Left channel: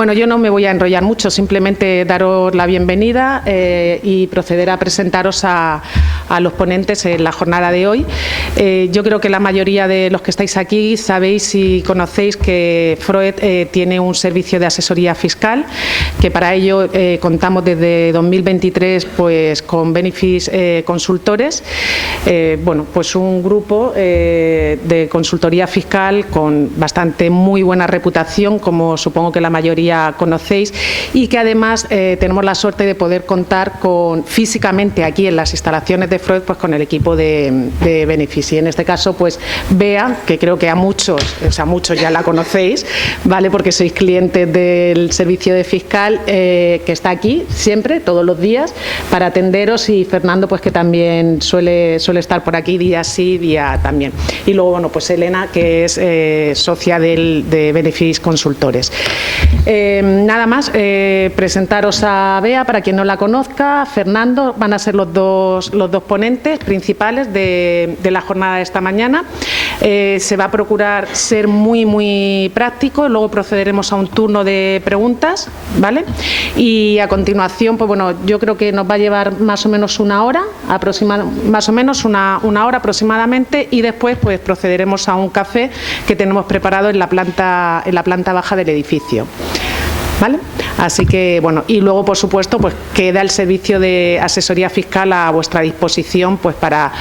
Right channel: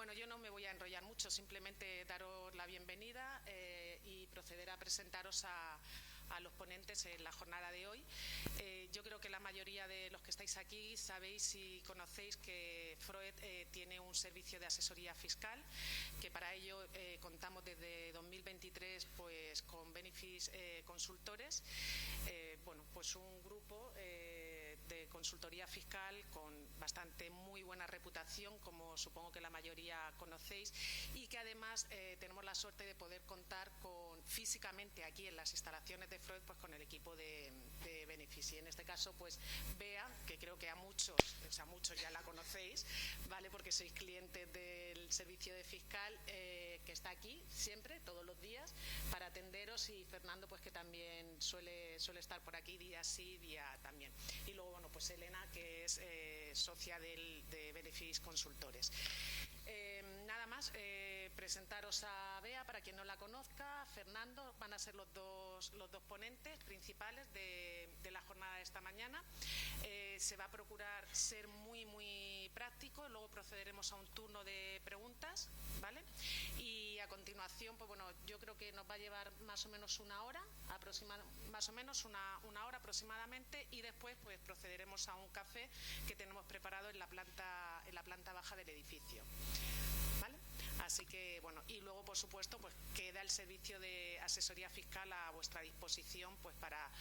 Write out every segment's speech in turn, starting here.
Bueno, yo no me voy a enrollar mucho, simplemente daros la bienvenida y proceder a presentaros a los ponentes en la jornada de hoy. Yo creo que la mayoría de los que estáis aquí sabéis y conocéis que Freud tiene un servicio de asesoría fiscal, que para ello contamos desde 2023 pues, con Benefis Consultores, bueno, pues un grupo de consultoría fiscal con bastante muy buena reputación, como supongo que la mayoría conocéis, y que además tenemos la suerte de poder contar con físicamente aquí en las instalaciones de Freud pues con el equipo de Benefis. Y en este caso pues Bea, que creo que a muchos, o sea, muchos ya la conocéis, ¿vale? Porque sois clientes del servicio de fiscal, que está aquí siempre, todos los días, para atenderos, y Fernando pues que también suele estar por aquí día sí, día también. Y luego, bueno, pues Elena, que es socia de Benefis Consultores. Nada más, presentaros a Bea, para quien no la conozca. Fernando, van a ser los dos ponentes principales de la jornada de esta mañana. Se va a procurar ser muy práctico, luego procederemos a un turno de preguntas, ¿vale? Y a continuación, pues bueno, yo creo que nos va a llevar más o menos una hora, una hora aproximadamente, y después pues procederemos a un café que tenemos preparado en la planta baja del edificio. ¿Vale? Así que, bueno, y luego, por supuesto, pues queda el servicio de asesoría fiscal a vuestra disposición, pues para,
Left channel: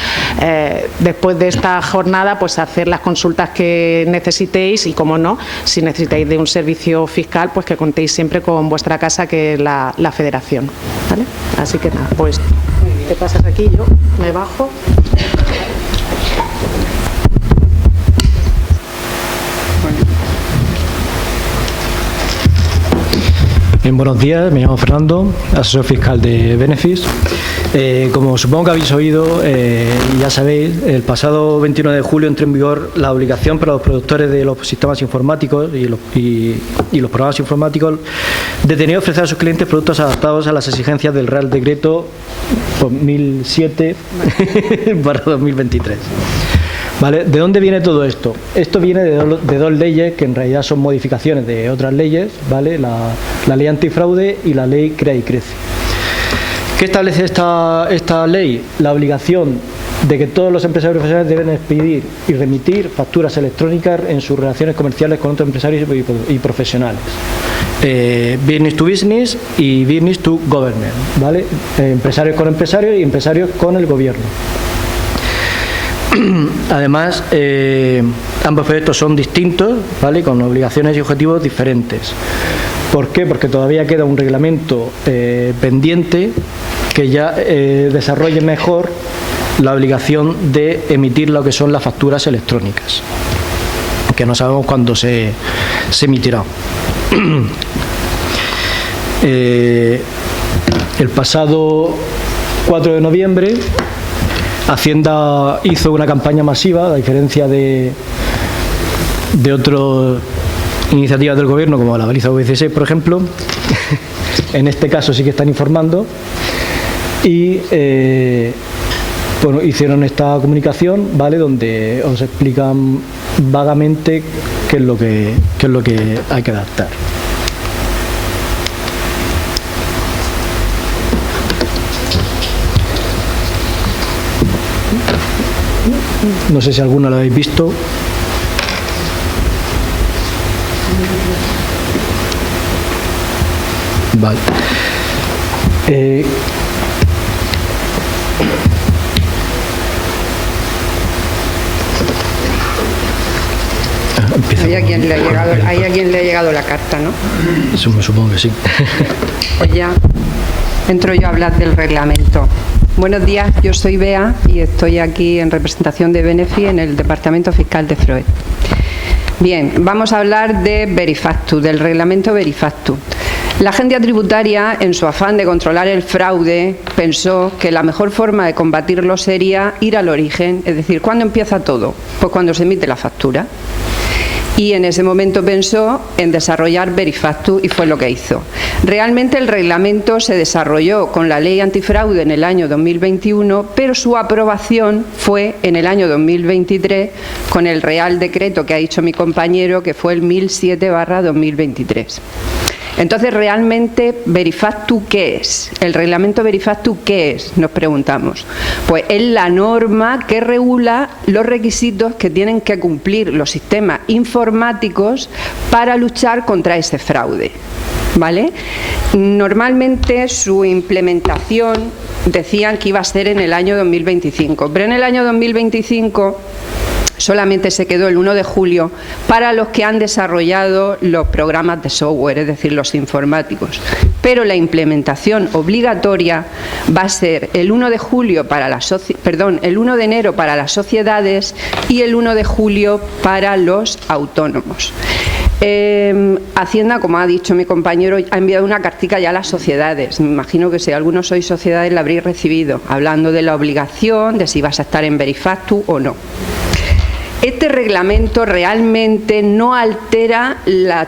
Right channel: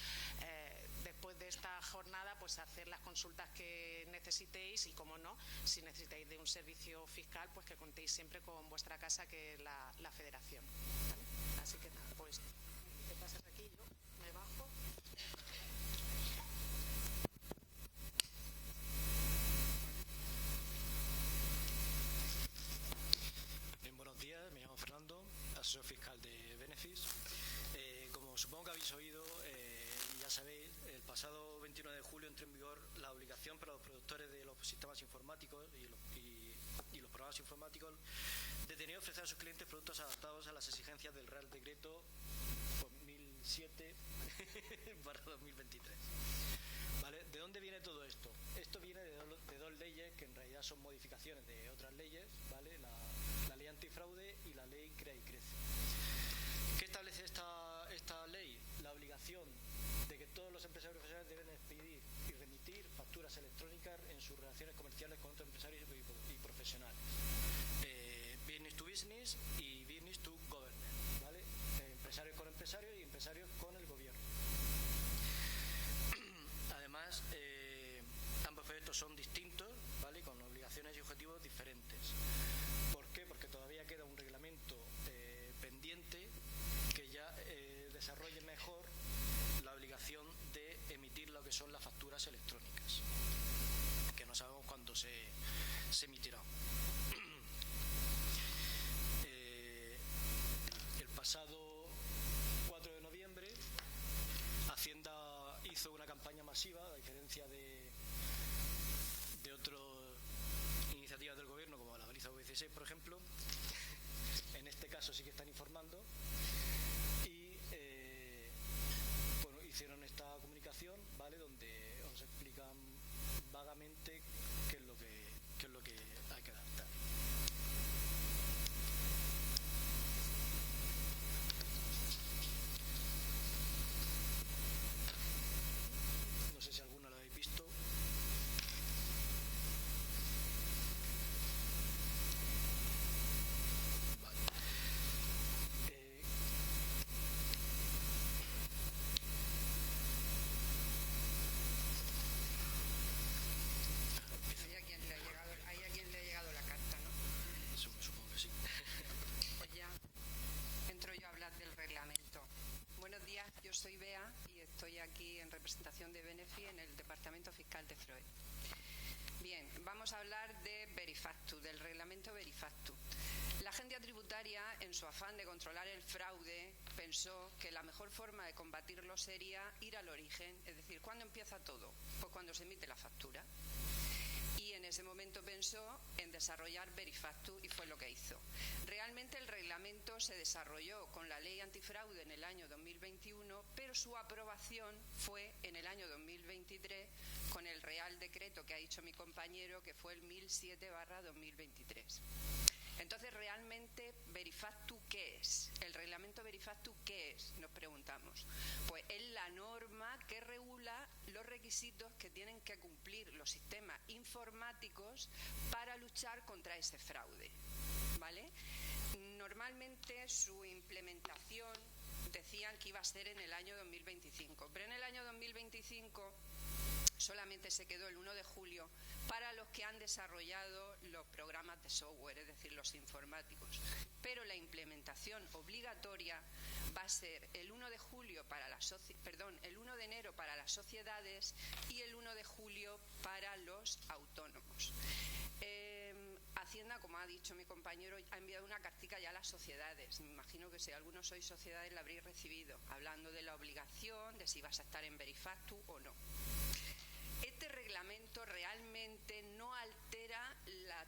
después de esta jornada, pues hacer las consultas que necesitéis, y, como no, si necesitáis de un servicio fiscal, pues que contéis siempre con vuestra casa, que es la Federación, ¿vale? Así que nada, pues te pasas aquí, yo me bajo. Bien, buenos días, me llamo Fernando, asesor fiscal de Benefis. Como supongo que habéis oído y ya sabéis, el pasado 21 de julio entró en vigor la obligación para los productores de los sistemas informáticos y los programas informáticos de tener que ofrecer a sus clientes productos adaptados a las exigencias del Real Decreto 2007/2023. ¿Vale? ¿De dónde viene todo esto? Esto viene de dos leyes que en realidad son modificaciones de otras leyes, ¿vale? La ley antifraude y la ley Crea y Crece. ¿Qué establece esta ley? La obligación de que todos los empresarios profesionales deben expedir y remitir facturas electrónicas en sus relaciones comerciales con otros empresarios y profesionales. Business to business y business to government, ¿vale? Empresarios con empresarios y empresarios con el gobierno. Además, ambos proyectos son distintos, ¿vale? Con obligaciones y objetivos diferentes. ¿Por qué? Porque todavía queda un reglamento pendiente que ya desarrolle mejor la obligación de emitir lo que son las facturas electrónicas, que no sabemos cuándo se emitirá. El pasado 4 de noviembre Hacienda hizo una campaña masiva, a diferencia de otras iniciativas del Gobierno, como la baliza V16, por ejemplo. En este caso sí que están informando. Y bueno, hicieron esta comunicación, ¿vale?, donde os explican vagamente qué es lo que hay que adaptar. No sé si alguna la habéis visto. Vale. Hay a quien le ha llegado la carta, ¿no? Eso me supongo que sí. Pues ya entro yo a hablar del reglamento. Buenos días, yo soy Bea y estoy aquí en representación de Benefis en el Departamento Fiscal de Freud. Bien, vamos a hablar de Verifactu, del reglamento Verifactu. La agencia tributaria, en su afán de controlar el fraude, pensó que la mejor forma de combatirlo sería ir al origen, es decir, ¿cuándo empieza todo? Pues cuando se emite la factura. Y en ese momento pensó en desarrollar Verifactu y fue lo que hizo. Realmente el reglamento se desarrolló con la ley antifraude en el año 2021, pero su aprobación fue en el año 2023 con el Real Decreto que ha dicho mi compañero, que fue el 1007/2023. Entonces, realmente, Verifactu, ¿qué es? El reglamento Verifactu, ¿qué es? Nos preguntamos. Pues es la norma que regula los requisitos que tienen que cumplir los sistemas informáticos para luchar contra ese fraude, ¿vale? Normalmente su implementación decían que iba a ser en el año 2025, pero en el año 2025 solamente se quedó el 1 de julio para los que han desarrollado los programas de software, es decir, los informáticos. Pero la implementación obligatoria va a ser el 1 de julio para el 1 de enero para las sociedades y el 1 de julio para los autónomos. Hacienda, como ha dicho mi compañero, ha enviado una cartica ya a las sociedades. Me imagino que si algunos sois sociedades la habréis recibido, hablando de la obligación, de si vas a estar en Verifactu o no. Este reglamento realmente no altera las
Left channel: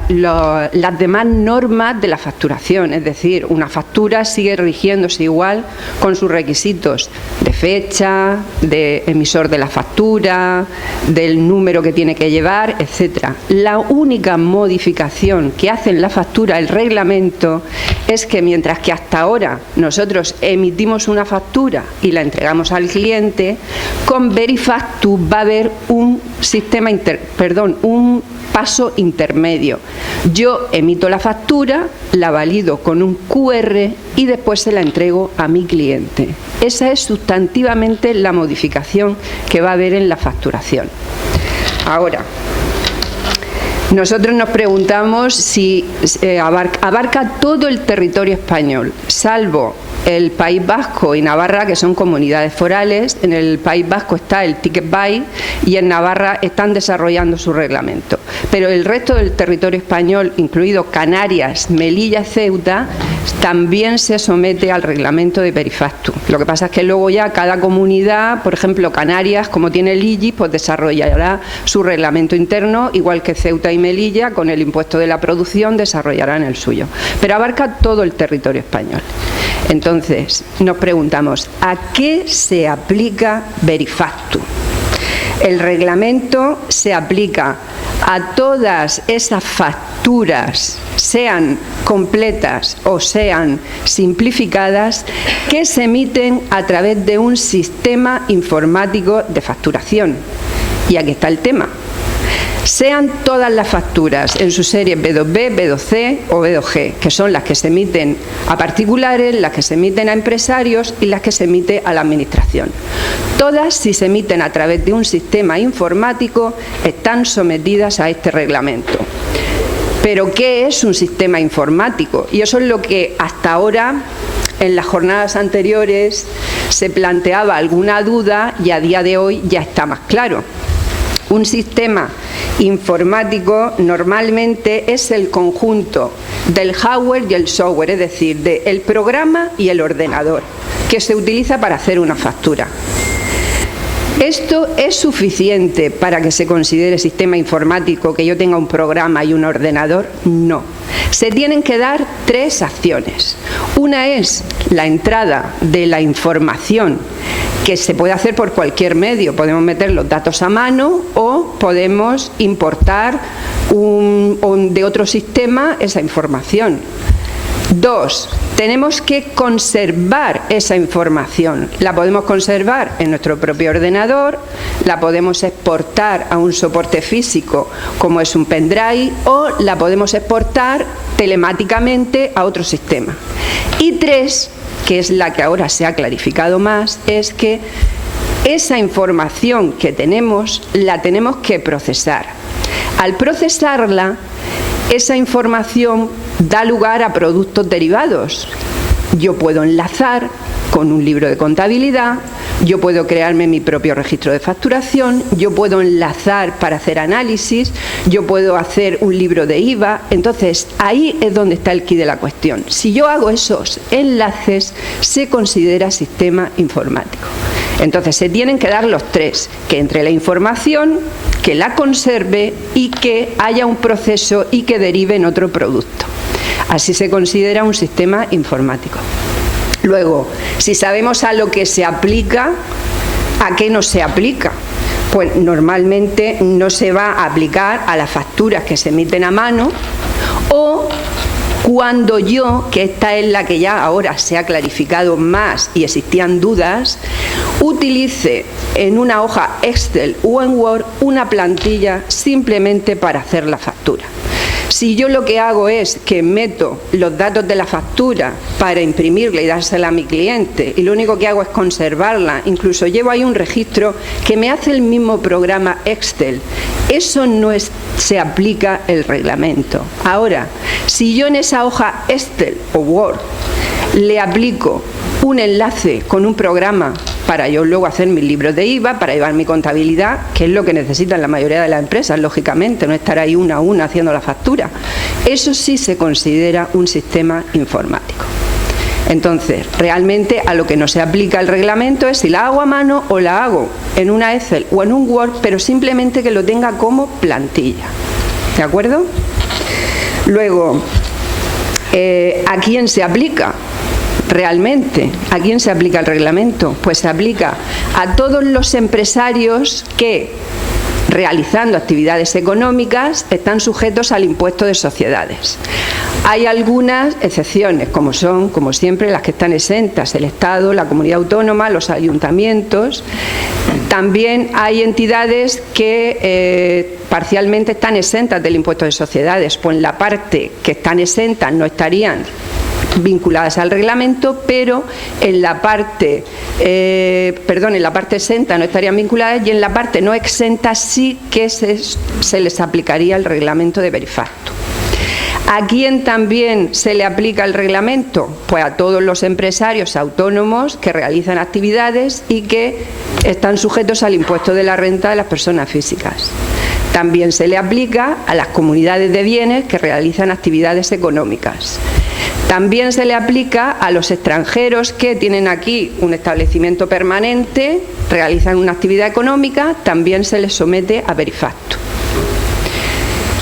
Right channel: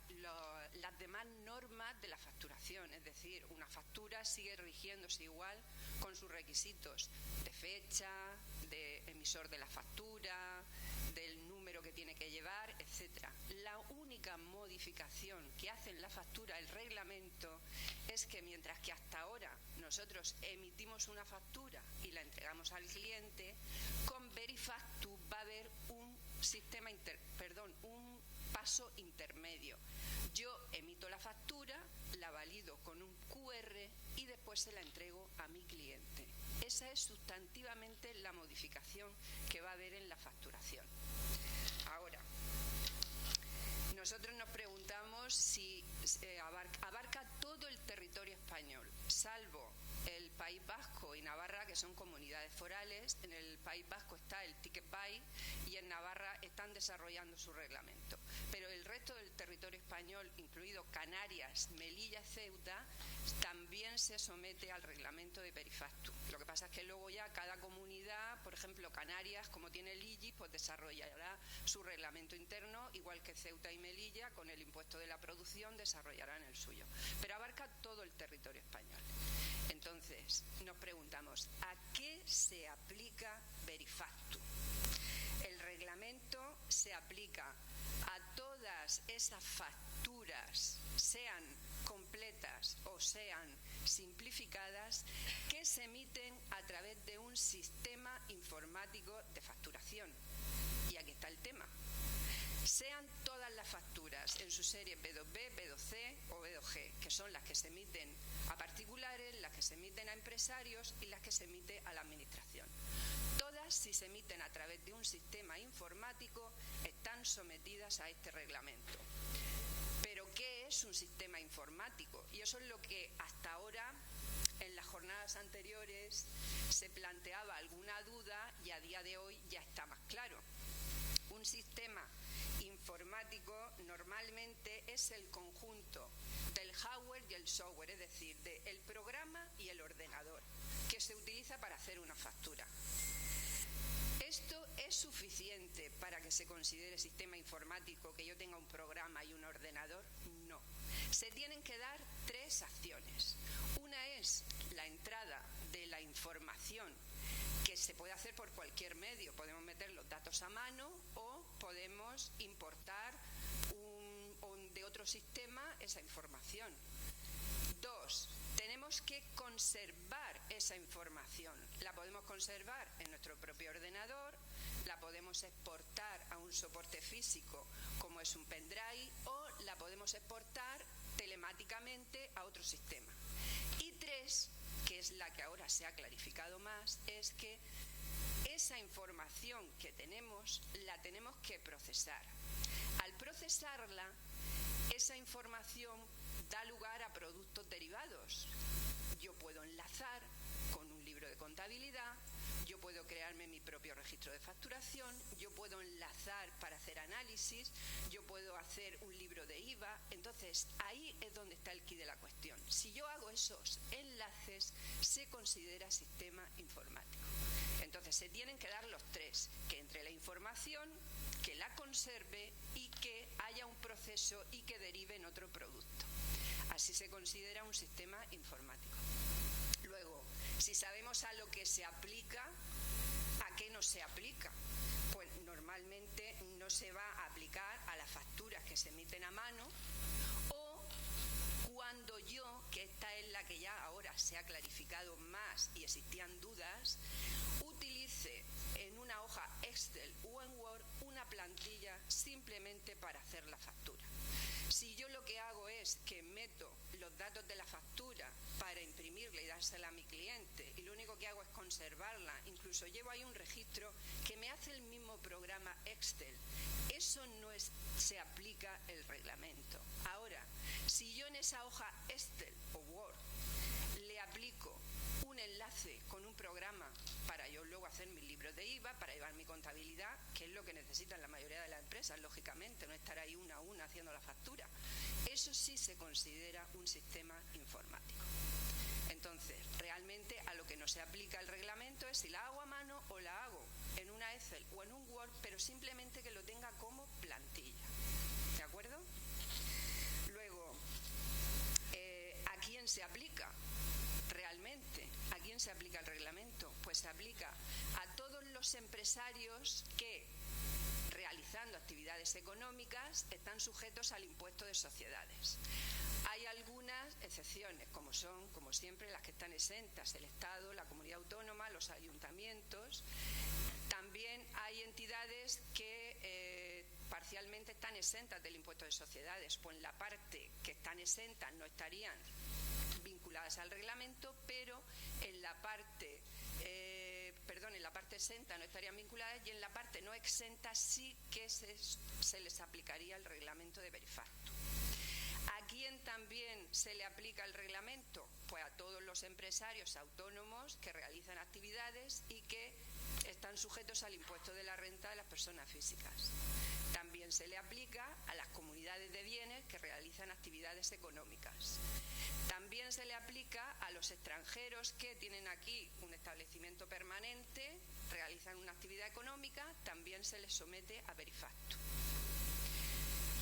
demás normas de la facturación, es decir, una factura sigue rigiéndose igual con sus requisitos de fecha, de emisor de la factura, del número que tiene que llevar, etcétera. La única modificación que hace en la factura el reglamento es que mientras que hasta ahora nosotros emitimos una factura y la entregamos al cliente, con Verifactu va a haber un paso intermedio. Yo emito la factura, la valido con un QR y después se la entrego a mi cliente. Esa es sustantivamente la modificación que va a haber en la facturación. Ahora, nosotros nos preguntamos si abarca todo el territorio español, salvo el País Vasco y Navarra, que son comunidades forales. En el País Vasco está el Ticket Buy y en Navarra están desarrollando su reglamento. Pero el resto del territorio español, incluido Canarias, Melilla y Ceuta, también se somete al reglamento de Verifactu. Lo que pasa es que luego ya cada comunidad, por ejemplo Canarias, como tiene el IGI, pues desarrollará su reglamento interno, igual que Ceuta y Melilla, con el impuesto de la producción, desarrollarán el suyo. Pero abarca todo el territorio español. Entonces, nos preguntamos, ¿a qué se aplica Verifactu? El reglamento se aplica a todas esas facturas, sean completas o sean simplificadas, que se emiten a través de un sistema informático de facturación. Y aquí está el tema. Sean todas las facturas en sus series B2B, B2C o B2G, que son las que se emiten a particulares, las que se emiten a empresarios y las que se emite a la administración. Todas, si se emiten a través de un sistema informático, están sometidas a este reglamento. Pero, ¿qué es un sistema informático? Y eso es lo que hasta ahora, en las jornadas anteriores, se planteaba alguna duda y a día de hoy ya está más claro. Un sistema informático normalmente es el conjunto del hardware y el software, es decir, del programa y el ordenador, que se utiliza para hacer una factura. ¿Esto es suficiente para que se considere sistema informático que yo tenga un programa y un ordenador? No. Se tienen que dar tres acciones. Una es la entrada de la información, que se puede hacer por cualquier medio. Podemos meter los datos a mano o podemos importar de otro sistema esa información. Dos, tenemos que conservar esa información. La podemos conservar en nuestro propio ordenador, la podemos exportar a un soporte físico como es un pendrive o la podemos exportar telemáticamente a otro sistema. Y tres, que es la que ahora se ha clarificado más, es que esa información que tenemos la tenemos que procesar. Al procesarla, esa información da lugar a productos derivados. Yo puedo enlazar con un libro de contabilidad, yo puedo crearme mi propio registro de facturación, yo puedo enlazar para hacer análisis, yo puedo hacer un libro de IVA. Entonces, ahí es donde está el quid de la cuestión. Si yo hago esos enlaces, se considera sistema informático. Entonces, se tienen que dar los tres: que entre la información, que la conserve y que haya un proceso y que derive en otro producto. Así se considera un sistema informático. Luego, si sabemos a lo que se aplica, ¿a qué no se aplica? Pues normalmente no se va a aplicar a las facturas que se emiten a mano o cuando yo, que esta es la que ya ahora se ha clarificado más y existían dudas, utilice en una hoja Excel o en Word una plantilla simplemente para hacer la factura. Si yo lo que hago es que meto los datos de la factura para imprimirla y dársela a mi cliente y lo único que hago es conservarla, incluso llevo ahí un registro que me hace el mismo programa Excel, eso no se aplica el reglamento. Ahora, si yo en esa hoja Excel o Word le aplico un enlace con un programa para yo luego hacer mis libros de IVA, para llevar mi contabilidad, que es lo que necesitan la mayoría de las empresas, lógicamente, no estar ahí una a una haciendo la factura. Eso sí se considera un sistema informático. Entonces, realmente a lo que no se aplica el reglamento es si la hago a mano o la hago en una Excel o en un Word, pero simplemente que lo tenga como plantilla. ¿De acuerdo? Luego, ¿a quién se aplica? Realmente, ¿a quién se aplica el reglamento? Pues se aplica a todos los empresarios que, realizando actividades económicas, están sujetos al impuesto de sociedades. Hay algunas excepciones, como son, como siempre, las que están exentas, el Estado, la comunidad autónoma, los ayuntamientos. También hay entidades que parcialmente están exentas del impuesto de sociedades, pues en la parte que están exentas no estarían vinculadas al reglamento, pero en la parte exenta no estarían vinculadas y en la parte no exenta sí que se les aplicaría el reglamento de Verifactu. ¿A quién también se le aplica el reglamento? Pues a todos los empresarios autónomos que realizan actividades y que están sujetos al impuesto de la renta de las personas físicas. También se le aplica a las comunidades de bienes que realizan actividades económicas. También se le aplica a los extranjeros que tienen aquí un establecimiento permanente, realizan una actividad económica, también se les somete a Verifactu.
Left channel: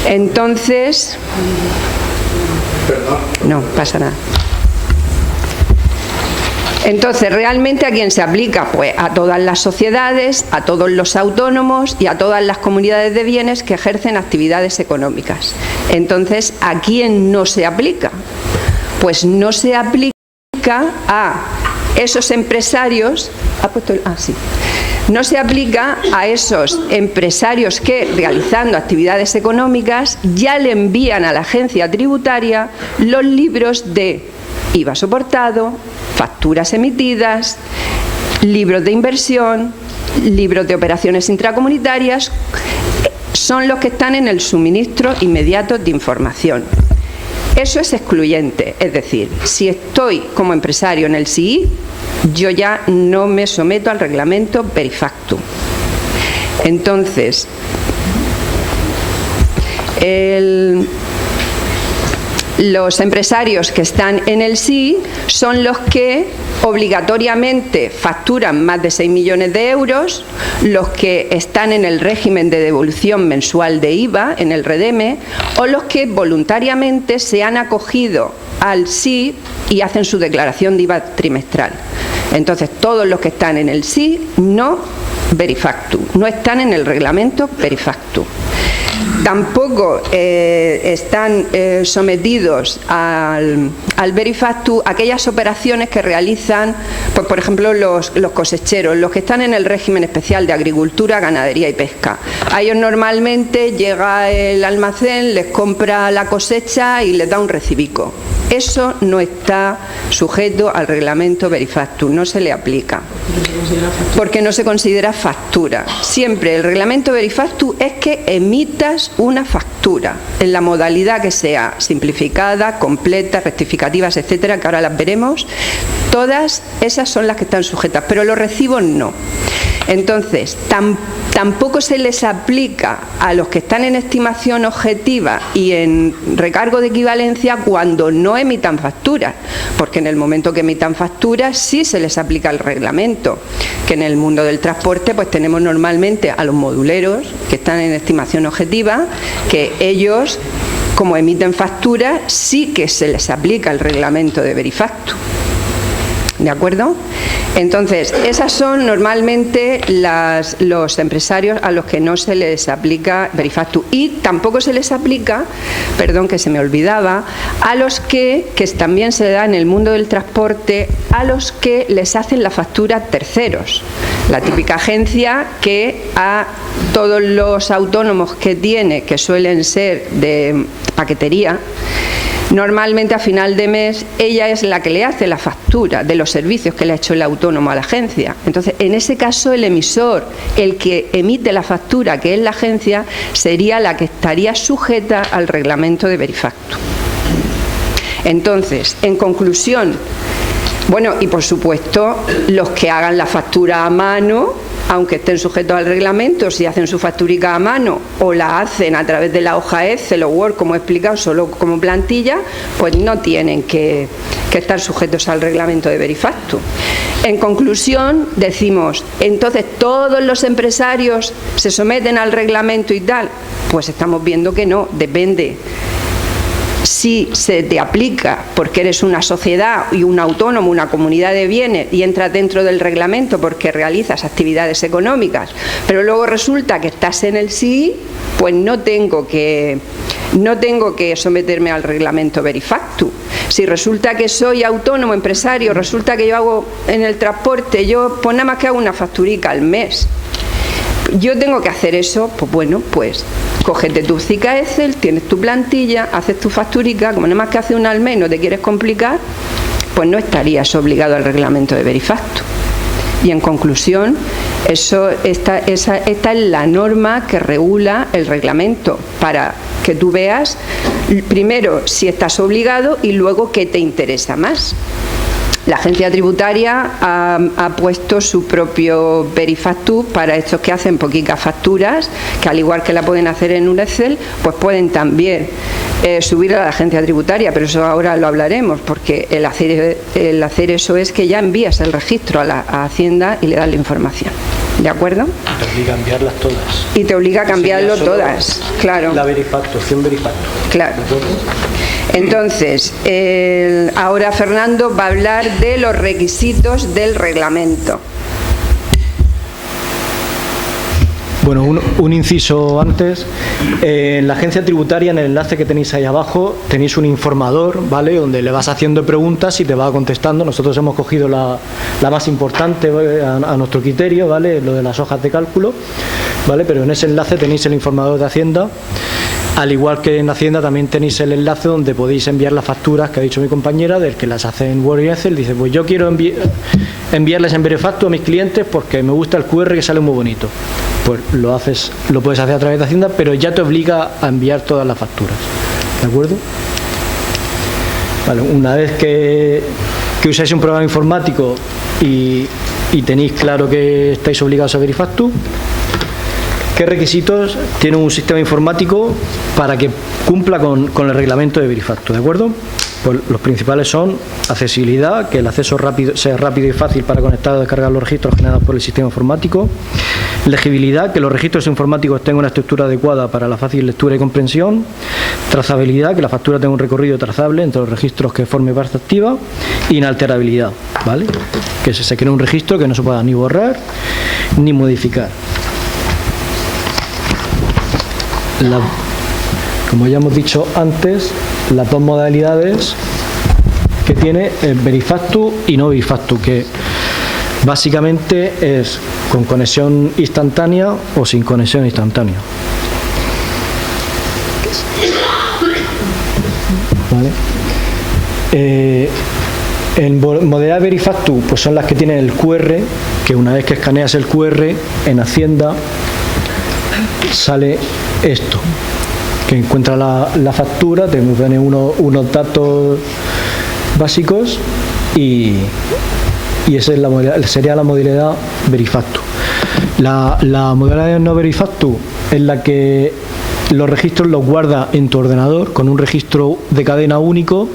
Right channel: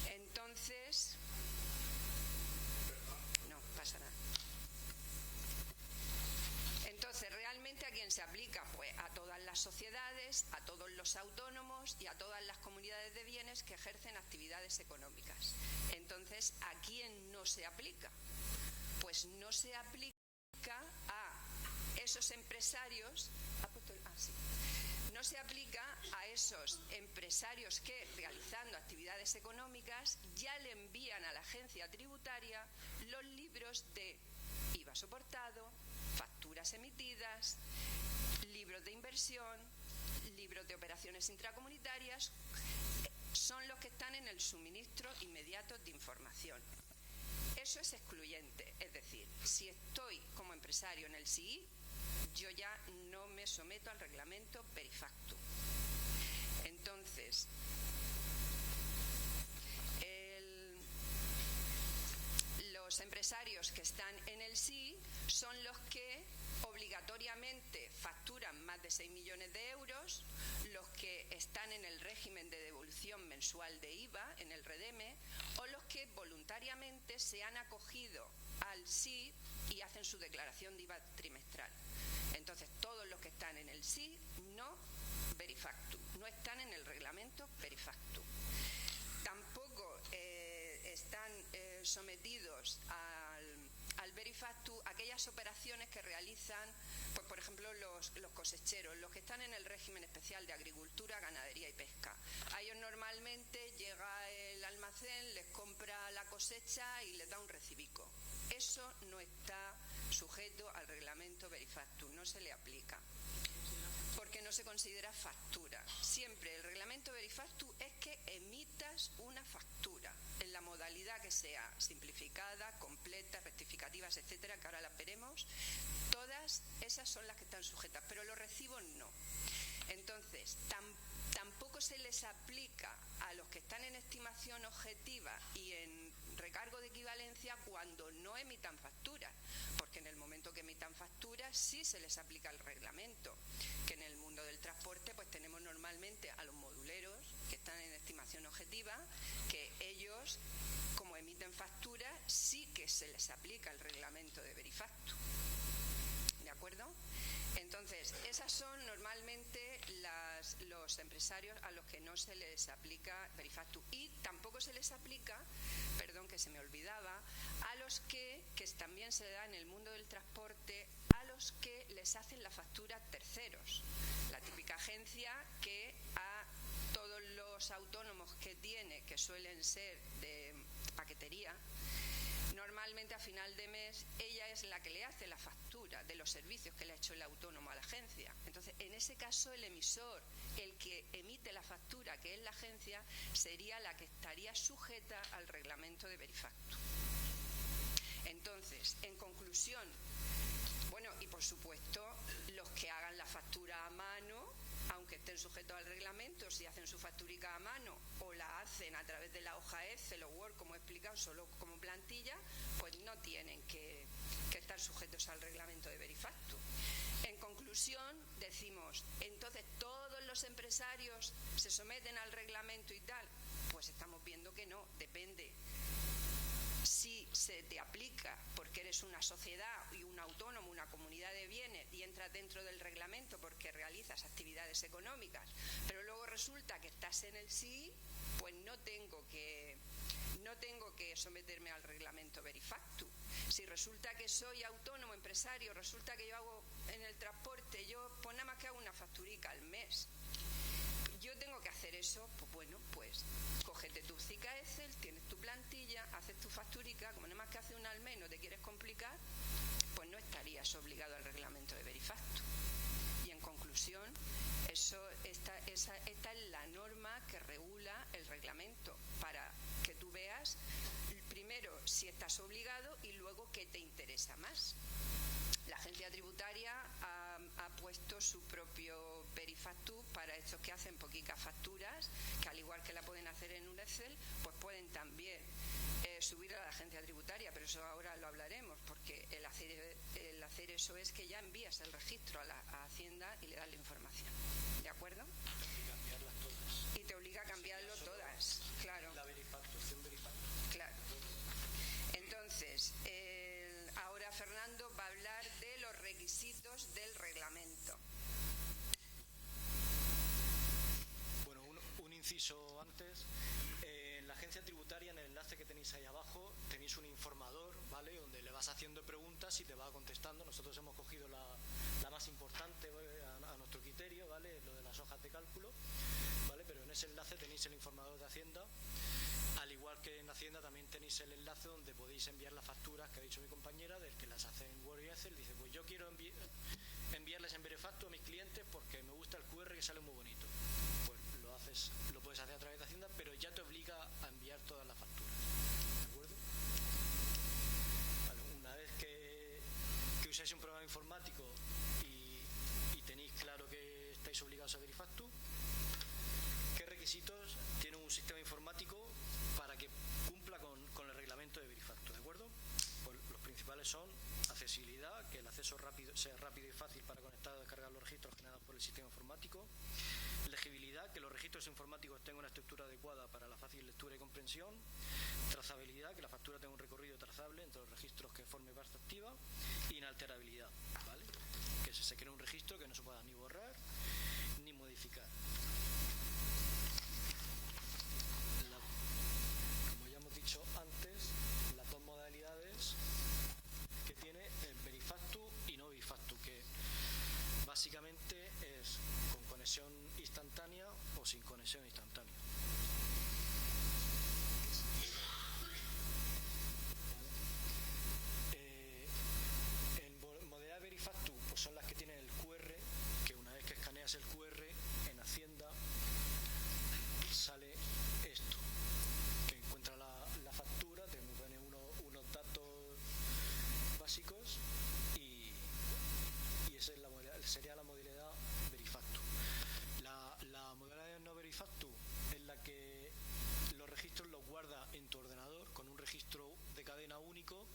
Entonces, no pasa nada. Entonces, ¿realmente a quién se aplica? Pues a todas las sociedades, a todos los autónomos y a todas las comunidades de bienes que ejercen actividades económicas. Entonces, ¿a quién no se aplica? Pues no se aplica a esos empresarios, no se aplica a esos empresarios que, realizando actividades económicas, ya le envían a la agencia tributaria los libros de IVA soportado, facturas emitidas, libros de inversión, libros de operaciones intracomunitarias, son los que están en el suministro inmediato de información. Eso es excluyente, es decir, si estoy como empresario en el SII, yo ya no me someto al reglamento Verifactu. Entonces, los empresarios que están en el SII son los que obligatoriamente facturan más de 6 millones de euros, los que están en el régimen de devolución mensual de IVA, en el REDEME, o los que voluntariamente se han acogido al SII y hacen su declaración de IVA trimestral. Entonces, todos los que están en el SII no Verifactu, no están en el reglamento Verifactu. Tampoco están sometidos al Verifactu aquellas operaciones que realizan, pues, por ejemplo, los cosecheros, los que están en el régimen especial de agricultura, ganadería y pesca. A ellos normalmente llega el almacén, les compra la cosecha y les da un recibico. Eso no está sujeto al reglamento Verifactu, no se le aplica, porque no se considera factura. Siempre el reglamento Verifactu es que emitas una factura, en la modalidad que sea, simplificada, completa, rectificativas, etcétera, que ahora las veremos. Todas esas son las que están sujetas, pero los recibos no. Entonces, tampoco se les aplica a los que están en estimación objetiva y en recargo de equivalencia cuando no emitan facturas, porque en el momento que emitan facturas sí se les aplica el reglamento, que en el mundo del transporte pues tenemos normalmente a los moduleros que están en estimación objetiva, que ellos, como emiten facturas, sí que se les aplica el reglamento de Verifactu. ¿de acuerdo? Entonces, esas son normalmente los empresarios a los que no se les aplica Verifactu. Y tampoco se les aplica, perdón que se me olvidaba, a los que también se da en el mundo del transporte, a los que les hacen la factura terceros. La típica agencia que a todos los autónomos que tiene, que suelen ser de paquetería, normalmente a final de mes ella es la que le hace la factura de los servicios que le ha hecho el autónomo a la agencia. Entonces, en ese caso, el emisor, el que emite la factura, que es la agencia, sería la que estaría sujeta al reglamento de Verifactu. Entonces, en conclusión, bueno, y por supuesto, los que hagan la factura a mano, aunque estén sujetos al reglamento, si hacen su facturica a mano o la hacen a través de la hoja Excel o Word, como he explicado, solo como plantilla, pues no tienen que estar sujetos al reglamento de Verifactu. En conclusión, decimos, entonces, ¿todos los empresarios se someten al reglamento y tal? Pues estamos viendo que no, depende. Si se te aplica porque eres una sociedad y un autónomo, una comunidad de bienes, y entras dentro del reglamento porque realizas actividades económicas, pero luego resulta que estás en el SII, pues no tengo que someterme al reglamento Verifactu. Si resulta que soy autónomo, empresario, resulta que yo hago en el transporte, yo pues nada más que hago una facturica al mes, yo tengo que hacer eso, pues bueno, pues cógete tu cica Excel, tienes tu plantilla, haces tu facturica, como nada más que hace una al mes y no te quieres complicar, pues no estarías obligado al reglamento de Verifactu. Y en conclusión, esta es la norma que regula el reglamento, para que tú veas primero si estás obligado y luego qué te interesa más. La agencia tributaria ha puesto su propio Verifactu para estos que hacen poquitas facturas, que al igual que la pueden hacer en un Excel, pues pueden también subir a la agencia tributaria, pero eso ahora lo hablaremos, porque el hacer eso es que ya envías el registro a Hacienda y le das la información. ¿De acuerdo? Te obliga a enviarlas todas. Y te obliga a cambiarlo todas, claro. La Verifactu, opción Verifactu. Claro. Entonces, ahora Fernando va a hablar de los requisitos del reglamento. Bueno, un inciso antes. En la agencia tributaria, en el enlace que tenéis ahí abajo, tenéis un informador, ¿vale?, donde le vas haciendo preguntas y te va contestando. Nosotros hemos cogido la más importante a nuestro criterio, ¿vale?, lo de las hojas de cálculo, ¿vale?, pero en ese enlace tenéis el informador de Hacienda. Al igual que en Hacienda también tenéis el enlace donde podéis enviar las facturas que ha dicho mi compañera, del que las hace en Word y Excel. Dice, pues yo quiero enviarles en Verifactu a mis clientes porque me gusta el QR que sale muy bonito. Pues lo puedes hacer a través de Hacienda, pero ya te obliga a enviar todas las facturas. ¿De acuerdo? Vale, una vez que usáis un programa informático y tenéis claro que estáis obligados a Verifactu, ¿qué requisitos tiene un sistema informático para que cumpla con el reglamento de Verifactu? ¿De acuerdo? Pues los principales son accesibilidad, que el acceso sea rápido y fácil para conectar o descargar los registros generados por el sistema informático. Legibilidad, que los registros informáticos tengan una estructura adecuada para la fácil lectura y comprensión. Trazabilidad, que la factura tenga un recorrido trazable entre los registros que forme parte activa. Inalterabilidad, ¿vale?, que se cree un registro que no se pueda ni borrar ni modificar. Como ya hemos dicho antes, las dos modalidades que tiene es Verifactu y no Verifactu, que básicamente es con conexión instantánea o sin conexión instantánea. ¿Vale? En modalidad Verifactu, pues son las que tienen el QR, que una vez que escaneas el QR en Hacienda sale esto, que encuentra la factura, te pone unos datos básicos y esa es sería la modalidad Verifactu. La modalidad no Verifactu es la que los registros los guarda en tu ordenador con un registro de cadena único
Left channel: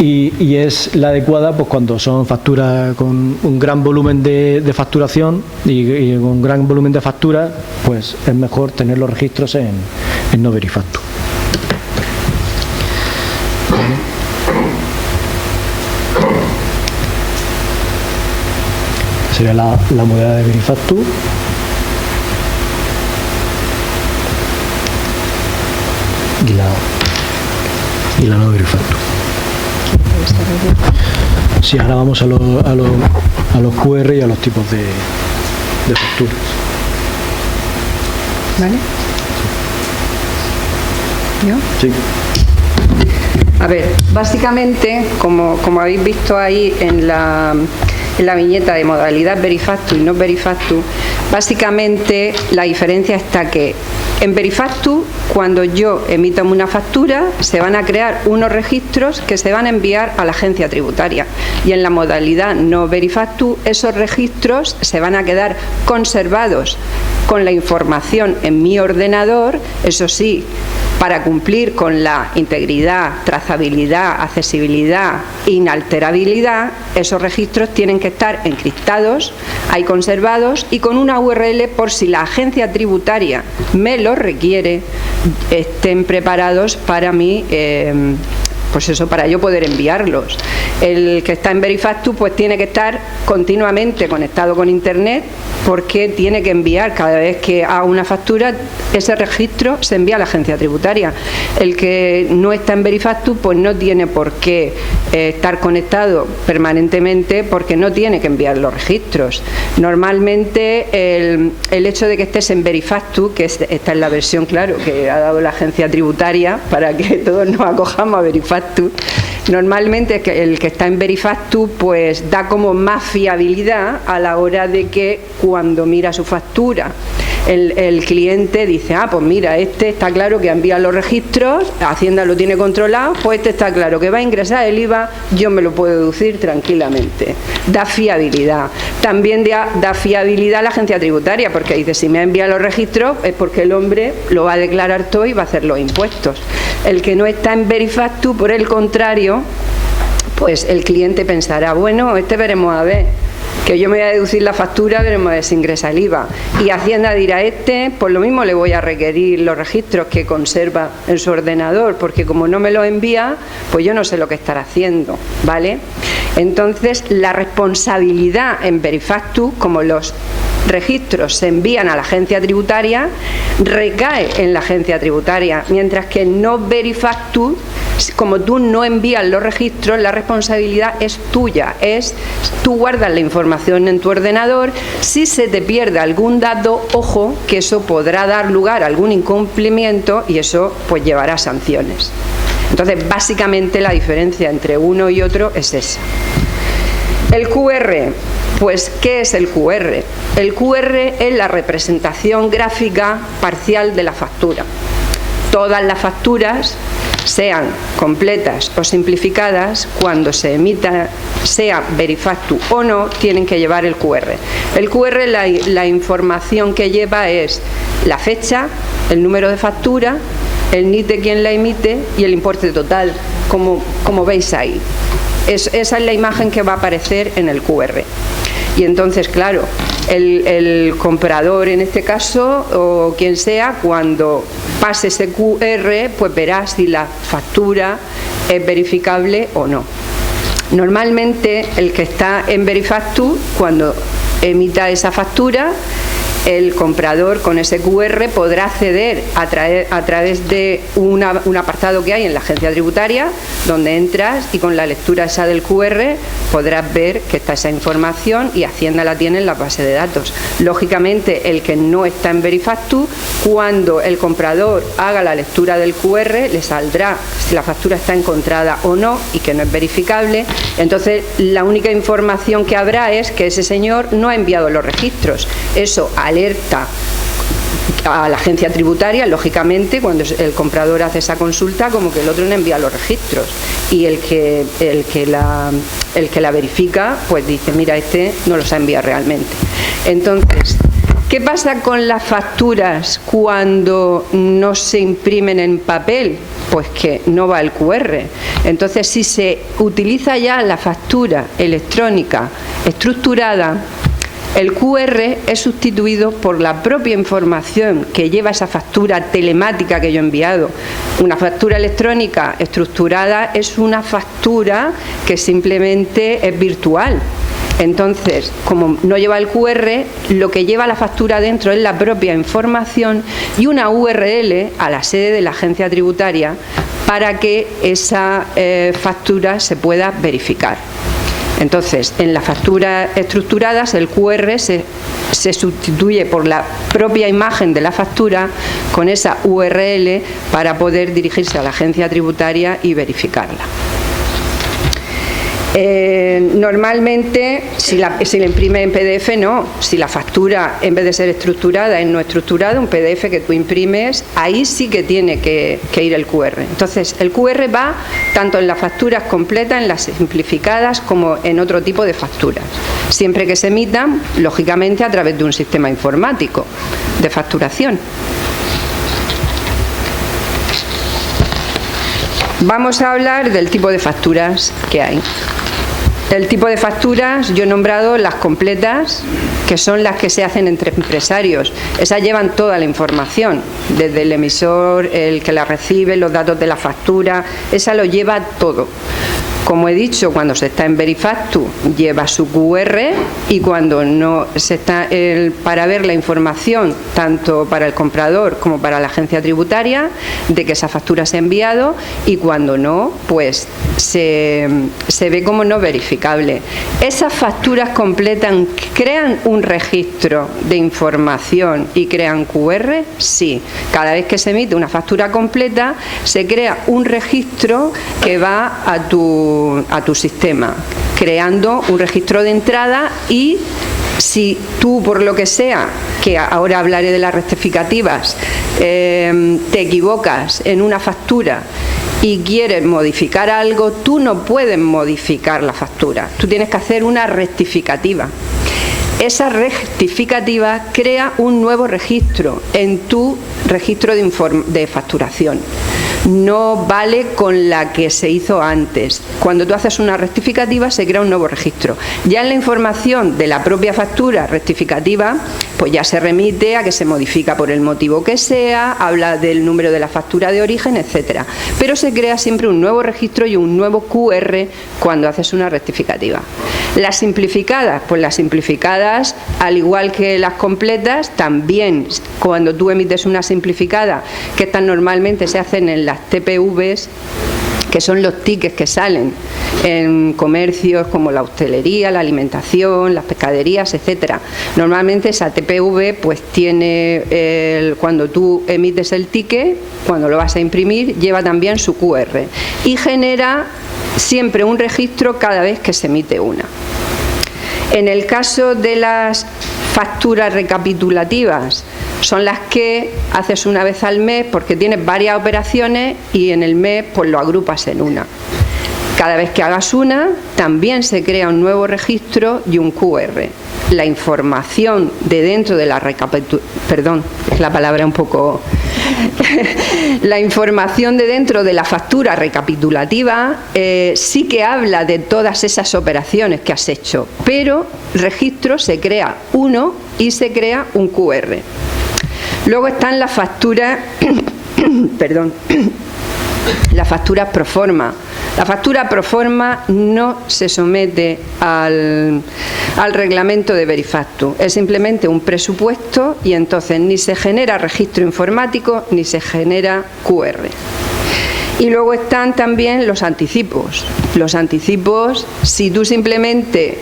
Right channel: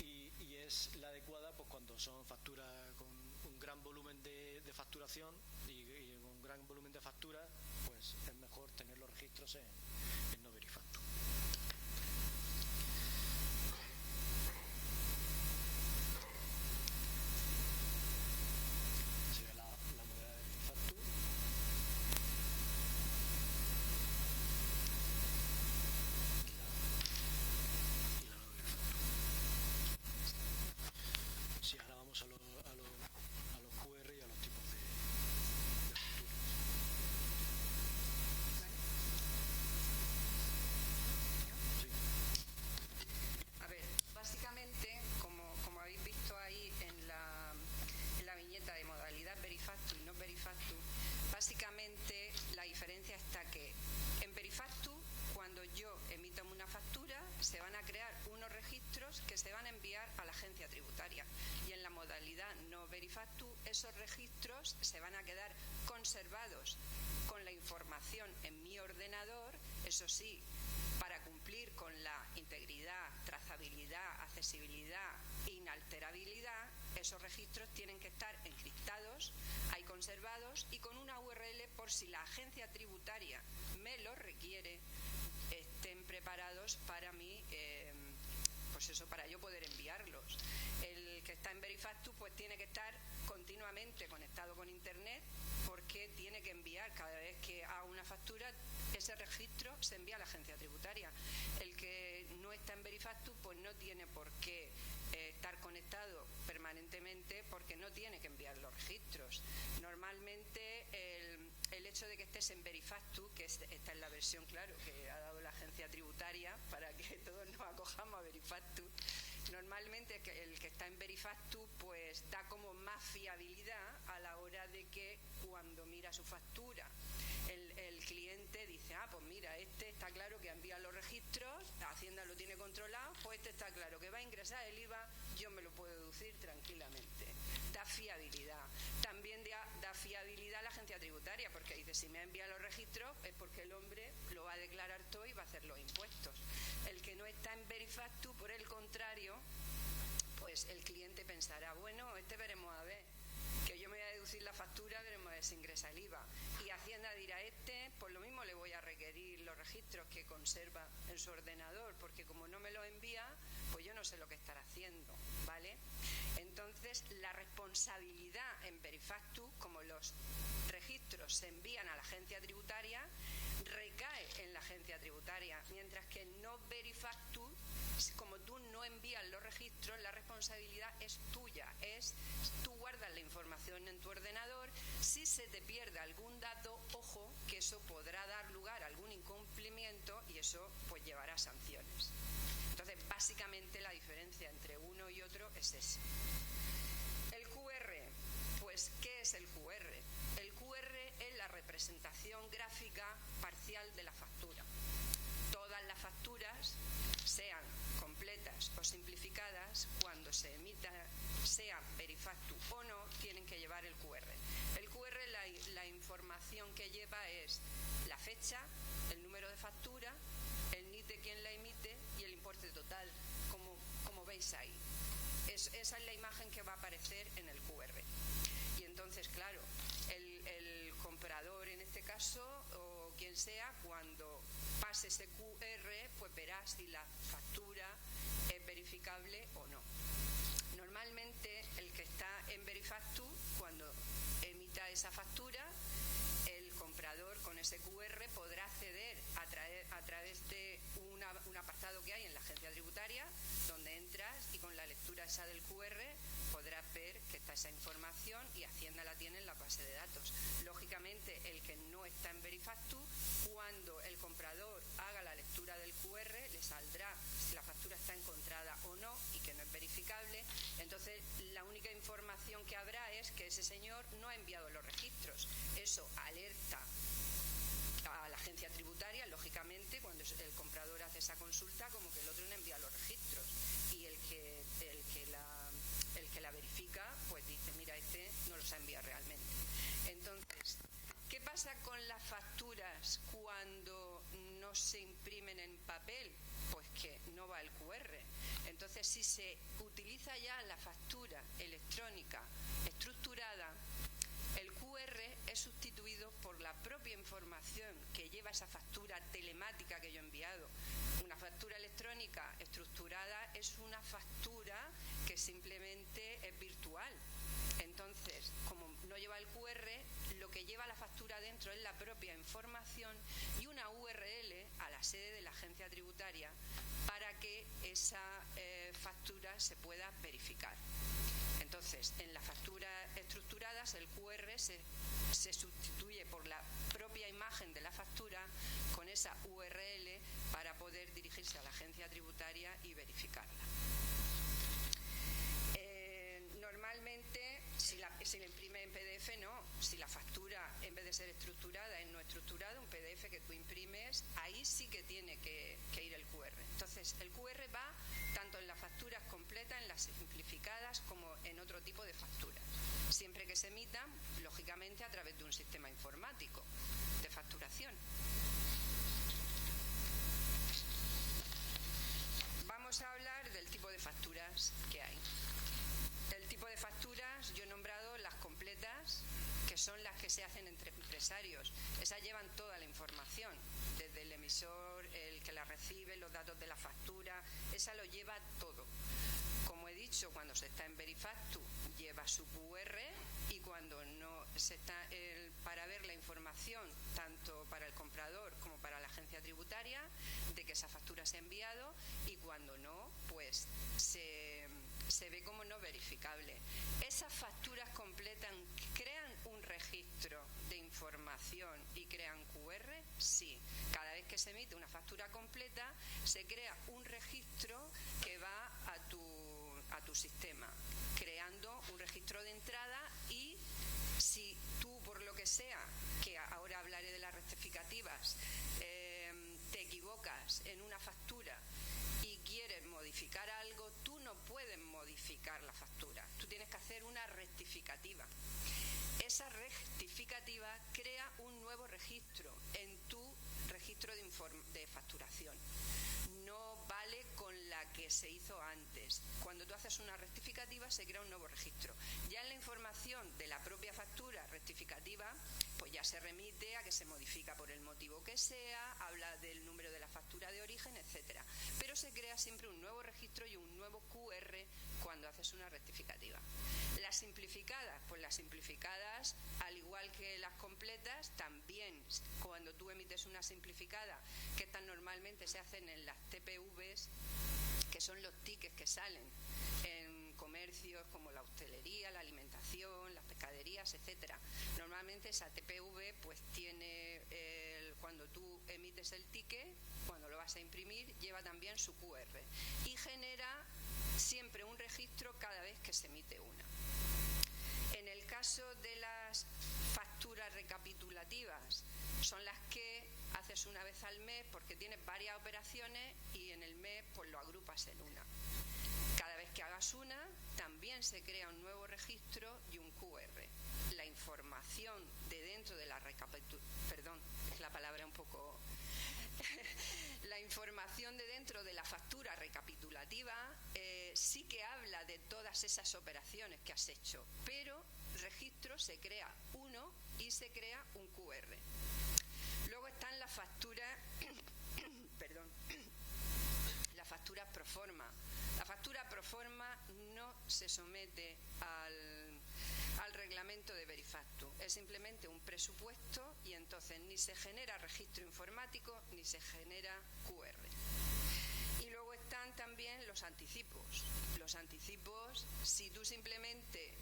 y es la adecuada pues cuando son facturas con un gran volumen de facturación y con un gran volumen de facturas, pues es mejor tener los registros en no Verifactu. sería la modalidad de Verifactu. Y la no Verifactu. Sí, ahora vamos a los QR y a los tipos de facturas. ¿Vale? ¿Yo? Sí. A ver, básicamente, como habéis visto ahí en la viñeta de modalidad Verifactu y no Verifactu, básicamente la diferencia está que en Verifactu, cuando yo emito una factura, se van a crear unos registros que se van a enviar a la agencia tributaria. Y en la modalidad no Verifactu, esos registros se van a quedar conservados con la información en mi ordenador, eso sí, para cumplir con la integridad, trazabilidad, accesibilidad, inalterabilidad, esos registros tienen que estar encriptados, ahí conservados y con una URL por si la agencia tributaria me lo requiere, estén preparados para mí, pues eso, para yo poder enviarlos. El que está en Verifactu pues tiene que estar continuamente conectado con Internet, porque tiene que enviar cada vez que haga una factura, ese registro se envía a la agencia tributaria. El que no está en Verifactu pues no tiene por qué estar conectado permanentemente, porque no tiene que enviar los registros. Normalmente el hecho de que estés en Verifactu, que esta es la versión, claro, que ha dado la agencia tributaria para que todos nos acojamos a Verifactu, normalmente el que está en Verifactu pues da como más fiabilidad a la hora de que cuando mira su factura el cliente dice, ah, pues mira, este está claro que envía los registros, Hacienda lo tiene controlado, pues este está claro que va a ingresar el IVA, yo me lo puedo deducir tranquilamente. Da fiabilidad. También da fiabilidad a la agencia tributaria, porque dice, si me ha enviado los registros es porque el hombre lo va a declarar todo y va a hacer los impuestos. El que no está en Verifactu, por el contrario, pues el cliente pensará, bueno, veremos a ver, que yo me voy a deducir la factura, veremos a ver si ingresa el IVA. Y Hacienda dirá, por lo mismo le voy a requerir los registros que conserva en su ordenador, porque como no me los envía, pues yo no sé lo que estará haciendo, ¿vale? Entonces, la responsabilidad en Verifactu, como los registros se envían a la agencia tributaria, recae en la agencia tributaria, mientras que no Verifactu, como tú no envías los registros, la responsabilidad es tuya, tú guardas la información en tu ordenador. Si se te pierde algún dato, ojo, que eso podrá dar lugar a algún incumplimiento y eso pues llevará sanciones. Entonces, básicamente la diferencia entre uno y otro es esa. El QR, pues, ¿qué es el QR? El QR es la representación gráfica parcial de la factura. Todas las facturas, sean completas o simplificadas, cuando se emita, sea Verifactu o no, tienen que llevar el QR. El QR, la información que lleva es la fecha, el número de factura, el NIT de quien la emite y el importe total, como veis ahí. Esa es la imagen que va a aparecer en el QR. Y entonces, claro, el comprador en este caso, o quien sea, cuando pase ese QR, pues verá si la factura es verificable o no. Normalmente el que está en Verifactu, cuando emita esa factura, el comprador con ese QR podrá acceder a través de un apartado que hay en la agencia tributaria, donde entras y con la lectura esa del QR podrás ver que está esa información y Hacienda la tiene en la base de datos. Lógicamente, el que no está en Verifactu, cuando el comprador haga la lectura del QR, le saldrá si la factura está encontrada o no y que no es verificable. Entonces, la única información que habrá es que ese señor no ha enviado los registros. Eso alerta a la agencia tributaria, lógicamente, cuando el comprador hace esa consulta, como que el otro no envía los registros, y el que la verifica pues dice, mira, no los ha enviado realmente. Entonces, ¿qué pasa con las facturas cuando no se imprimen en papel? Pues que no va el QR. Entonces, si se utiliza ya la factura electrónica estructurada, el QR es sustituido por la propia información que lleva esa factura telemática que yo he enviado. Una factura electrónica estructurada es una factura que simplemente es virtual. Entonces, como no lleva el QR, lo que lleva la factura dentro es la propia información y una URL a la sede de la agencia tributaria para que esa factura se pueda verificar. Entonces, en las facturas estructuradas, el QR se sustituye por la propia imagen de la factura con esa URL para poder dirigirse a la agencia tributaria y verificarla. Normalmente, si la imprime en PDF, no. Si la factura, en vez de ser estructurada, es no estructurada, un PDF que tú imprimes, ahí sí que tiene que ir el QR. Entonces, el QR va tanto en las facturas completas, en las simplificadas, como en otro tipo de facturas. Siempre que se emitan, lógicamente, a través de un sistema informático de facturación. Vamos a hablar del tipo de facturas que hay. El tipo de facturas, yo he nombrado las completas, que son las que se hacen entre empresarios. Esas llevan toda la información, desde el emisor, el que la recibe, los datos de la factura, esa lo lleva todo. Como he dicho, cuando se está en Verifactu lleva su QR y cuando no se está para ver la información tanto para el comprador como para la agencia tributaria de que esa factura se ha enviado, y cuando no, pues se ve como no verificable. Esas facturas completan, crean un registro de información y crean QR, sí. Cada vez que se emite una factura completa se crea un registro que va a tu sistema, creando un registro de entrada, y si tú, por lo que sea, que ahora hablaré de las rectificativas, te equivocas en una factura y quieres modificar algo, tú no puedes modificar la factura, tú tienes que hacer una rectificativa. Esa rectificativa crea un nuevo registro en tu registro de facturación. No vale con la que se hizo antes. Cuando tú haces una rectificativa se crea un nuevo registro. Ya en la información de la propia factura rectificativa, pues ya se remite a que se modifica por el motivo que sea, habla del número de la factura de origen, etcétera. Pero se crea siempre un nuevo registro y un nuevo QR cuando haces una rectificativa. Las simplificadas, pues las simplificadas, al igual que las completas, también cuando tú emites una simplificada, que estas normalmente se hacen en las TPVs, que son los tickets que salen en comercios como la hostelería, la alimentación, las pescaderías, etcétera. Normalmente esa TPV pues tiene, cuando tú emites el ticket, cuando lo vas a imprimir, lleva también su QR y genera siempre un registro cada vez que se emite una. En el caso de las facturas recapitulativas, son las que haces una vez al mes porque tienes varias operaciones y en el mes pues lo agrupas en una. Cada vez que hagas una, también se crea un nuevo registro y un QR. La información de dentro de la la información de dentro de la factura recapitulativa sí que habla de todas esas operaciones que has hecho, pero registro se crea uno y se crea un QR. Luego están las facturas, las facturas pro forma. La factura pro forma no se somete al reglamento de Verifactu. Es simplemente un presupuesto y entonces ni se genera registro informático ni se genera QR. Y luego están también los anticipos. Los anticipos, si tú simplemente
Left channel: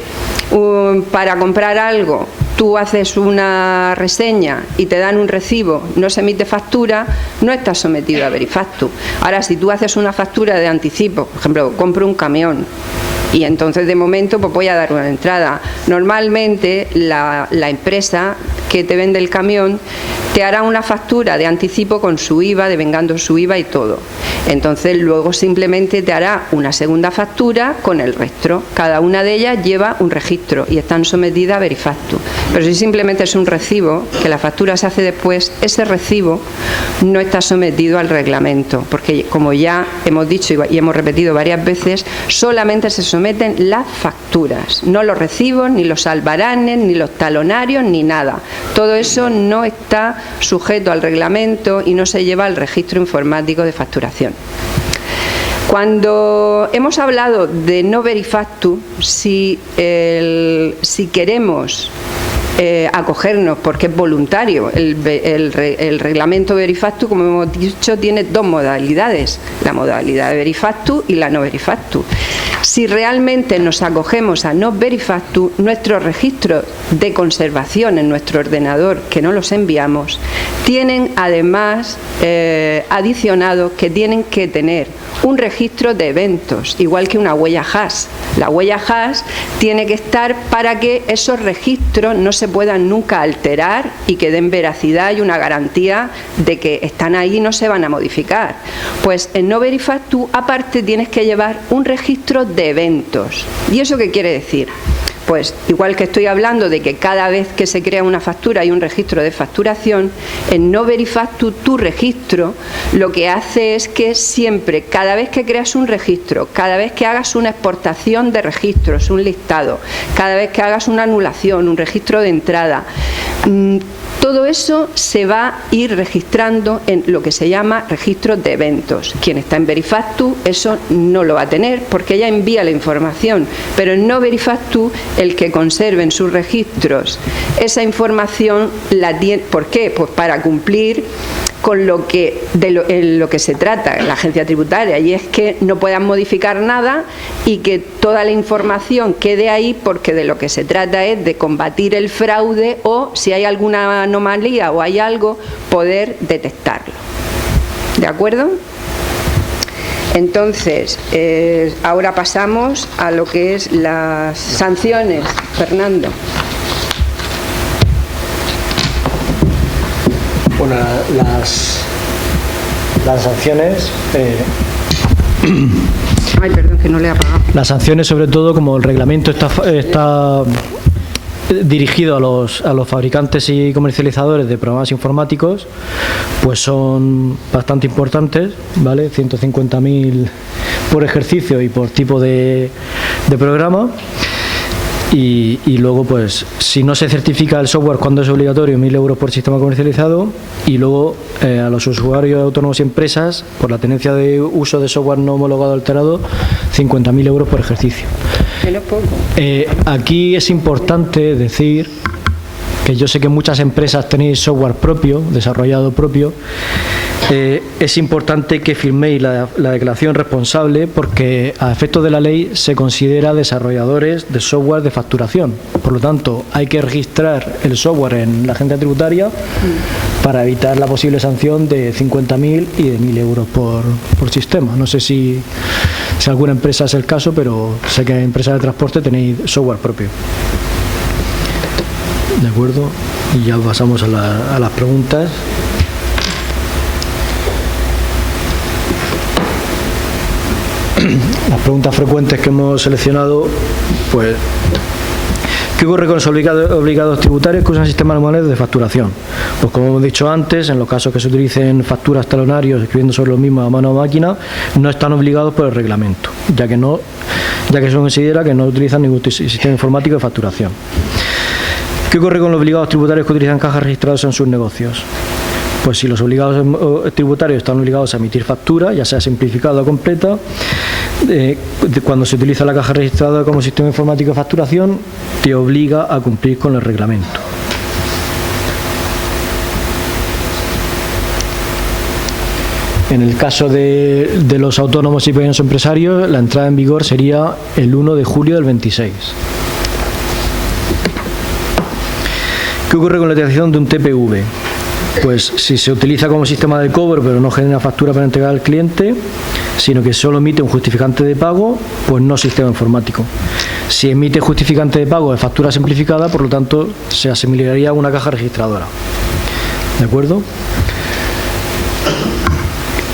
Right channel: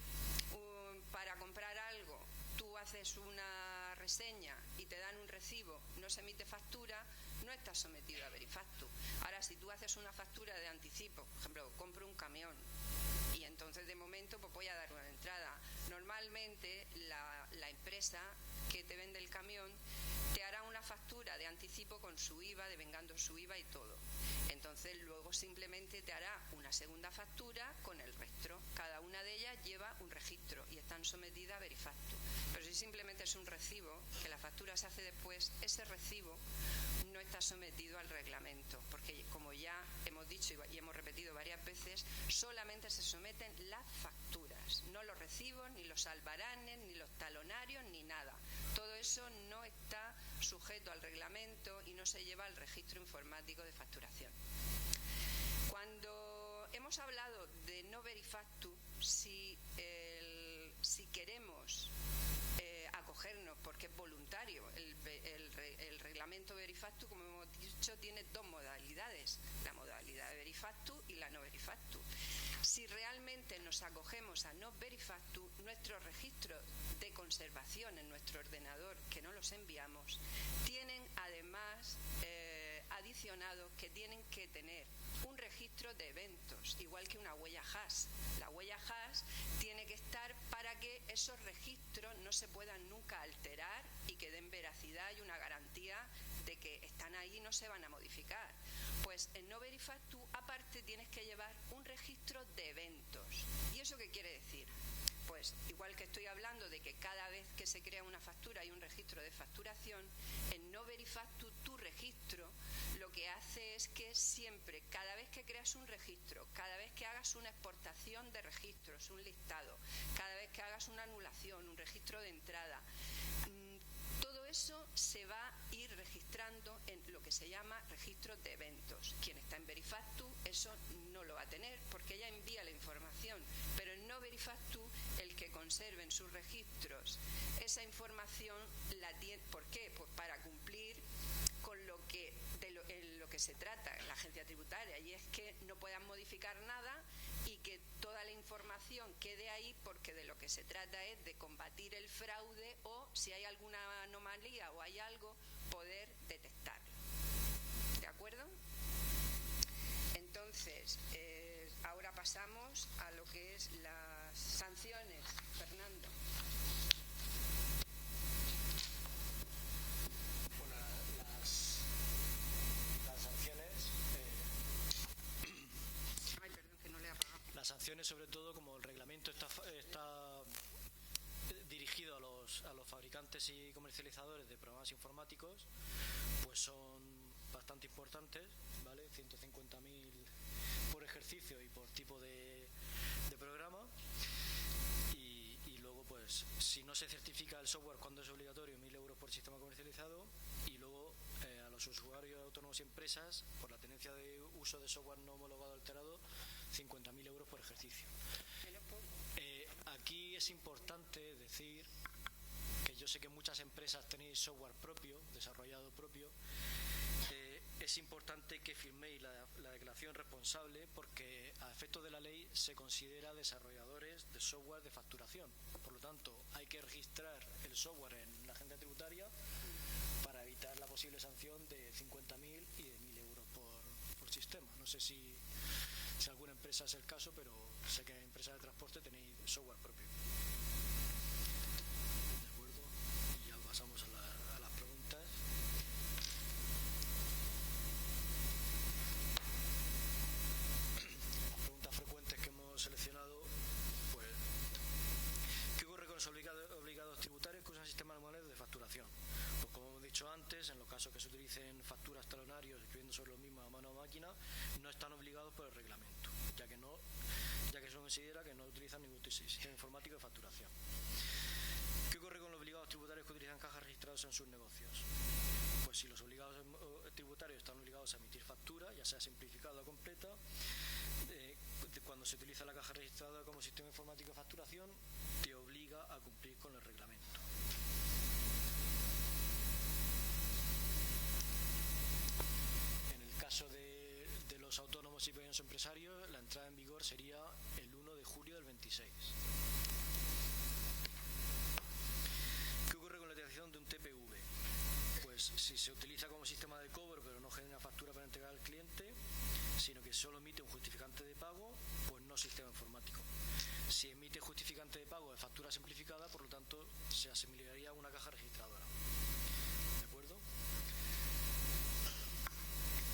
para comprar algo tú haces una reseña y te dan un recibo, no se emite factura, no estás sometido a Verifactu. Ahora, si tú haces una factura de anticipo, por ejemplo, compro un camión y entonces de momento pues voy a dar una entrada. Normalmente la empresa que te vende el camión te hará una factura de anticipo con su IVA, devengando su IVA y todo. Entonces luego simplemente te hará una segunda factura con el resto. Cada una de ellas lleva un registro y están sometidas a Verifactu. Pero si simplemente es un recibo, que la factura se hace después, ese recibo no está sometido al reglamento, porque como ya hemos dicho y hemos repetido varias veces, solamente se someten las facturas, no los recibos, ni los albaranes, ni los talonarios, ni nada. Todo eso no está sujeto al reglamento y no se lleva al registro informático de facturación. Cuando hemos hablado de no verifactu, si queremos acogernos, porque es voluntario, el reglamento verifactu, como hemos dicho, tiene dos modalidades, la modalidad de verifactu y la no verifactu. Si realmente nos acogemos a no verifactu, nuestros registros de conservación en nuestro ordenador, que no los enviamos, tienen además adicionado que tienen que tener un registro de eventos, igual que una huella hash. La huella hash tiene que estar para que esos registros no se puedan nunca alterar y que den veracidad y una garantía de que están ahí y no se van a modificar. Pues en no verifactu, aparte, tienes que llevar un registro de eventos. ¿Y eso qué quiere decir? Pues igual que estoy hablando de que cada vez que se crea una factura hay un registro de facturación, en no verifactu tu registro lo que hace es que siempre, cada vez que creas un registro, cada vez que hagas una exportación de registros, un listado, cada vez que hagas una anulación, un registro de entrada, todo eso se va a ir registrando en lo que se llama registro de eventos. Quien está en verifactu eso no lo va a tener porque ya envía la información, pero en no verifactu el que conserve en sus registros esa información la tiene. ¿Por qué? Pues para cumplir con lo que se trata la agencia tributaria, y es que no puedan modificar nada y que toda la información quede ahí, porque de lo que se trata es de combatir el fraude o, si hay alguna anomalía o hay algo, poder detectarlo. ¿De acuerdo? Entonces, ahora pasamos a lo que es las sanciones. Fernando. Bueno, las sanciones... Ay, perdón, que no le he apagado. Las sanciones, sobre todo, como el reglamento está dirigido a los fabricantes y comercializadores de programas informáticos, pues son bastante importantes, ¿vale? 150.000 por ejercicio y por tipo de programa. Y luego, pues, si no se certifica el software cuando es obligatorio, 1.000 euros por sistema comercializado. Y luego a los usuarios autónomos y empresas, por la tenencia de uso de software no homologado alterado, 50.000 euros por ejercicio. Menos poco. Aquí es importante decir que yo sé que muchas empresas tenéis software propio, desarrollado propio. Es importante que firméis la declaración responsable, porque a efectos de la ley se considera desarrolladores de software de facturación. Por lo tanto, hay que registrar el software en la agencia tributaria para evitar la posible sanción de 50.000 y de 1.000 euros por sistema. No sé si alguna empresa es el caso, pero sé que en empresas de transporte tenéis software propio. ¿De acuerdo? Y ya pasamos a las preguntas. Las preguntas frecuentes que hemos seleccionado, pues, ¿qué ocurre con los obligados tributarios que usan sistemas manuales de facturación? Pues, como hemos dicho antes, en los casos que se utilicen facturas talonarios escribiendo sobre los mismos a mano o máquina, no están obligados por el reglamento, ya que se considera que no utilizan ningún sistema informático de facturación. ¿Qué ocurre con los obligados tributarios que utilizan cajas registradas en sus negocios? Pues si los obligados tributarios están obligados a emitir factura, ya sea simplificada o completa, cuando se utiliza la caja registrada como sistema informático de facturación, te obliga a cumplir con el reglamento. En el caso de los autónomos y pequeños empresarios, la entrada en vigor sería el 1 de julio del 26. ¿Qué ocurre con la utilización de un TPV? Pues si se utiliza como sistema de cobro pero no genera factura para entregar al cliente, sino que solo emite un justificante de pago, pues no sistema informático. Si emite justificante de pago de factura simplificada, por lo tanto se asimilaría a una caja registradora. ¿De acuerdo?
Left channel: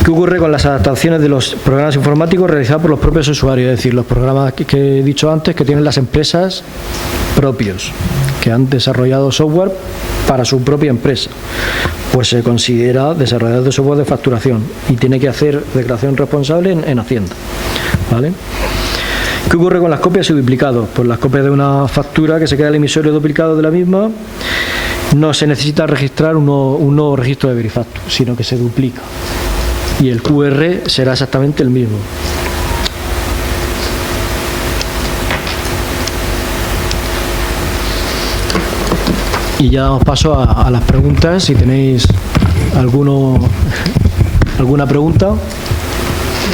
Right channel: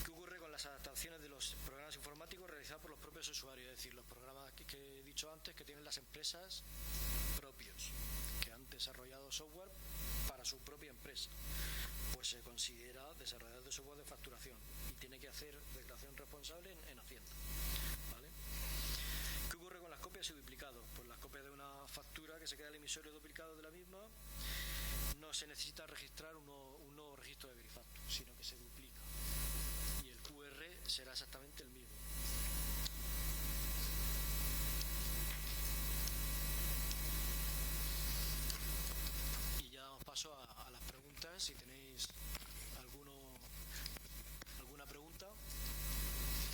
¿Qué ocurre con las adaptaciones de los programas informáticos realizados por los propios usuarios? Es decir, los programas que he dicho antes que tienen las empresas propios, que han desarrollado software para su propia empresa, pues se considera desarrollador de software de facturación y tiene que hacer declaración responsable en Hacienda, ¿vale? ¿Qué ocurre con las copias y duplicados? Pues las copias de una factura que se queda el emisorio duplicado de la misma, no se necesita registrar un nuevo registro de verifactu, sino que se duplica y el QR será exactamente el mismo. Y ya damos paso a las preguntas. Si tenéis alguna pregunta.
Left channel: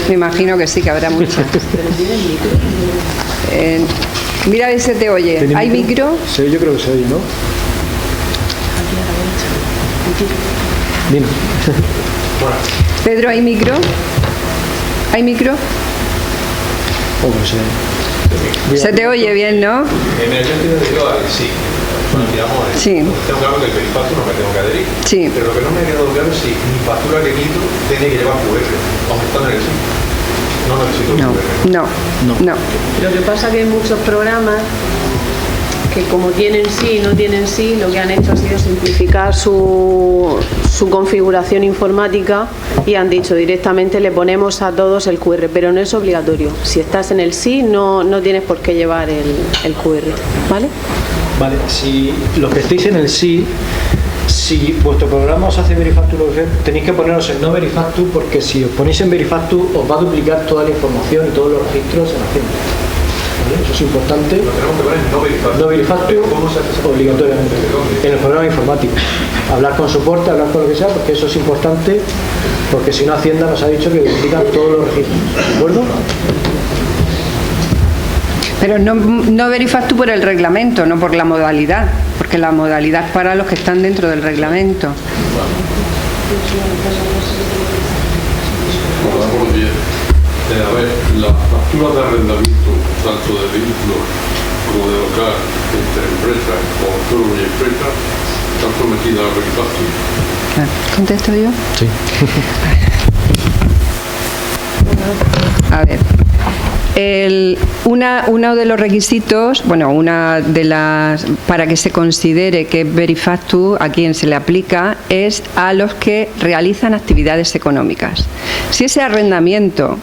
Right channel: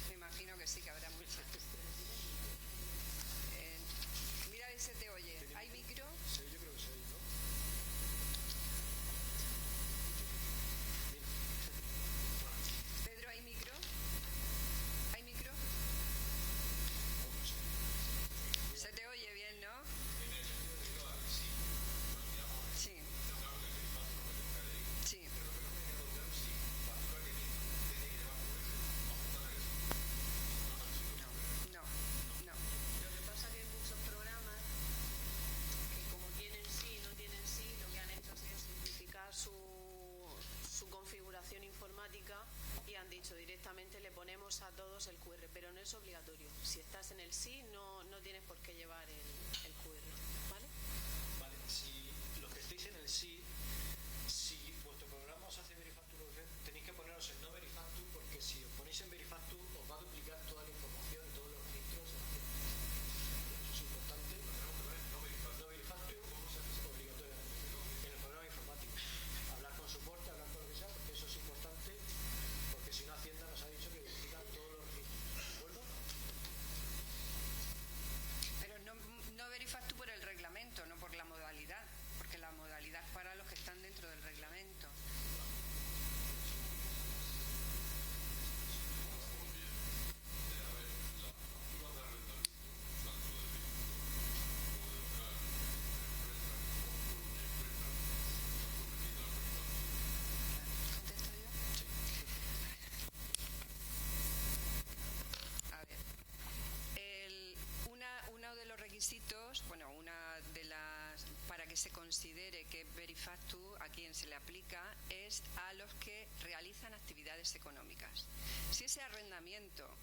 Me imagino que sí, que habrá muchas. Mira a ver si te oye. ¿Hay micro? Sí, yo creo que se oye, ¿no? Dime. Pedro, ¿hay micro? ¿Hay micro? Se te oye bien, ¿no? Sí. Sí. Tengo claro que el Verifactu no me tengo que adherir. Sí. Pero lo que no me ha quedado claro es si mi factura que quito tiene que llevar QR, aunque está en el SIM. No necesito QR. No. Lo que pasa es que hay muchos programas que como tienen sí y no tienen sí, lo que han hecho ha sido simplificar su configuración informática y han dicho directamente le ponemos a todos el QR, pero no es obligatorio. Si estás en el sí, no tienes por qué llevar el QR, ¿vale? Vale, si los que estéis en el sí, si vuestro programa os hace Verifactu, tenéis que poneros en no Verifactu, porque si os ponéis en Verifactu os va a duplicar toda la información y todos los registros en Hacienda. ¿Vale? Eso es importante. Lo tenemos que poner en no Verifactu. No Verifactu, ¿Cómo se hace eso? obligatoriamente. En el programa informático. Hablar con soporte, hablar con lo que sea, porque eso es importante, porque si no Hacienda nos ha dicho que duplican todos los registros. ¿De acuerdo? Pero no Verifactu por el reglamento, no por la modalidad, porque la modalidad es para los que están dentro del reglamento. Hola, buenos días. A ver, las facturas de arrendamiento, tanto de vehículos como de local, entre empresas o autónomos y empresas, están sometidas a Verifactu. ¿Contesto yo? Sí. A ver. Uno de los requisitos, para que se considere que es Verifactu, a quien se le aplica, es a los que realizan actividades económicas. Si ese arrendamiento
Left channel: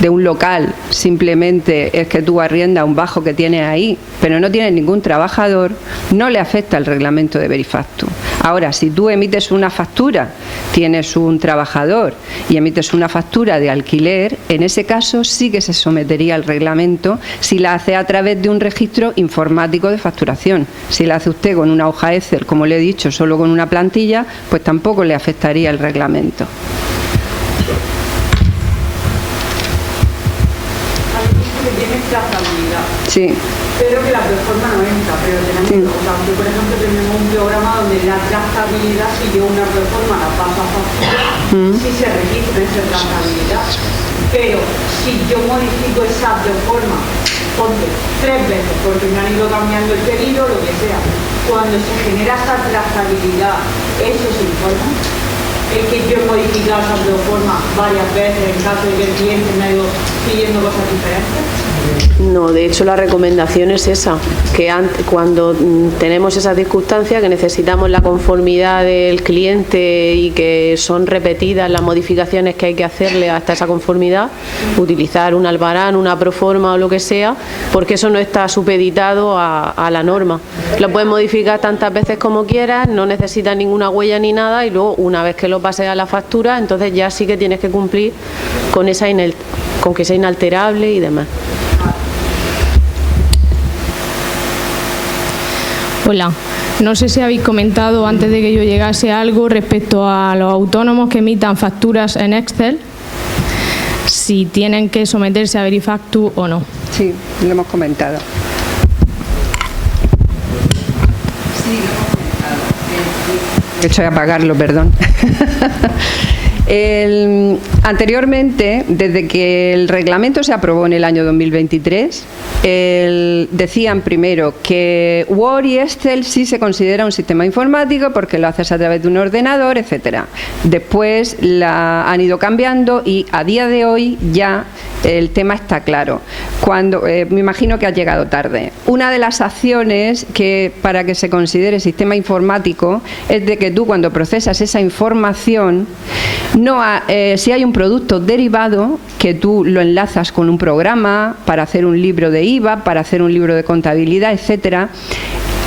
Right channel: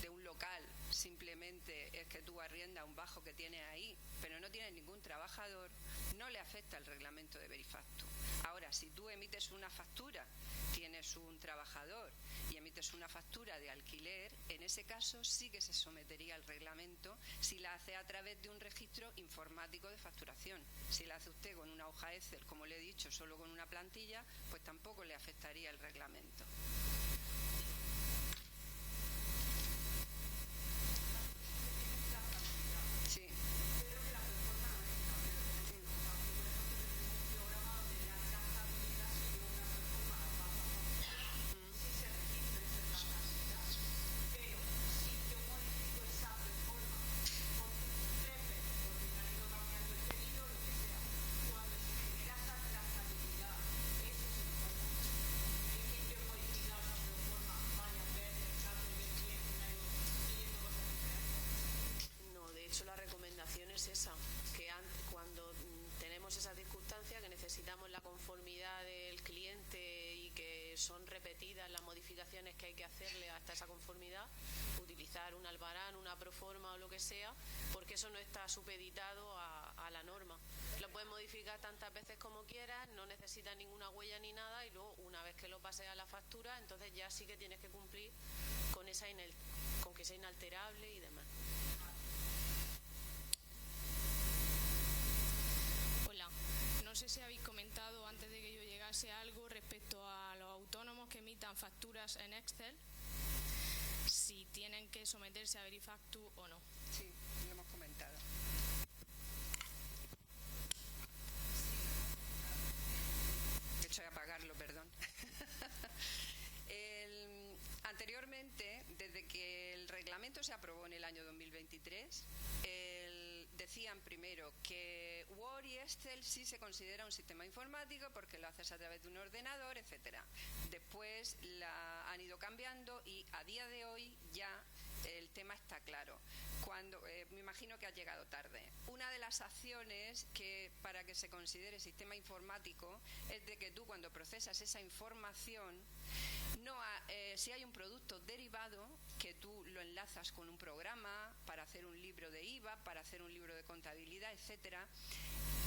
de un local simplemente es que tú arriendas un bajo que tienes ahí, pero no tienes ningún trabajador, no le afecta el reglamento de Verifactu. Ahora, si tú emites una factura, tienes un trabajador y emites una factura de alquiler, en ese caso sí que se sometería al reglamento si la hace a través de un registro informático de facturación. Si la hace usted con una hoja Excel, como le he dicho, solo con una plantilla, pues tampoco le afectaría el reglamento. Sí. Pero que la plataforma no entra, pero tenemos, o sea, yo, por ejemplo, tenemos un programa donde la trazabilidad, si yo una plataforma la paso a factura, sí se registra esa trazabilidad. Pero si yo modifico esa plataforma, ponte 3 veces, porque me han ido cambiando el pedido, lo que sea, cuando se genera esa trazabilidad, eso se informa. Es que yo he modificado esa plataforma varias veces en caso de que el cliente me ha ido pidiendo cosas diferentes. No, de hecho la recomendación es esa, que cuando tenemos esa circunstancia, que necesitamos la conformidad del cliente y que son repetidas las modificaciones que hay que hacerle hasta esa conformidad, utilizar un albarán, una proforma o lo que sea, porque eso no está supeditado a la norma. Lo puedes modificar tantas veces como quieras, no necesitas ninguna huella ni nada, y luego una vez que lo pases a la factura, entonces ya sí que tienes que cumplir con que sea inalterable y demás. Hola, no sé si habéis comentado antes de que yo llegase algo respecto a los autónomos que emitan facturas en Excel, si tienen que someterse a Verifactu o no. Sí, lo hemos comentado. Sí, lo hemos comentado. He hecho de apagarlo, perdón. Anteriormente, desde que el reglamento se aprobó en el año 2023, decían primero que Word y Excel sí se considera un sistema informático porque lo haces a través de un ordenador, etcétera. Después han ido cambiando y a día de hoy ya el tema está claro. Me imagino que ha llegado tarde. Una de las acciones para que se considere sistema informático es de que tú, cuando procesas esa información, si hay un producto derivado que tú lo enlazas con un programa para hacer un libro de IVA, para hacer un libro de contabilidad, etcétera,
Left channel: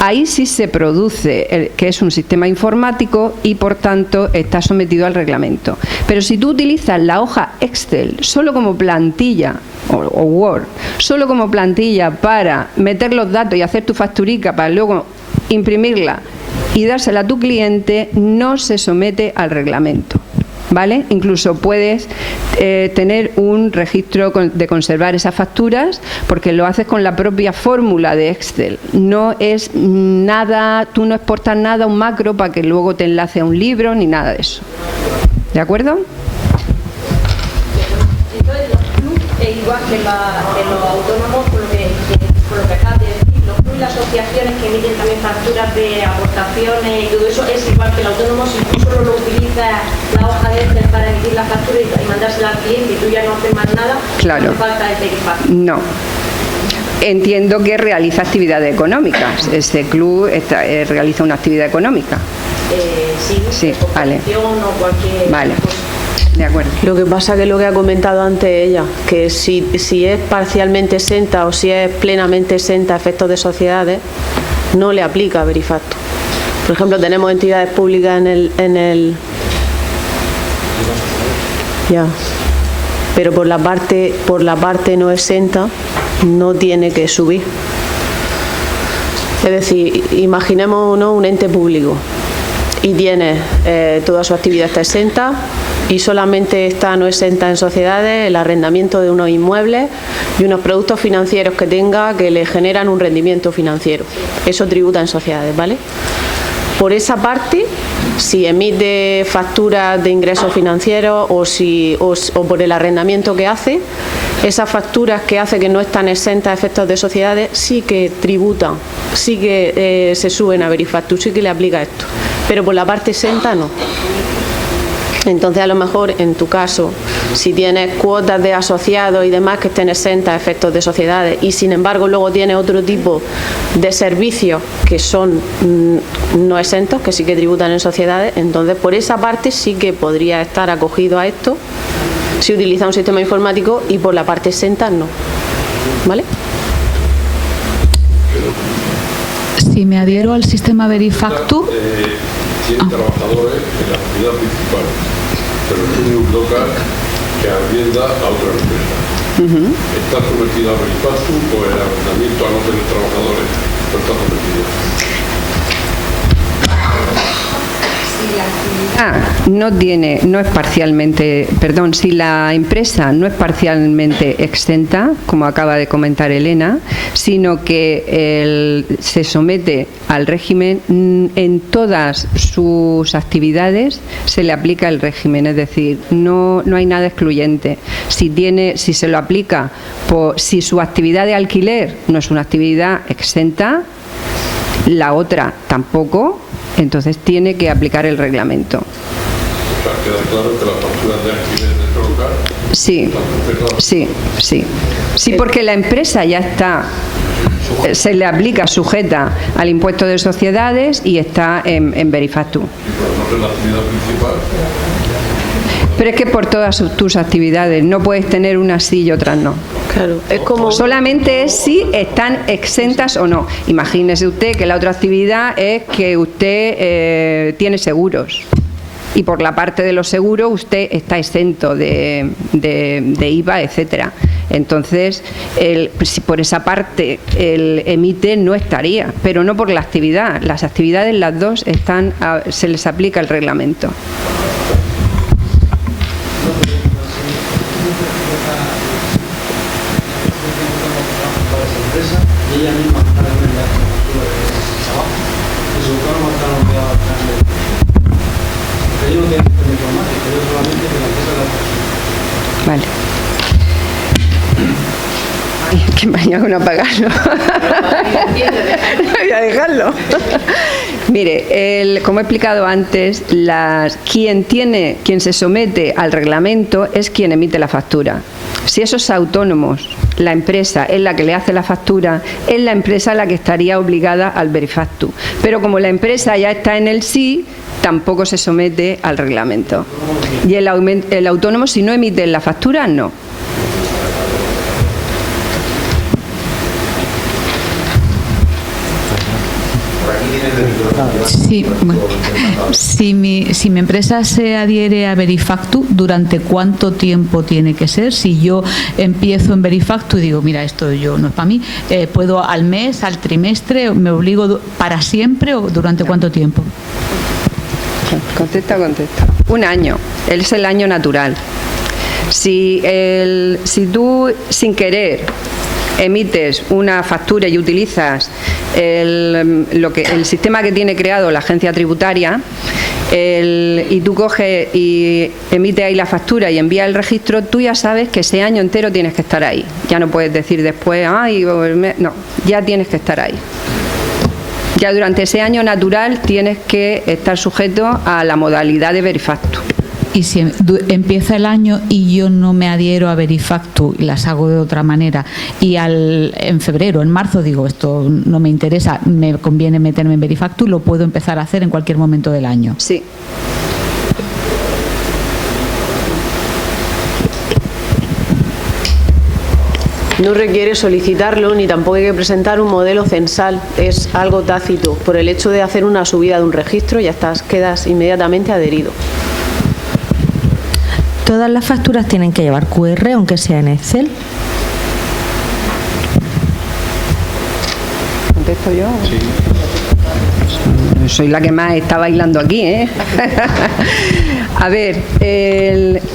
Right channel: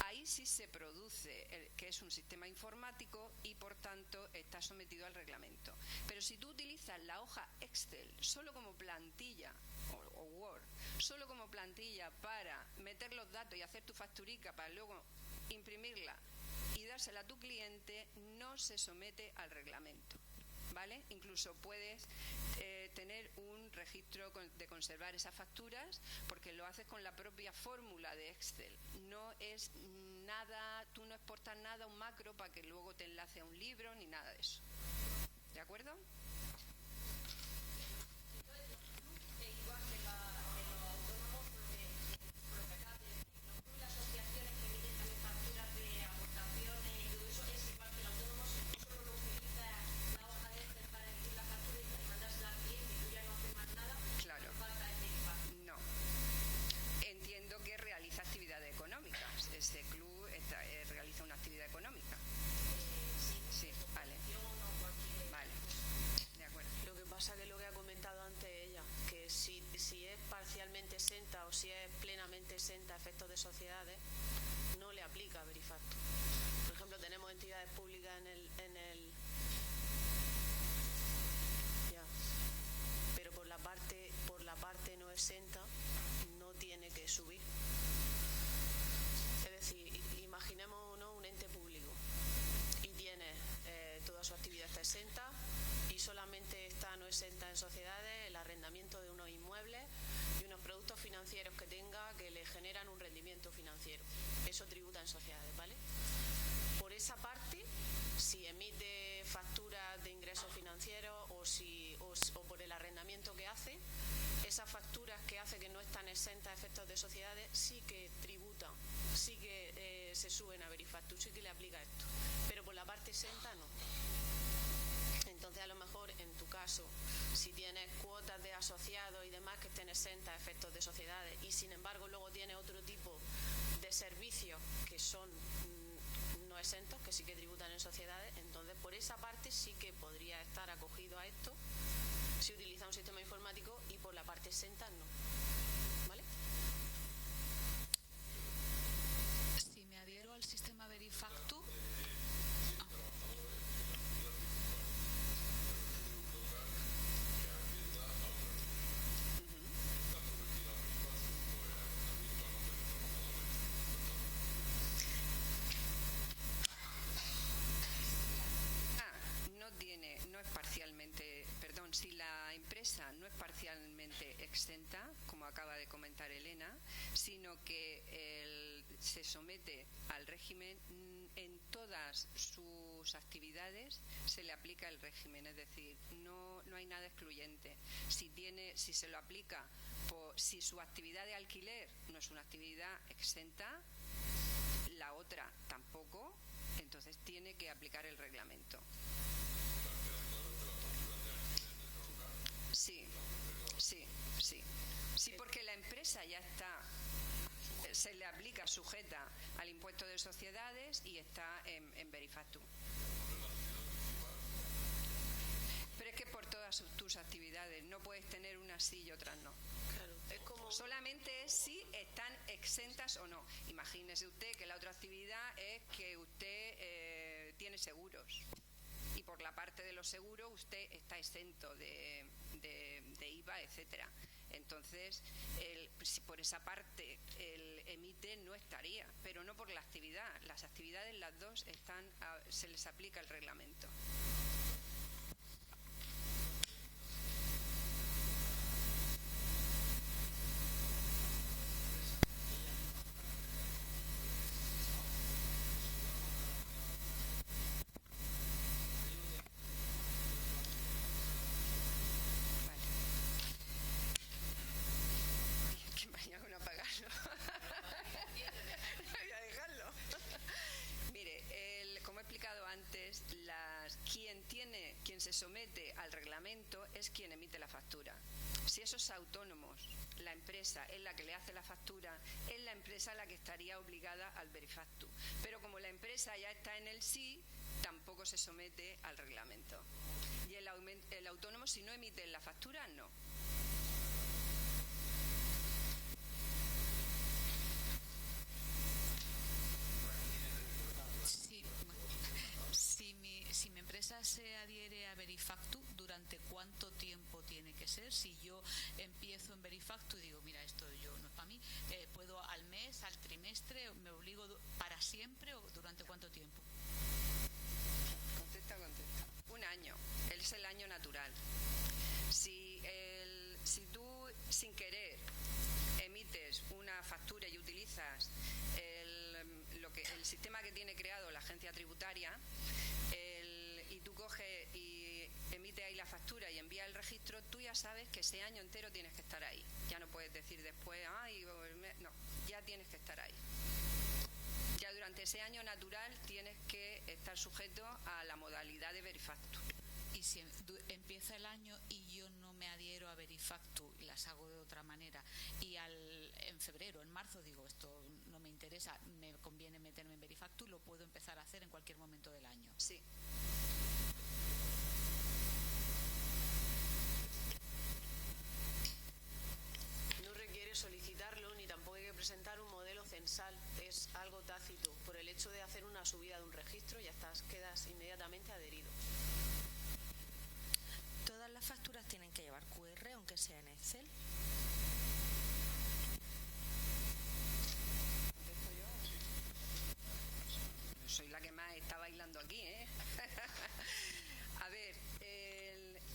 ahí sí se produce, que es un sistema informático y por tanto está sometido al reglamento. Pero si tú utilizas la hoja Excel solo como plantilla, o Word, solo como plantilla para meter los datos y hacer tu facturica para luego imprimirla y dársela a tu cliente no se somete al reglamento. ¿Vale? Incluso puedes tener un registro de conservar esas facturas porque lo haces con la propia fórmula de Excel. No es nada, tú no exportas nada a un macro para que luego te enlace a un libro ni nada de eso. ¿De acuerdo? Entonces los clubes, igual que los autónomos, por lo que acabas de decir, los clubes y las asociaciones que emiten también facturas de aportaciones y todo eso, es igual que el autónomo, si tú solo lo utilizas la hoja de Excel para emitir la factura y mandársela al cliente y tú ya no haces más nada, claro. No falta el Verifactu. No. Entiendo que realiza actividades económicas. Este club realiza una actividad económica. Sí, vale. O cualquier vale. cosa. De acuerdo. Lo que pasa que lo que ha comentado antes ella, que si es parcialmente exenta o si es plenamente exenta a efectos de sociedades, no le aplica Verifactu. Por ejemplo, tenemos entidades públicas en el ya, pero por la parte no exenta no tiene que subir. Es decir, imaginemos un ente público y tiene toda su actividad está exenta y solamente está no exenta en sociedades el arrendamiento de unos inmuebles y unos productos financieros que tenga que le generan un rendimiento financiero. Eso tributa en sociedades, ¿vale? Por esa parte, si emite facturas de ingresos financieros o por el arrendamiento que hace, esas facturas que hace que no están exentas a efectos de sociedades sí que tributan, sí que se suben a Verifactu, sí que le aplica esto, pero por la parte exenta no. Entonces, a lo mejor, en tu caso, si tienes cuotas de asociados y demás que estén exentas a efectos de sociedades y, sin embargo, luego tienes otro tipo de servicios que son no exentos, que sí que tributan en sociedades, entonces, por esa parte sí que podría estar acogido a esto si utiliza un sistema informático y por la parte exenta no. ¿Vale? Si me adhiero al sistema Verifactu... Tiene trabajadores en la actividad principal, pero tiene un local que arrienda a otra empresa. ¿Está sometida a Verifactu o el arrendamiento a no tener trabajadores no está sometido? Si la empresa no es parcialmente exenta, como acaba de comentar Elena, sino que se somete al régimen, en todas sus actividades se le aplica el régimen, es decir, no hay nada excluyente. Si se lo aplica, si su actividad de alquiler no es una actividad exenta, la otra tampoco, entonces tiene que aplicar el reglamento. O sea, queda claro que las facturas de alquiler de este local... Sí, porque la empresa ya está, se le aplica sujeta al impuesto de sociedades y está en Verifactu. ¿Y por no la actividad principal? Pero es que por todas tus actividades no puedes tener unas sí y otras no. Claro, es como... Solamente es si están exentas o no. Imagínese usted que la otra actividad es que usted tiene seguros y por la parte de los seguros usted está exento de IVA, etcétera. Entonces, si por esa parte el emite no estaría, pero no por la actividad. Las actividades, las dos, se les aplica el reglamento. Vale. Ay, que mañana no apagarlo. Voy a dejarlo. Mire, como he explicado antes, quien se somete al reglamento es quien emite la factura. Si esos autónomos, la empresa es la que le hace la factura, es la empresa la que estaría obligada al Verifactu. Pero como la empresa ya está en el sí, tampoco se somete al reglamento. Y el autónomo, si no emite la factura, no. Por aquí tienes el micrófono. Sí, bueno. Si mi empresa se adhiere a Verifactu, ¿durante cuánto tiempo tiene que ser? Si yo empiezo en Verifactu y digo, mira, esto yo no es para mí, ¿puedo al mes, al trimestre, me obligo para siempre o durante cuánto tiempo? Contesta. 1 año, es el año natural. Si tú sin querer emites una factura y utilizas el sistema que tiene creado la agencia tributaria y tú coges y emites ahí la factura y envías el registro, tú ya sabes que ese año entero tienes que estar ahí. Ya no puedes decir después, no, ya tienes que estar ahí. Ya durante ese año natural tienes que estar sujeto a la modalidad de Verifactu. Y si empieza el año y yo no me adhiero a Verifactu y las hago de otra manera, y en febrero, en marzo digo, esto no me interesa, me conviene meterme en Verifactu, lo puedo empezar a hacer en cualquier momento del año. Sí. No requiere solicitarlo ni tampoco hay que presentar un modelo censal, es algo tácito. Por el hecho de hacer una subida de un registro ya quedas inmediatamente adherido. ¿Todas las facturas tienen que llevar QR, aunque sea en Excel? ¿Contesto yo? Sí. Soy la que más está bailando aquí, ¿eh? A ver,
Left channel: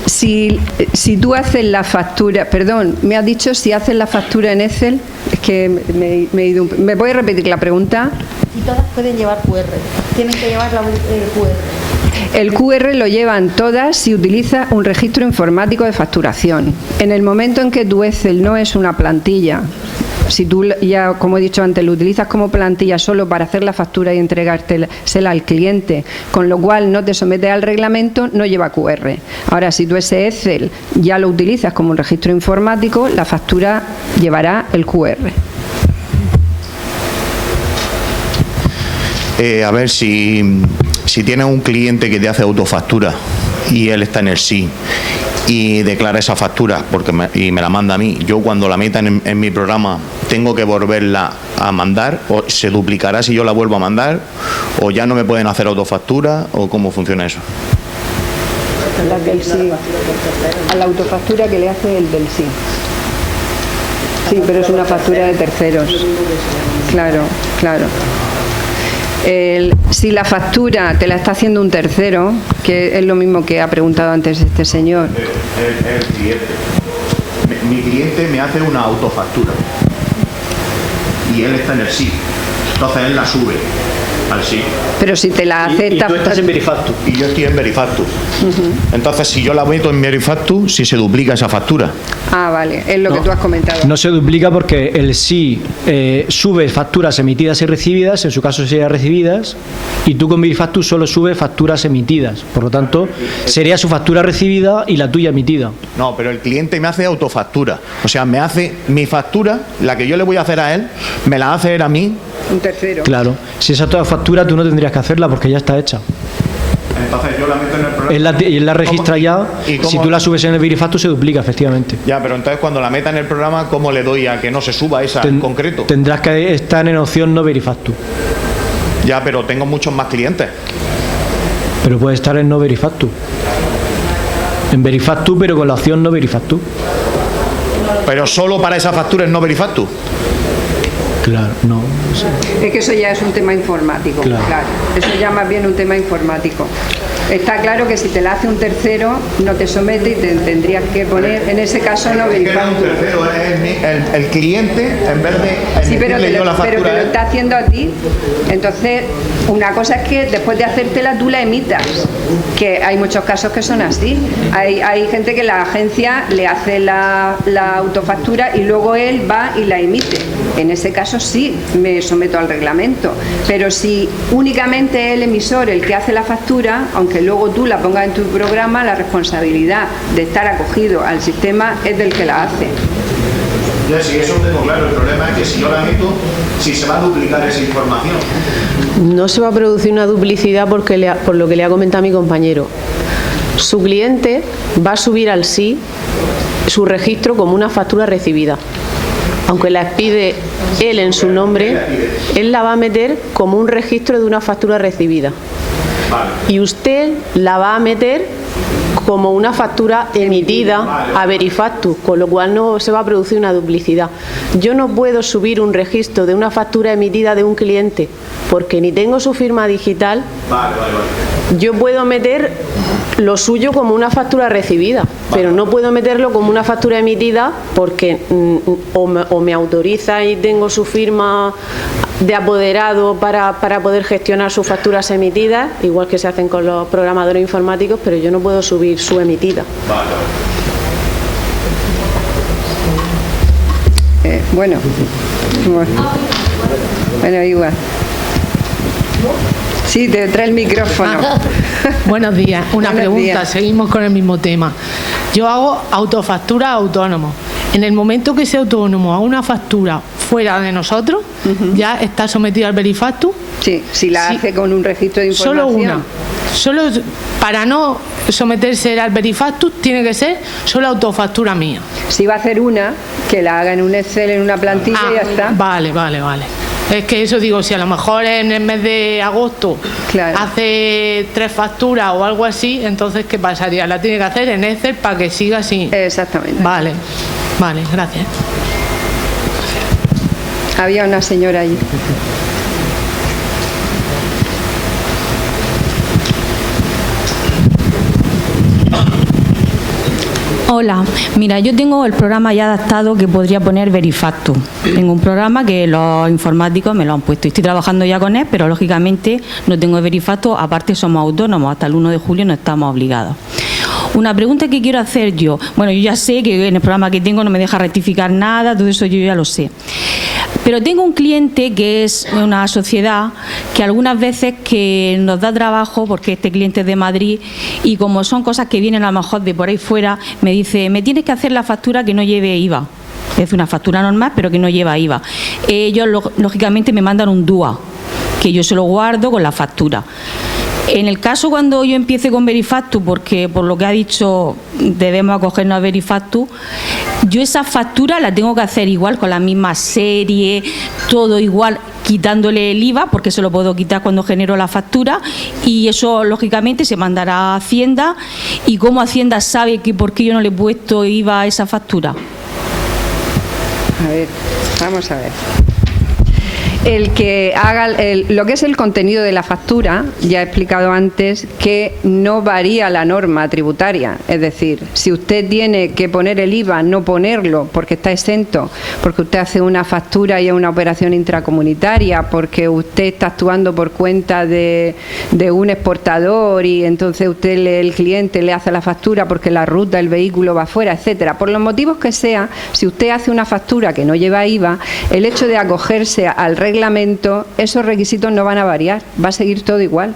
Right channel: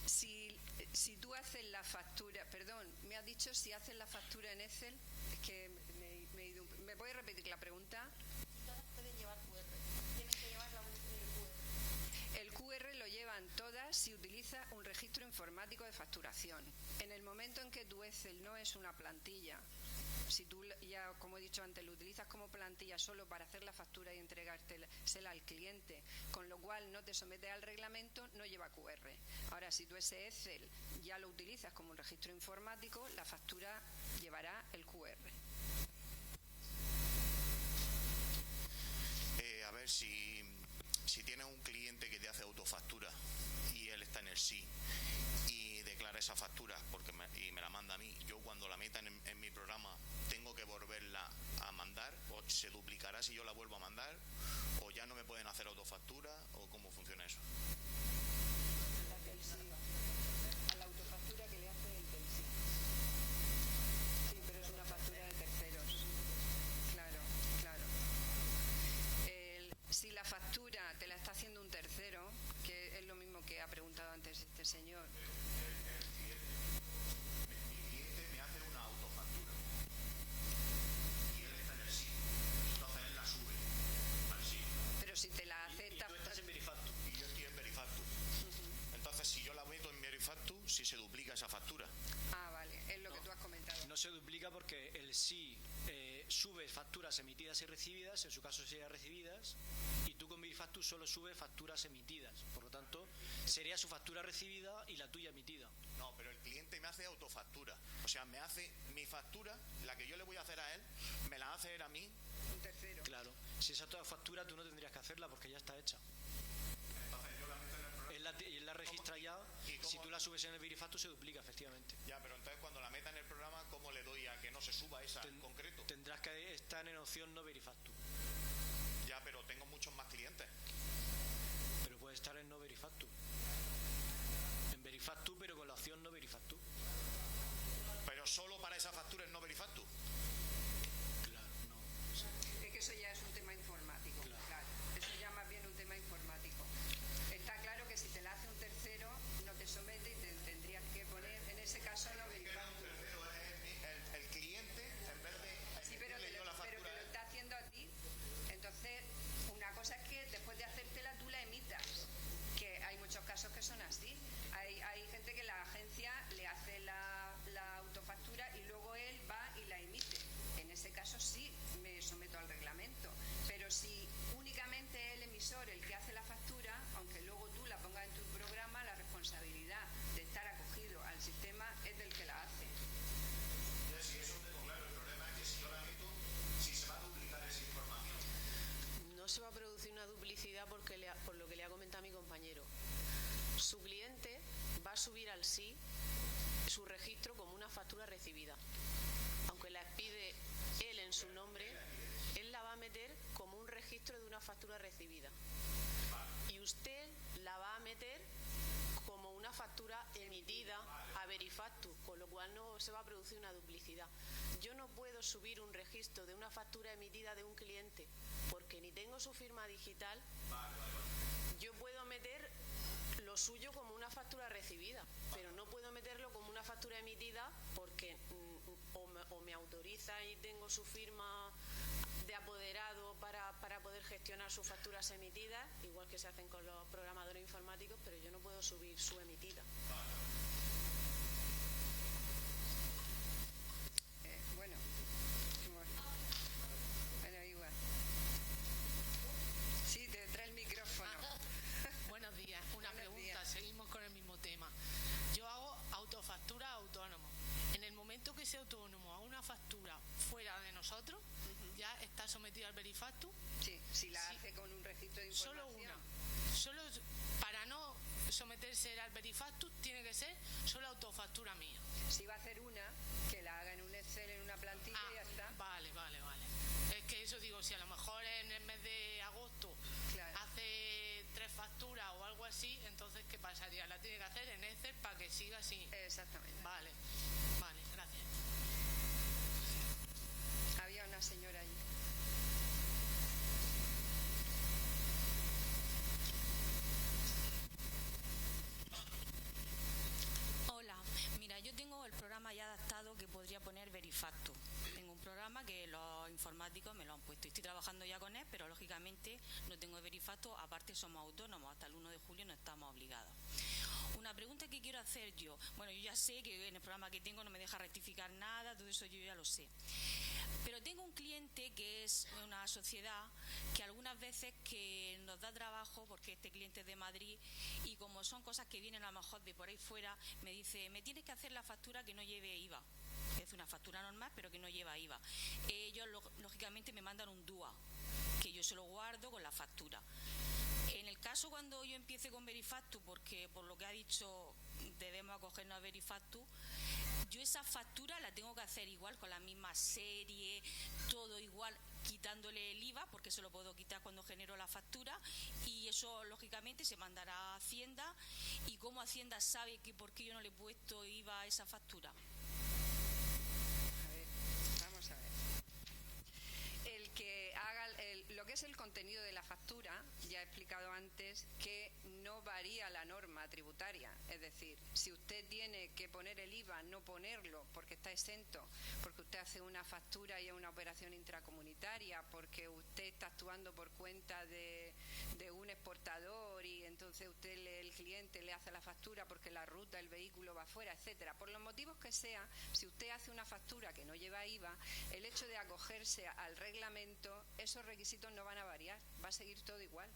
si tú haces la factura, perdón, me has dicho si haces la factura en Excel, es que me he ido ¿me puedes repetir la pregunta? Si todas pueden llevar QR, tienen que llevar el QR. El QR lo llevan todas si utilizas un registro informático de facturación. En el momento en que tu Excel no es una plantilla, si tú ya, como he dicho antes, lo utilizas como plantilla solo para hacer la factura y entregársela al cliente, con lo cual no te sometes al reglamento, no lleva QR. Ahora, si tú ese Excel ya lo utilizas como un registro informático, la factura llevará el QR. A ver, si tienes un cliente que te hace autofactura y él está en el SI y declara esa factura y me la manda a mí, yo cuando la meta en mi programa tengo que volverla a mandar, o se duplicará si yo la vuelvo a mandar, o ya no me pueden hacer autofactura, o cómo funciona eso. A la autofactura que le hace el del SI. Sí, pero es una factura de terceros. Claro. Si la factura te la está haciendo un tercero, que es lo mismo que ha preguntado antes este señor. El cliente. Mi cliente me hace una autofactura y él está en el SI. Entonces él la sube al SI. Pero si te la acepta... Y tú estás en Verifactu. Y yo estoy en Verifactu. Entonces, si yo la meto en Verifactu, si se duplica esa factura. Ah, vale, es lo que tú has comentado. No se duplica porque el SI sube facturas emitidas y recibidas, en su caso serían recibidas, y tú con Verifactu solo sube facturas emitidas. Por lo tanto, sería su factura recibida y la tuya emitida. No, pero el cliente me hace autofactura. O sea, me hace mi factura, la que yo le voy a hacer a él, me la hace él a mí. Un tercero. Claro. Si esa toda factura tú no tendrías que hacerla porque ya está hecha. Entonces yo la meto en el programa. Él la registra ya. Si tú la subes en el Verifactu se duplica, efectivamente. Ya, pero entonces cuando la meta en el programa, ¿cómo le doy a que no se suba esa en concreto? Tendrás que estar en opción no Verifactu. Ya, pero tengo muchos más clientes. Pero puede estar en no Verifactu. En Verifactu, pero con la opción no Verifactu. Pero solo para esa factura es no Verifactu. Claro, no. Es que eso ya es un tema informático, claro. Eso ya más bien un tema informático. Está claro que si te la hace un tercero, no te somete y te tendrías que poner, en ese caso, no verificar. Un tercero es el cliente, en vez de sí, pero yo la factura. Pero que lo está haciendo a ti. Entonces, una cosa es que después de hacértela tú la emitas, que hay muchos casos que son así. Hay gente que la agencia le hace la autofactura y luego él va y la emite. En ese caso sí me someto al reglamento, pero si únicamente el emisor el que hace la factura, aunque luego tú la pongas en tu programa, la responsabilidad de estar acogido al sistema es del que la hace. Ya, sí, eso tengo claro. El problema es que si yo la meto, si se va a duplicar esa información. No se va a producir una duplicidad por lo que le ha comentado mi compañero. Su cliente va a subir al SI su registro como una factura recibida. aunque la expide él en su nombre, él la va a meter como un registro de una factura recibida. Y usted la va a meter como una factura emitida a Verifactu, con lo cual no se va a producir una duplicidad. Yo no puedo subir un registro de una factura emitida de un cliente porque ni tengo su firma digital. Yo puedo meter lo suyo como una factura recibida, pero no puedo meterlo como una factura emitida porque o me autoriza y tengo su firma de apoderado para poder gestionar sus facturas emitidas, igual que se hacen con los programadores informáticos, pero yo no puedo subir su emitida. Bueno, igual. Sí, te trae el micrófono. Buenos días. Una Buenos pregunta, días. seguimos con el mismo tema. Yo hago autofactura autónomo. En el momento que ese autónomo haga una factura fuera de nosotros, ¿ya está sometido al Verifactu? Sí, si la hace con un registro de información. Solo una. Solo para no someterse al Verifactu tiene que ser solo autofactura mía. Si va a hacer una, que la haga en un Excel, en una plantilla y ya está. Vale. Es que eso digo, si a lo mejor en el mes de agosto hace 3 facturas o algo así, entonces ¿qué pasaría? La tiene que hacer en Excel para que siga así. Exactamente. Vale, gracias. Había una señora allí. Hola, mira, yo tengo el programa ya adaptado que podría poner Verifactu. Tengo un programa que los informáticos me lo han puesto. Estoy trabajando ya con él, pero lógicamente no tengo Verifactu. Aparte somos autónomos, hasta el 1 de julio no estamos obligados. Una pregunta que quiero hacer yo. Bueno, yo ya sé que en el programa que tengo no me deja rectificar nada, todo eso yo ya lo sé. Pero tengo un cliente que es una sociedad que algunas veces que nos da trabajo, porque este cliente es de Madrid, y como son cosas que vienen a lo mejor de por ahí fuera, me dice, me tienes que hacer la factura que no lleve IVA. Es una factura normal, pero que no lleva IVA. Ellos, lógicamente, me mandan un DUA, que yo se lo guardo con la factura. En el caso cuando yo empiece con Verifactu, porque por lo que ha dicho debemos acogernos a Verifactu, yo esa factura la tengo que hacer igual, con la misma serie, todo igual, quitándole el IVA, porque se lo puedo quitar cuando genero la factura, y eso lógicamente se mandará a Hacienda. ¿Y cómo Hacienda sabe que por qué yo no le he puesto IVA a esa factura? A ver, vamos a ver. El que haga lo que es el contenido de la factura, ya he explicado antes que no varía la norma tributaria. Es decir, si usted tiene que poner el IVA, no ponerlo porque está exento, porque usted hace una factura y es una operación intracomunitaria, porque usted está actuando por cuenta de un exportador y entonces el cliente le hace la factura porque la ruta, el vehículo va fuera, etcétera. Por los motivos que sea, si usted hace una factura que no lleva IVA, el hecho de acogerse al reglamento, esos requisitos no van a variar, va a seguir todo igual.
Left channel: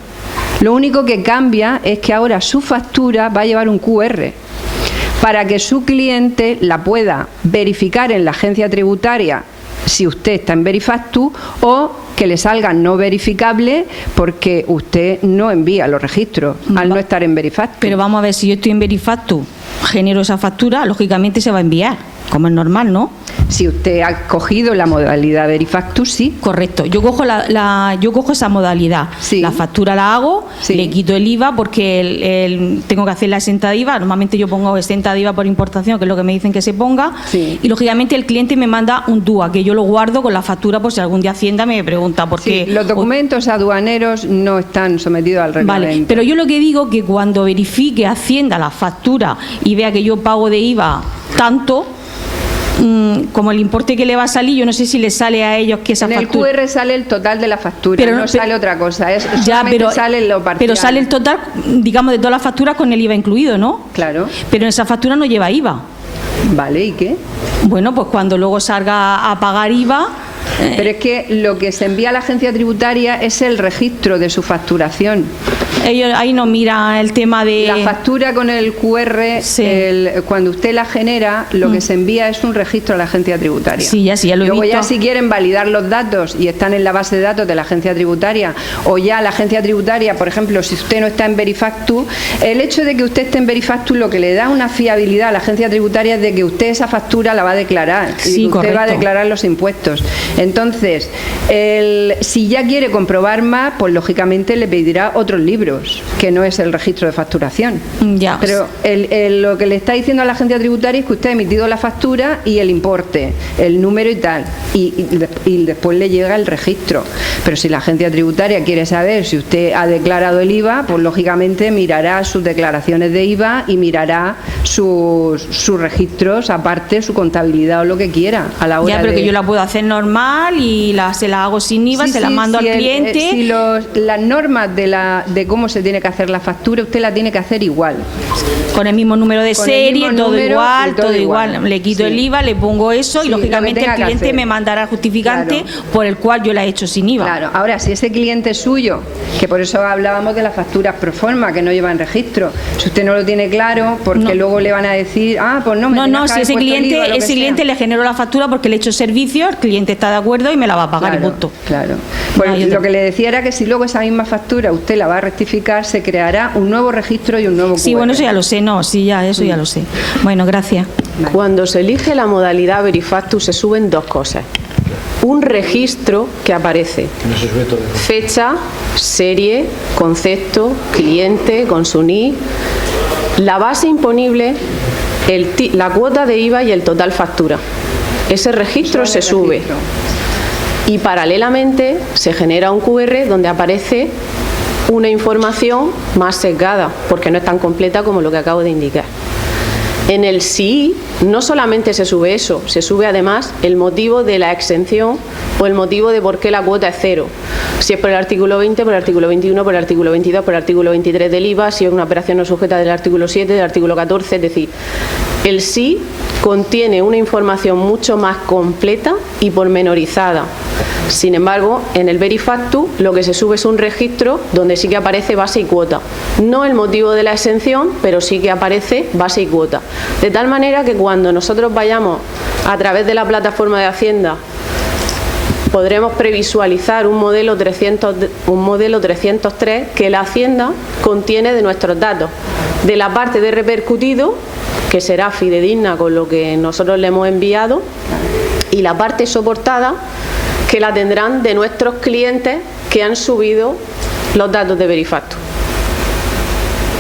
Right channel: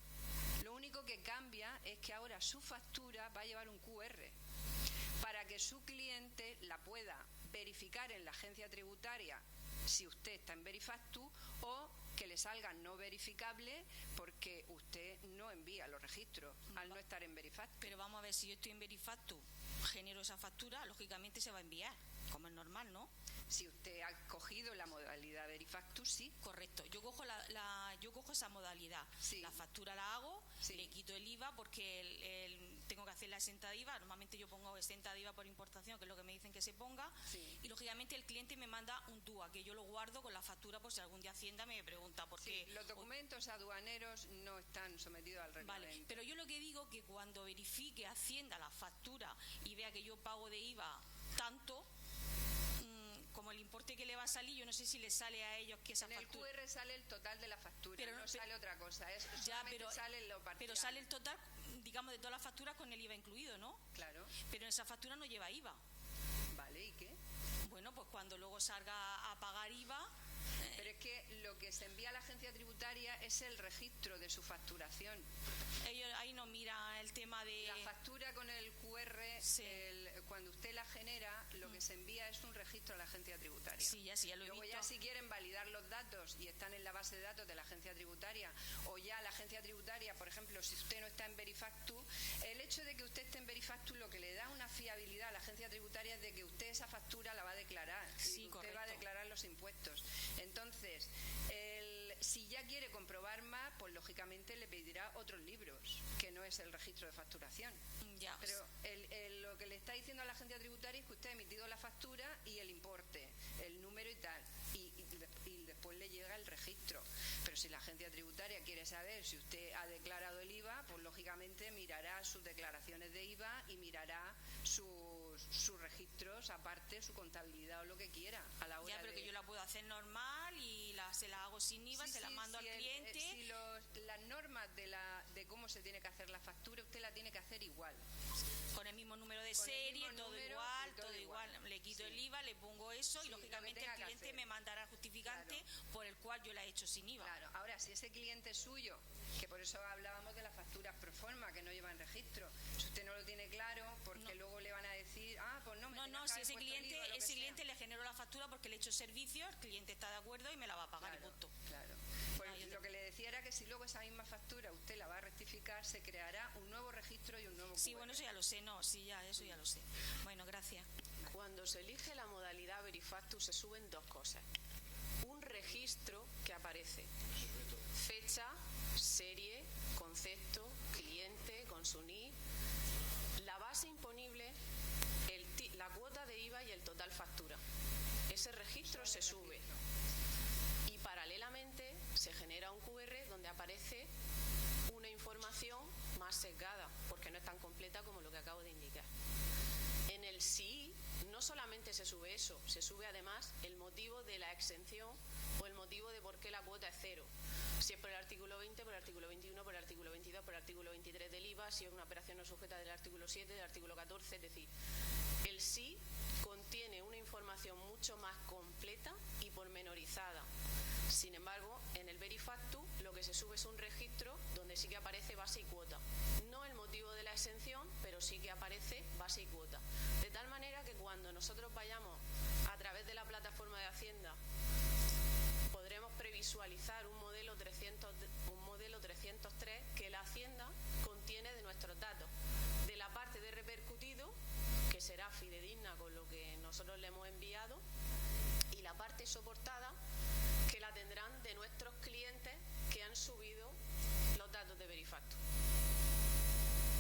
Lo único que cambia es que ahora su factura va a llevar un QR para que su cliente la pueda verificar en la agencia tributaria si usted está en Verifactu, o que le salga no verificable porque usted no envía los registros al no estar en Verifactu. Pero vamos a ver, si yo estoy en Verifactu, genero esa factura, lógicamente se va a enviar, como es normal, ¿no? Si usted ha cogido la modalidad Verifactu, sí. Correcto. Yo cojo yo cojo esa modalidad. Sí. La factura la hago, sí. Le quito el IVA porque tengo que hacer la exenta de IVA. Normalmente yo pongo exenta de IVA por importación, que es lo que me dicen que se ponga. Sí. Y lógicamente el cliente me manda un DUA, que yo lo guardo con la factura por si algún día Hacienda me pregunta por qué. Los documentos aduaneros no están sometidos al reglamento. Vale, pero yo lo que digo que cuando verifique Hacienda la factura y vea que yo pago de IVA tanto, como el importe que le va a salir, yo no sé si le sale a ellos que esa factura. En el QR sale el total de la factura, pero no sale otra cosa. Sale lo parcial. Pero sale el total, digamos, de todas las facturas con el IVA incluido, ¿no? Claro. Pero en esa factura no lleva IVA. Vale, ¿y qué? Bueno, pues cuando luego salga a pagar IVA. Pero es que lo que se envía a la agencia tributaria es el registro de su facturación. ellos ahí no miran el tema de... La factura con el QR, cuando usted la genera, lo que se envía es un registro a la agencia tributaria. Sí, ya lo he Luego visto. ya si quieren validar los datos y están en la base de datos de la agencia tributaria, o ya la agencia tributaria, por ejemplo, si usted no está en Verifactu, el hecho de que usted esté en Verifactu lo que le da una fiabilidad a la agencia tributaria es de que usted esa factura la va a declarar, sí, y usted correcto. va a declarar los impuestos. Entonces, si ya quiere comprobar más, pues lógicamente le pedirá otros libros, que no es el registro de facturación. Ya. Pero lo que le está diciendo a la agencia tributaria es que usted ha emitido la factura y el importe, el número y tal, y después le llega el registro. Pero si la agencia tributaria quiere saber si usted ha declarado el IVA, pues lógicamente mirará sus declaraciones de IVA y mirará sus registros, aparte su contabilidad o lo que quiera a la hora ya, pero de... que yo la puedo hacer normal y se la hago sin IVA, Sí, se la sí, mando si al cliente. si las normas de cómo se tiene que hacer la factura, usted la tiene que hacer igual. Con el mismo número de Con el serie, mismo todo número igual, y todo todo igual. igual. Le quito Sí. el IVA, le pongo eso Sí, y lógicamente lo que el tenga que cliente hacer. me mandará el justificante por el cual yo la he hecho sin IVA. Claro, ahora si ese cliente es suyo, que por eso hablábamos de las facturas pro forma, que no llevan registro, si usted no lo tiene claro, porque luego le van a decir, pues no, Si ese cliente le genero la factura porque le he hecho servicio, el cliente está de acuerdo y me la va a pagar y punto. Claro. Pues lo que le decía era que si luego esa misma factura usted la va a rectificar, se creará un nuevo registro y un nuevo QR. Sí, bueno, eso ya lo sé, eso ya lo sé. Bueno, gracias. Cuando se elige la modalidad Verifactu se suben dos cosas. Un registro que aparece fecha, serie, concepto, cliente, con su NIF, la base imponible, la cuota de IVA y el total factura. Ese registro se sube. Y paralelamente se genera un QR donde aparece una información más sesgada, porque no es tan completa como lo que acabo de indicar. En el SII no solamente se sube eso, se sube además el motivo de la exención o el motivo de por qué la cuota es cero. Si es por el artículo 20, por el artículo 21, por el artículo 22, por el artículo 23 del IVA, si es una operación no sujeta del artículo 7, del artículo 14, es decir, el SII contiene una información mucho más completa y pormenorizada. Sin embargo, en el Verifactu lo que se sube es un registro donde sí que aparece base y cuota. No el motivo de la exención, pero sí que aparece base y cuota. De tal manera que cuando nosotros vayamos a través de la plataforma de Hacienda, podremos previsualizar un modelo 303 que la Hacienda contiene de nuestros datos. De la parte de repercutido, que será fidedigna con lo que nosotros le hemos enviado, y la parte soportada, que la tendrán de nuestros clientes que han subido los datos de Verifactu.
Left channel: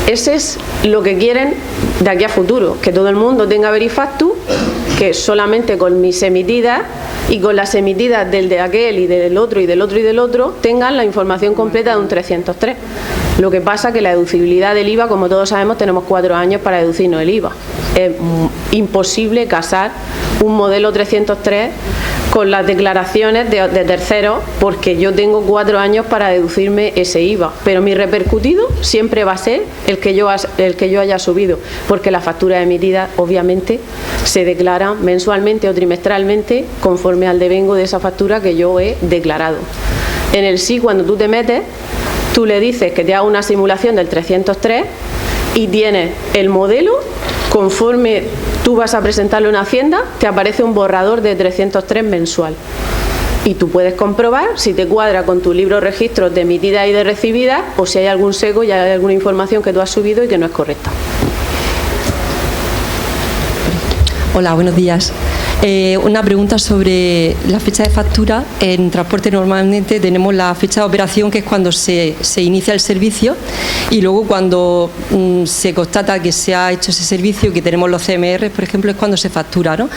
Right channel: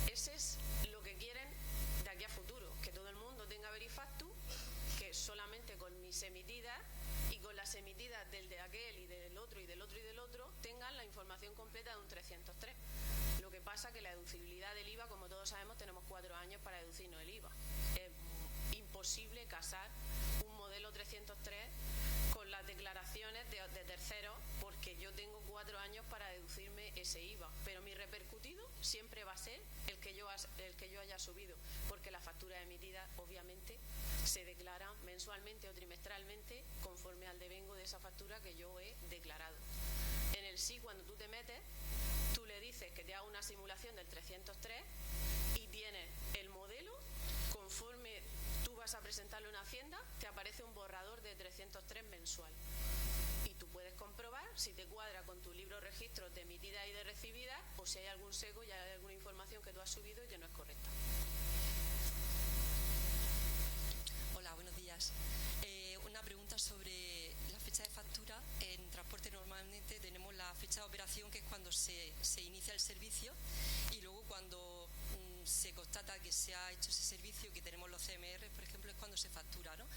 Ese es lo que quieren de aquí a futuro, que todo el mundo tenga Verifactu, que solamente con mis emitidas y con las emitidas del de aquel y del otro y del otro y del otro tengan la información completa de un 303. Lo que pasa que la deducibilidad del IVA, como todos sabemos, tenemos 4 años para deducirnos el IVA. Es imposible casar un modelo 303 con las declaraciones de terceros, porque yo tengo 4 años para deducirme ese IVA, pero mi repercutido siempre va a ser el que yo haya subido, porque las facturas emitidas obviamente se declaran mensualmente o trimestralmente conforme al devengo de esa factura que yo he declarado. En el SII, cuando tú te metes, tú le dices que te haga una simulación del 303 y tienes el modelo. Conforme tú vas a presentarlo en Hacienda, te aparece un borrador de 303 mensual. Y tú puedes comprobar si te cuadra con tu libro de registros de emitidas y de recibidas, o si hay algún sesgo y hay alguna información que tú has subido y que no es correcta. Hola, buenos días. Una pregunta sobre la fecha de factura. En transporte normalmente tenemos la fecha de operación, que es cuando se inicia el servicio, y luego cuando se constata que se ha hecho ese servicio, que tenemos los CMR, por ejemplo, es cuando se factura, ¿no?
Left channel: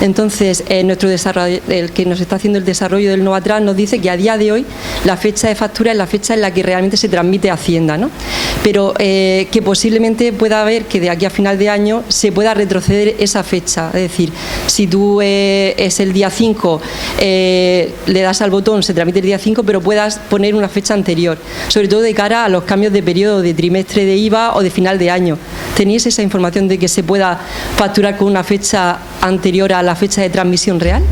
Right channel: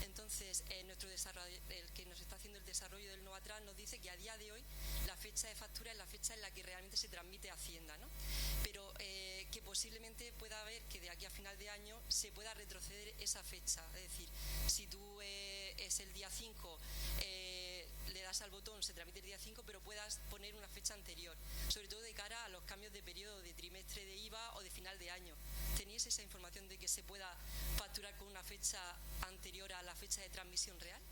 Entonces, nuestro desarrollo, el que nos está haciendo el desarrollo del Novatran, nos dice que a día de hoy la fecha de factura es la fecha en la que realmente se transmite a Hacienda, ¿no? Pero que posiblemente pueda haber que de aquí a final de año se pueda retroceder esa fecha. Es decir, si tú es el día 5, le das al botón, se tramite el día 5, pero puedas poner una fecha anterior, sobre todo de cara a los cambios de periodo de trimestre de IVA o de final de año. ¿Tenéis esa información de que se pueda facturar con una fecha anterior a la fecha de transmisión real?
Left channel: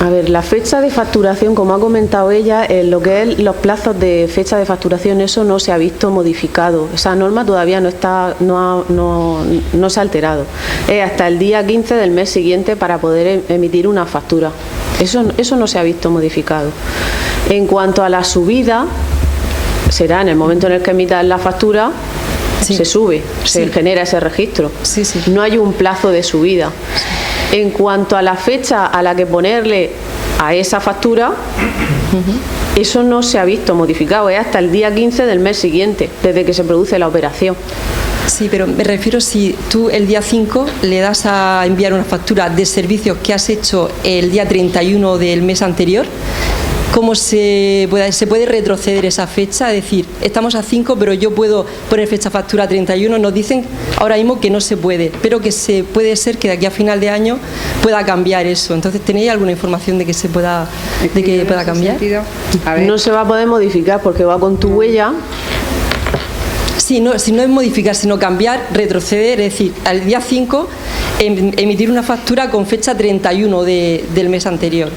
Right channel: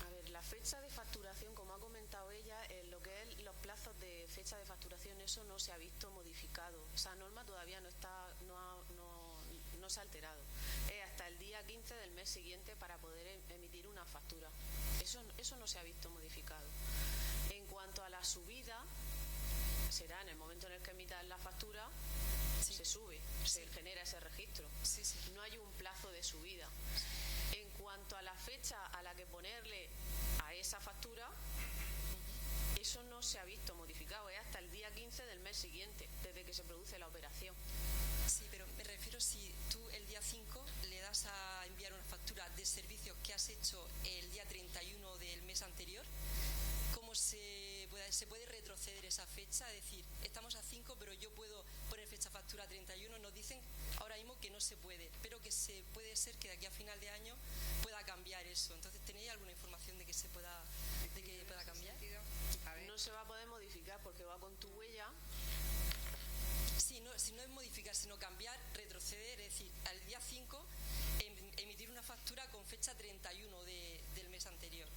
A ver, la fecha de facturación, como ha comentado ella, en lo que es los plazos de fecha de facturación, eso no se ha visto modificado. Esa norma todavía no se ha alterado. Es hasta el día 15 del mes siguiente para poder emitir una factura. Eso no se ha visto modificado. En cuanto a la subida, será en el momento en el que emitan la factura, se sube, se genera ese registro. No hay un plazo de subida. En cuanto a la fecha a la que ponerle a esa factura, eso no se ha visto modificado, es hasta el día 15 del mes siguiente, desde que se produce la operación. Sí, pero me refiero si tú el día 5 le das a enviar una factura de servicios que has hecho el día 31 del mes anterior, ¿cómo se puede retroceder esa fecha? Es decir, estamos a 5, pero yo puedo poner fecha factura 31. Nos dicen ahora mismo que no se puede, pero que puede ser que de aquí a final de año pueda cambiar eso. Entonces, ¿tenéis alguna información de que pueda cambiar? No se va a poder modificar porque va con tu huella. Sí, si no es modificar, sino cambiar, retroceder, es decir, al día 5 emitir una factura con fecha 31 del mes anterior.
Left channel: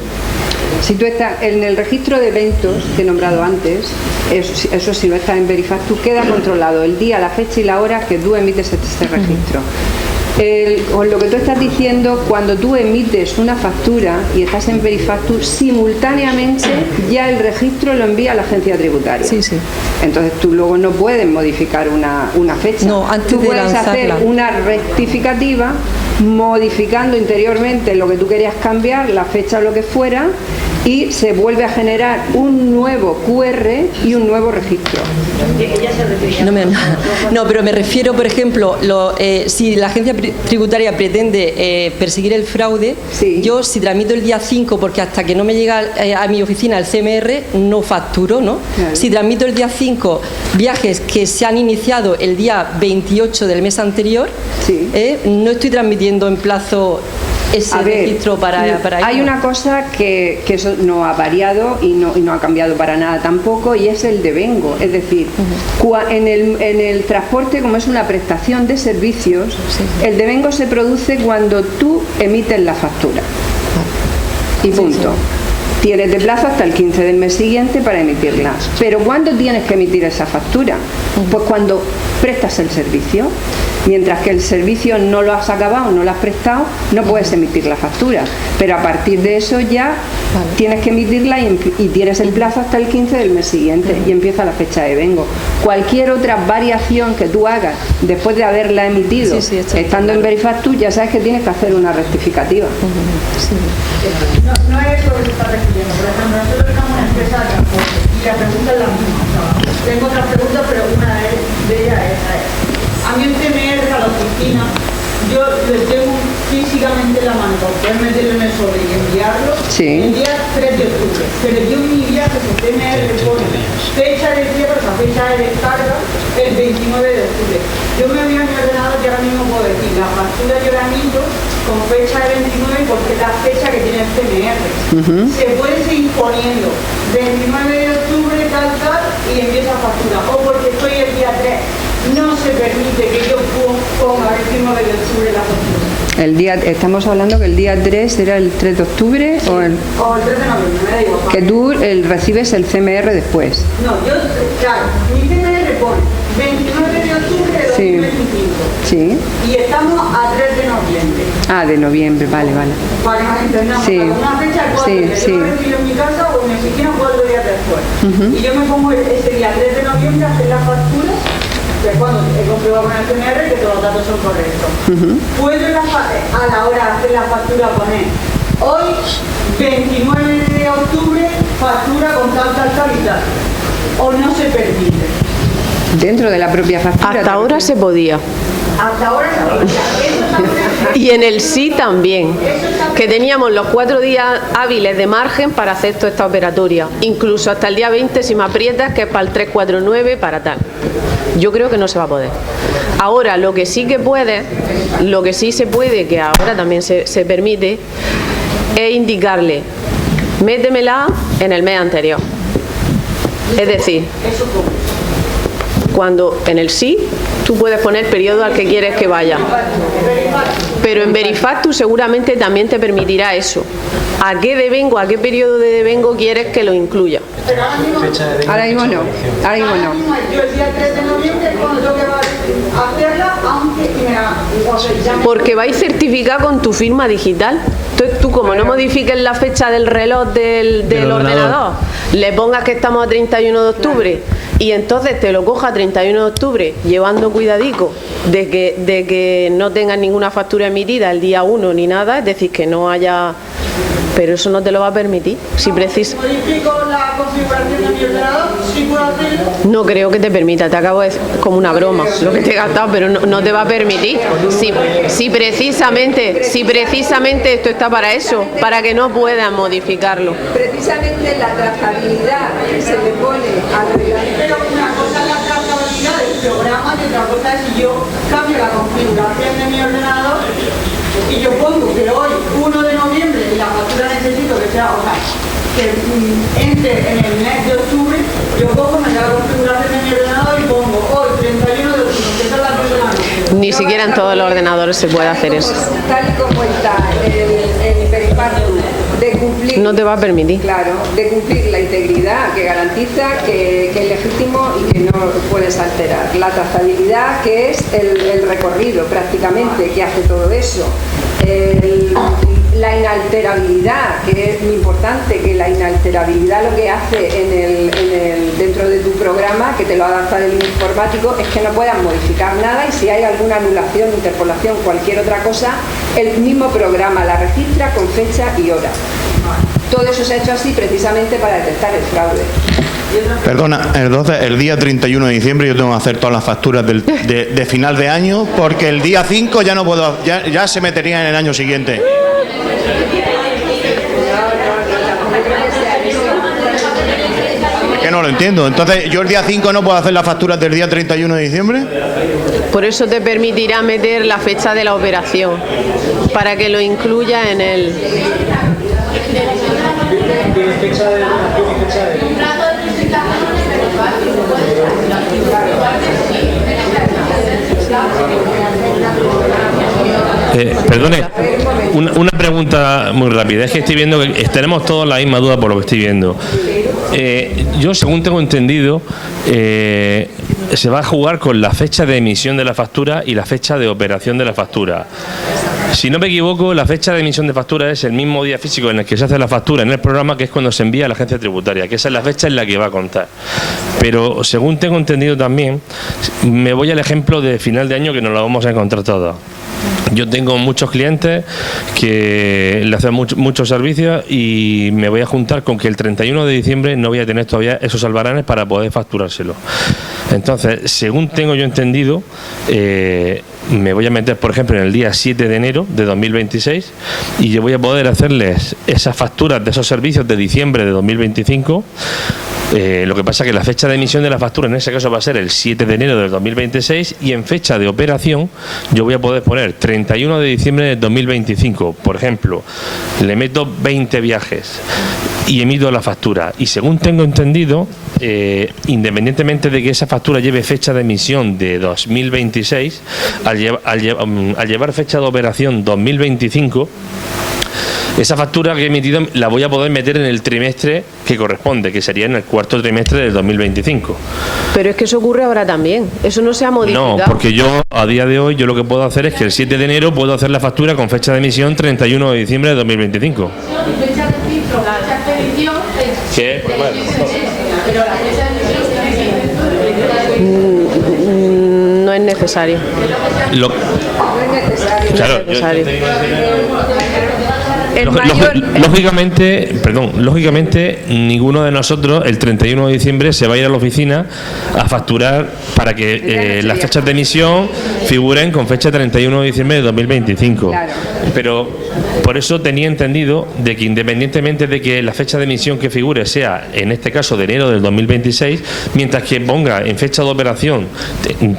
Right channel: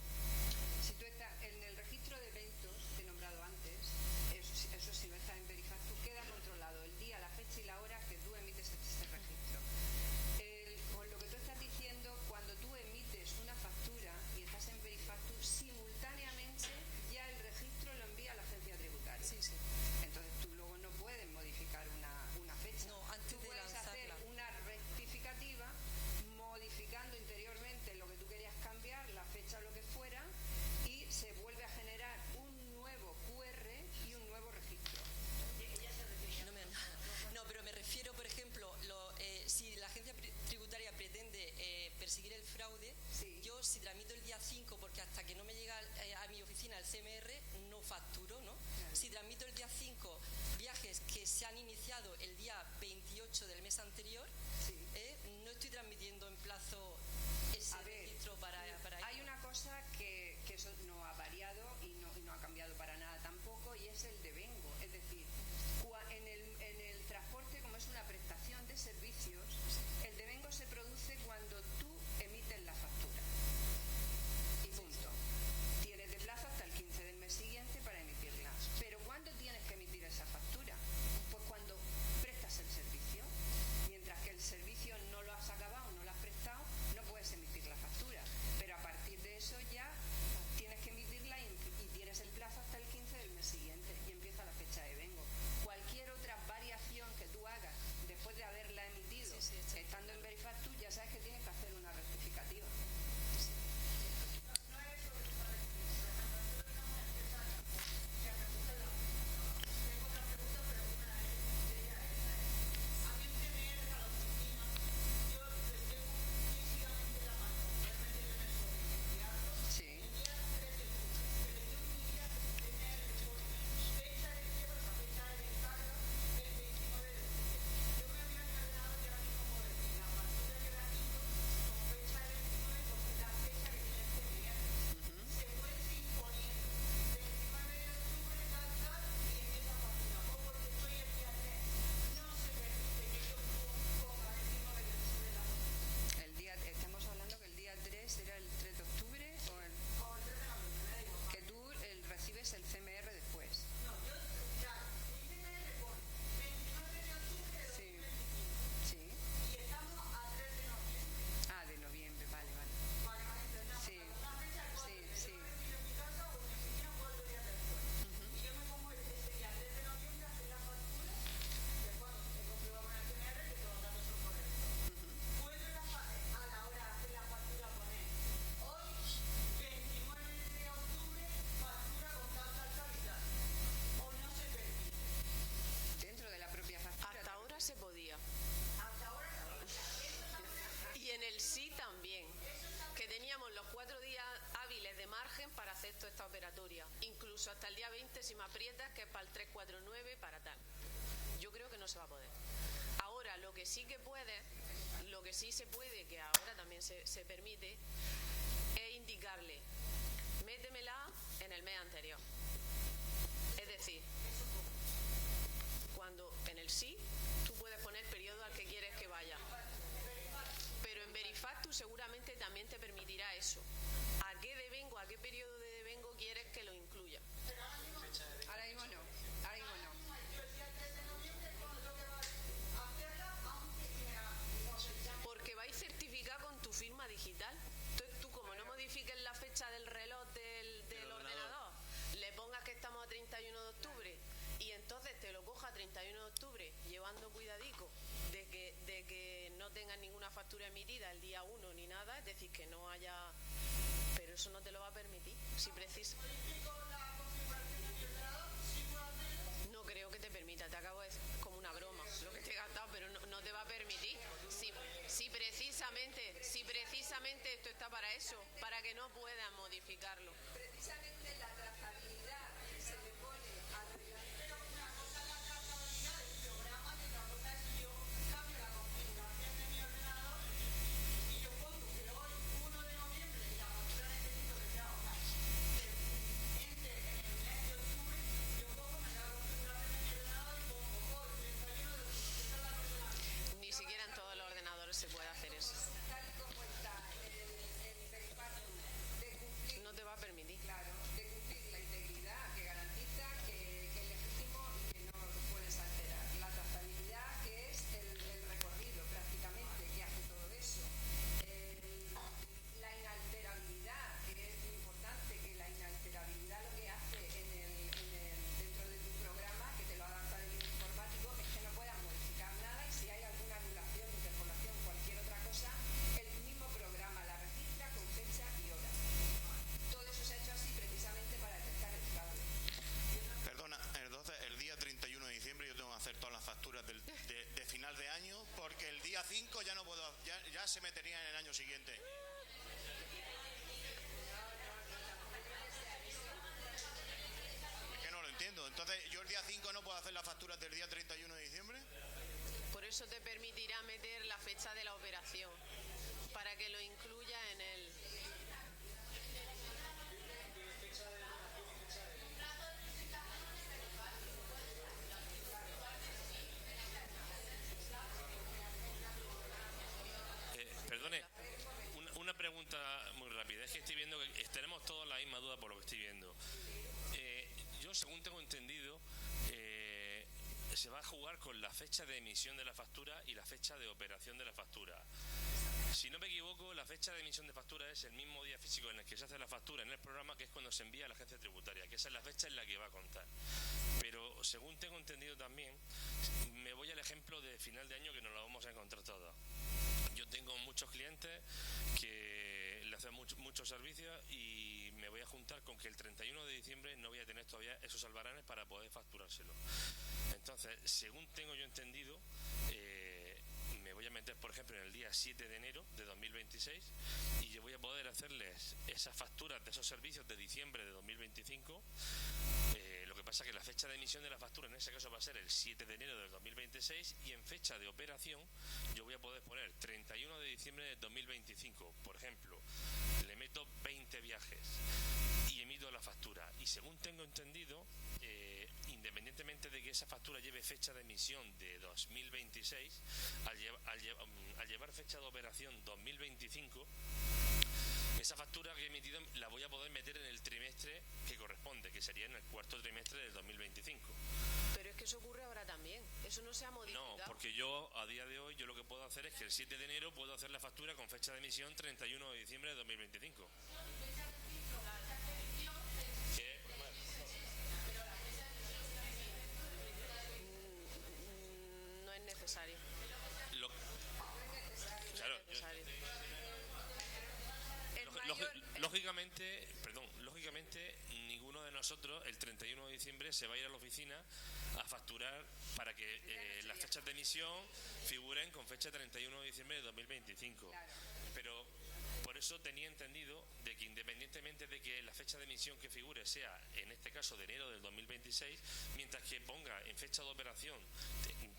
Si tú estás en el registro de eventos que he nombrado antes, eso si no estás en Verifactu, queda controlado el día, la fecha y la hora que tú emites este registro. Con lo que tú estás diciendo, cuando tú emites una factura y estás en Verifactu, simultáneamente ya el registro lo envía a la agencia tributaria. Entonces tú luego no puedes modificar una fecha. No, antes tú de puedes lanzarla. hacer una rectificativa modificando interiormente lo que tú querías cambiar, la fecha o lo que fuera, y se vuelve a generar un nuevo QR y un nuevo registro. No, pero me refiero, por ejemplo, si la agencia tributaria pretende perseguir el fraude, yo si tramito el día 5, porque hasta que no me llega a mi oficina el CMR, no facturo, ¿no? Claro. Si tramito el día 5 viajes que se han iniciado el día 28 del mes anterior, no estoy transmitiendo en plazo ese registro para hay una cosa que eso no ha variado y no ha cambiado para nada tampoco, y es el devengo. Es decir, en el transporte, como es una prestación de servicios, el devengo se produce cuando tú emites la factura. Y punto. Tienes de plazo hasta el 15 del mes siguiente para emitirla. Pero ¿cuándo tienes que emitir esa factura? Pues cuando prestas el servicio. Mientras que el servicio no lo has acabado, no lo has prestado, no puedes emitir la factura. Pero a partir de eso ya tienes que emitirla y tienes el plazo hasta el 15 del mes siguiente y empieza la fecha de vengo. Cualquier otra variación que tú hagas después de haberla emitido, estando en Verifactu, ya sabes que tienes que hacer una rectificativa. No es lo que se está refiriendo. Por ejemplo, nosotros estamos en una empresa de transporte y la pregunta es la misma. Tengo otras preguntas, pero una de ellas es a mí el CMR a la oficina, yo le tengo físicamente la mano para poder meterlo en el sobre y enviarlo el día 3 de octubre. Pero yo en mi viaje el CMR pone fecha de cierre, o sea, fecha de descarga, el 29 de octubre. Yo me voy a mi ordenador y ahora mismo puedo decir la factura yo la emito con fecha de 29 porque es la fecha que tiene el CMR. Se puede seguir poniendo 29 de octubre, tal, y empieza a factura. O porque estoy el día 3. No se permite que yo ponga el 29 de octubre la factura. Estamos hablando que el día 3 era el 3 de octubre o el 3 de noviembre, me da igual. Que tú recibes el CMR después. No, claro, mi CMR pone 29 de octubre de 2025. Sí. Y estamos a 3 de noviembre. Ah, de noviembre, vale. Para que nos entendamos, una fecha cuál yo recibo en mi casa o en mi oficina cuál día después. Y yo me pongo ese día 3 de noviembre a hacer las facturas. Que cuando he comprobado con el CMR que todos los datos son correctos. Puedo a la hora de hacer la factura poner hoy 29 de octubre factura con tal y tal. O no se permite. Dentro de la propia factura. Hasta ahora se podía. Hasta ahora se podía. Y en el sí también, que teníamos los 4 días hábiles de margen para hacer toda esta operatoria, incluso hasta el día 20 si me aprietas, que es para el 349, para tal. Yo creo que no se va a poder. Ahora, lo que sí se puede, que ahora también se permite, es indicarle, métemela en el mes anterior. Es decir, cuando en el sí tú puedes poner el periodo al que quieres que vaya. Pero en Verifactu seguramente también te permitirá eso. ¿A qué devengo, a qué periodo de devengo quieres que lo incluya? Ahora mismo no. Ahora mismo no. Yo el día 3 de noviembre es cuando tengo que hacerla, aunque porque vais certificado con tu firma digital. Entonces tú, como no modifiques la fecha del reloj del ordenador, le pongas que estamos a 31 de octubre y entonces te lo coja a 31 de octubre, llevando cuidadico de que no tengas ninguna factura emitida el día 1 ni nada, es decir, que no haya... Pero eso no te lo va a permitir. Si precisas... ¿Modifico la configuración de mi ordenador? ¿Sí puedo hacerlo? No creo que te permita. Te acabo de decir como una broma lo que te he gastado, pero no te va a permitir. Si precisamente esto está para eso, para que no puedas modificarlo. Precisamente la trazabilidad que se le pone al reglamento. Pero una cosa es la trazabilidad del programa y otra cosa es si yo cambio la configuración de mi ordenador y yo pongo que hoy, 1 de noviembre, y la factura necesito que sea, que entre en el mes de octubre, yo cojo, me da la configuración de mi ordenador y pongo hoy, 31 de octubre, que esa es la persona. Ni siquiera en todos los ordenadores se puede hacer eso. Tal y como está el Verifactu, de cumplir... No te va a permitir. Claro, de cumplir la integridad que garantiza que es legítimo y que no puedes alterar. La trazabilidad, que es el recorrido prácticamente que hace todo eso. La inalterabilidad, que es muy importante, que la inalterabilidad lo que hace dentro de tu programa, que te lo adapta el informático, es que no puedas modificar nada y si hay alguna anulación, interpolación, cualquier otra cosa, el mismo programa la registra con fecha y hora. Todo eso se ha hecho así precisamente para detectar el fraude. Perdona, entonces el día 31 de diciembre yo tengo que hacer todas las facturas de final de año porque el día 5 ya no puedo, ya se metería en el año siguiente. Es que no lo entiendo. Entonces, ¿yo el día 5 no puedo hacer las facturas del día 31 de diciembre? Por eso te permitirá meter la fecha de la operación, para que lo incluya en el... Perdone, una pregunta muy rápida. Es que estoy viendo que tenemos todos la misma duda por lo que estoy viendo. Yo, según tengo entendido, se va a jugar con la fecha de emisión de la factura y la fecha de operación de la factura. Si no me equivoco, la fecha de emisión de factura es el mismo día físico en el que se hace la factura en el programa, que es cuando se envía a la agencia tributaria, que esa es la fecha en la que va a contar. Pero según tengo entendido también, me voy al ejemplo de final de año que nos lo vamos a encontrar todos. Yo tengo muchos clientes que le hacen muchos servicios y me voy a juntar con que el 31 de diciembre no voy a tener todavía esos albaranes para poder facturárselo. Entonces, según tengo yo entendido, me voy a meter, por ejemplo, en el día 7 de enero de 2026 y yo voy a poder hacerles esas facturas de esos servicios de diciembre de 2025. Lo que pasa es que la fecha de emisión de la factura en ese caso va a ser el 7 de enero del 2026 y en fecha de operación yo voy a poder poner 31 de diciembre del 2025. Por ejemplo, le meto 20 viajes y emito la factura. Y según tengo entendido, independientemente de que esa factura lleve fecha de emisión de 2026, al llevar fecha de operación 2025, esa factura que he emitido la voy a poder meter en el trimestre que corresponde, que sería en el cuarto trimestre del 2025. Pero es que eso ocurre ahora también, eso no se ha modificado. No, porque yo a día de hoy yo lo que puedo hacer es que el 7 de enero puedo hacer la factura con fecha de emisión 31 de diciembre de 2025. Fecha de filtro, fecha de expedición. ¿Qué? Pues bueno. Pero la fecha de emisión no es necesario. No es necesario. Claro, no es necesario. Lógicamente, ninguno de nosotros el 31 de diciembre se va a ir a la oficina a facturar para que las fechas de emisión figuren con fecha 31 de diciembre de 2025. Claro. Pero por eso tenía entendido de que independientemente de que la fecha de emisión que figure sea, en este caso, de enero del 2026, mientras que ponga en fecha de operación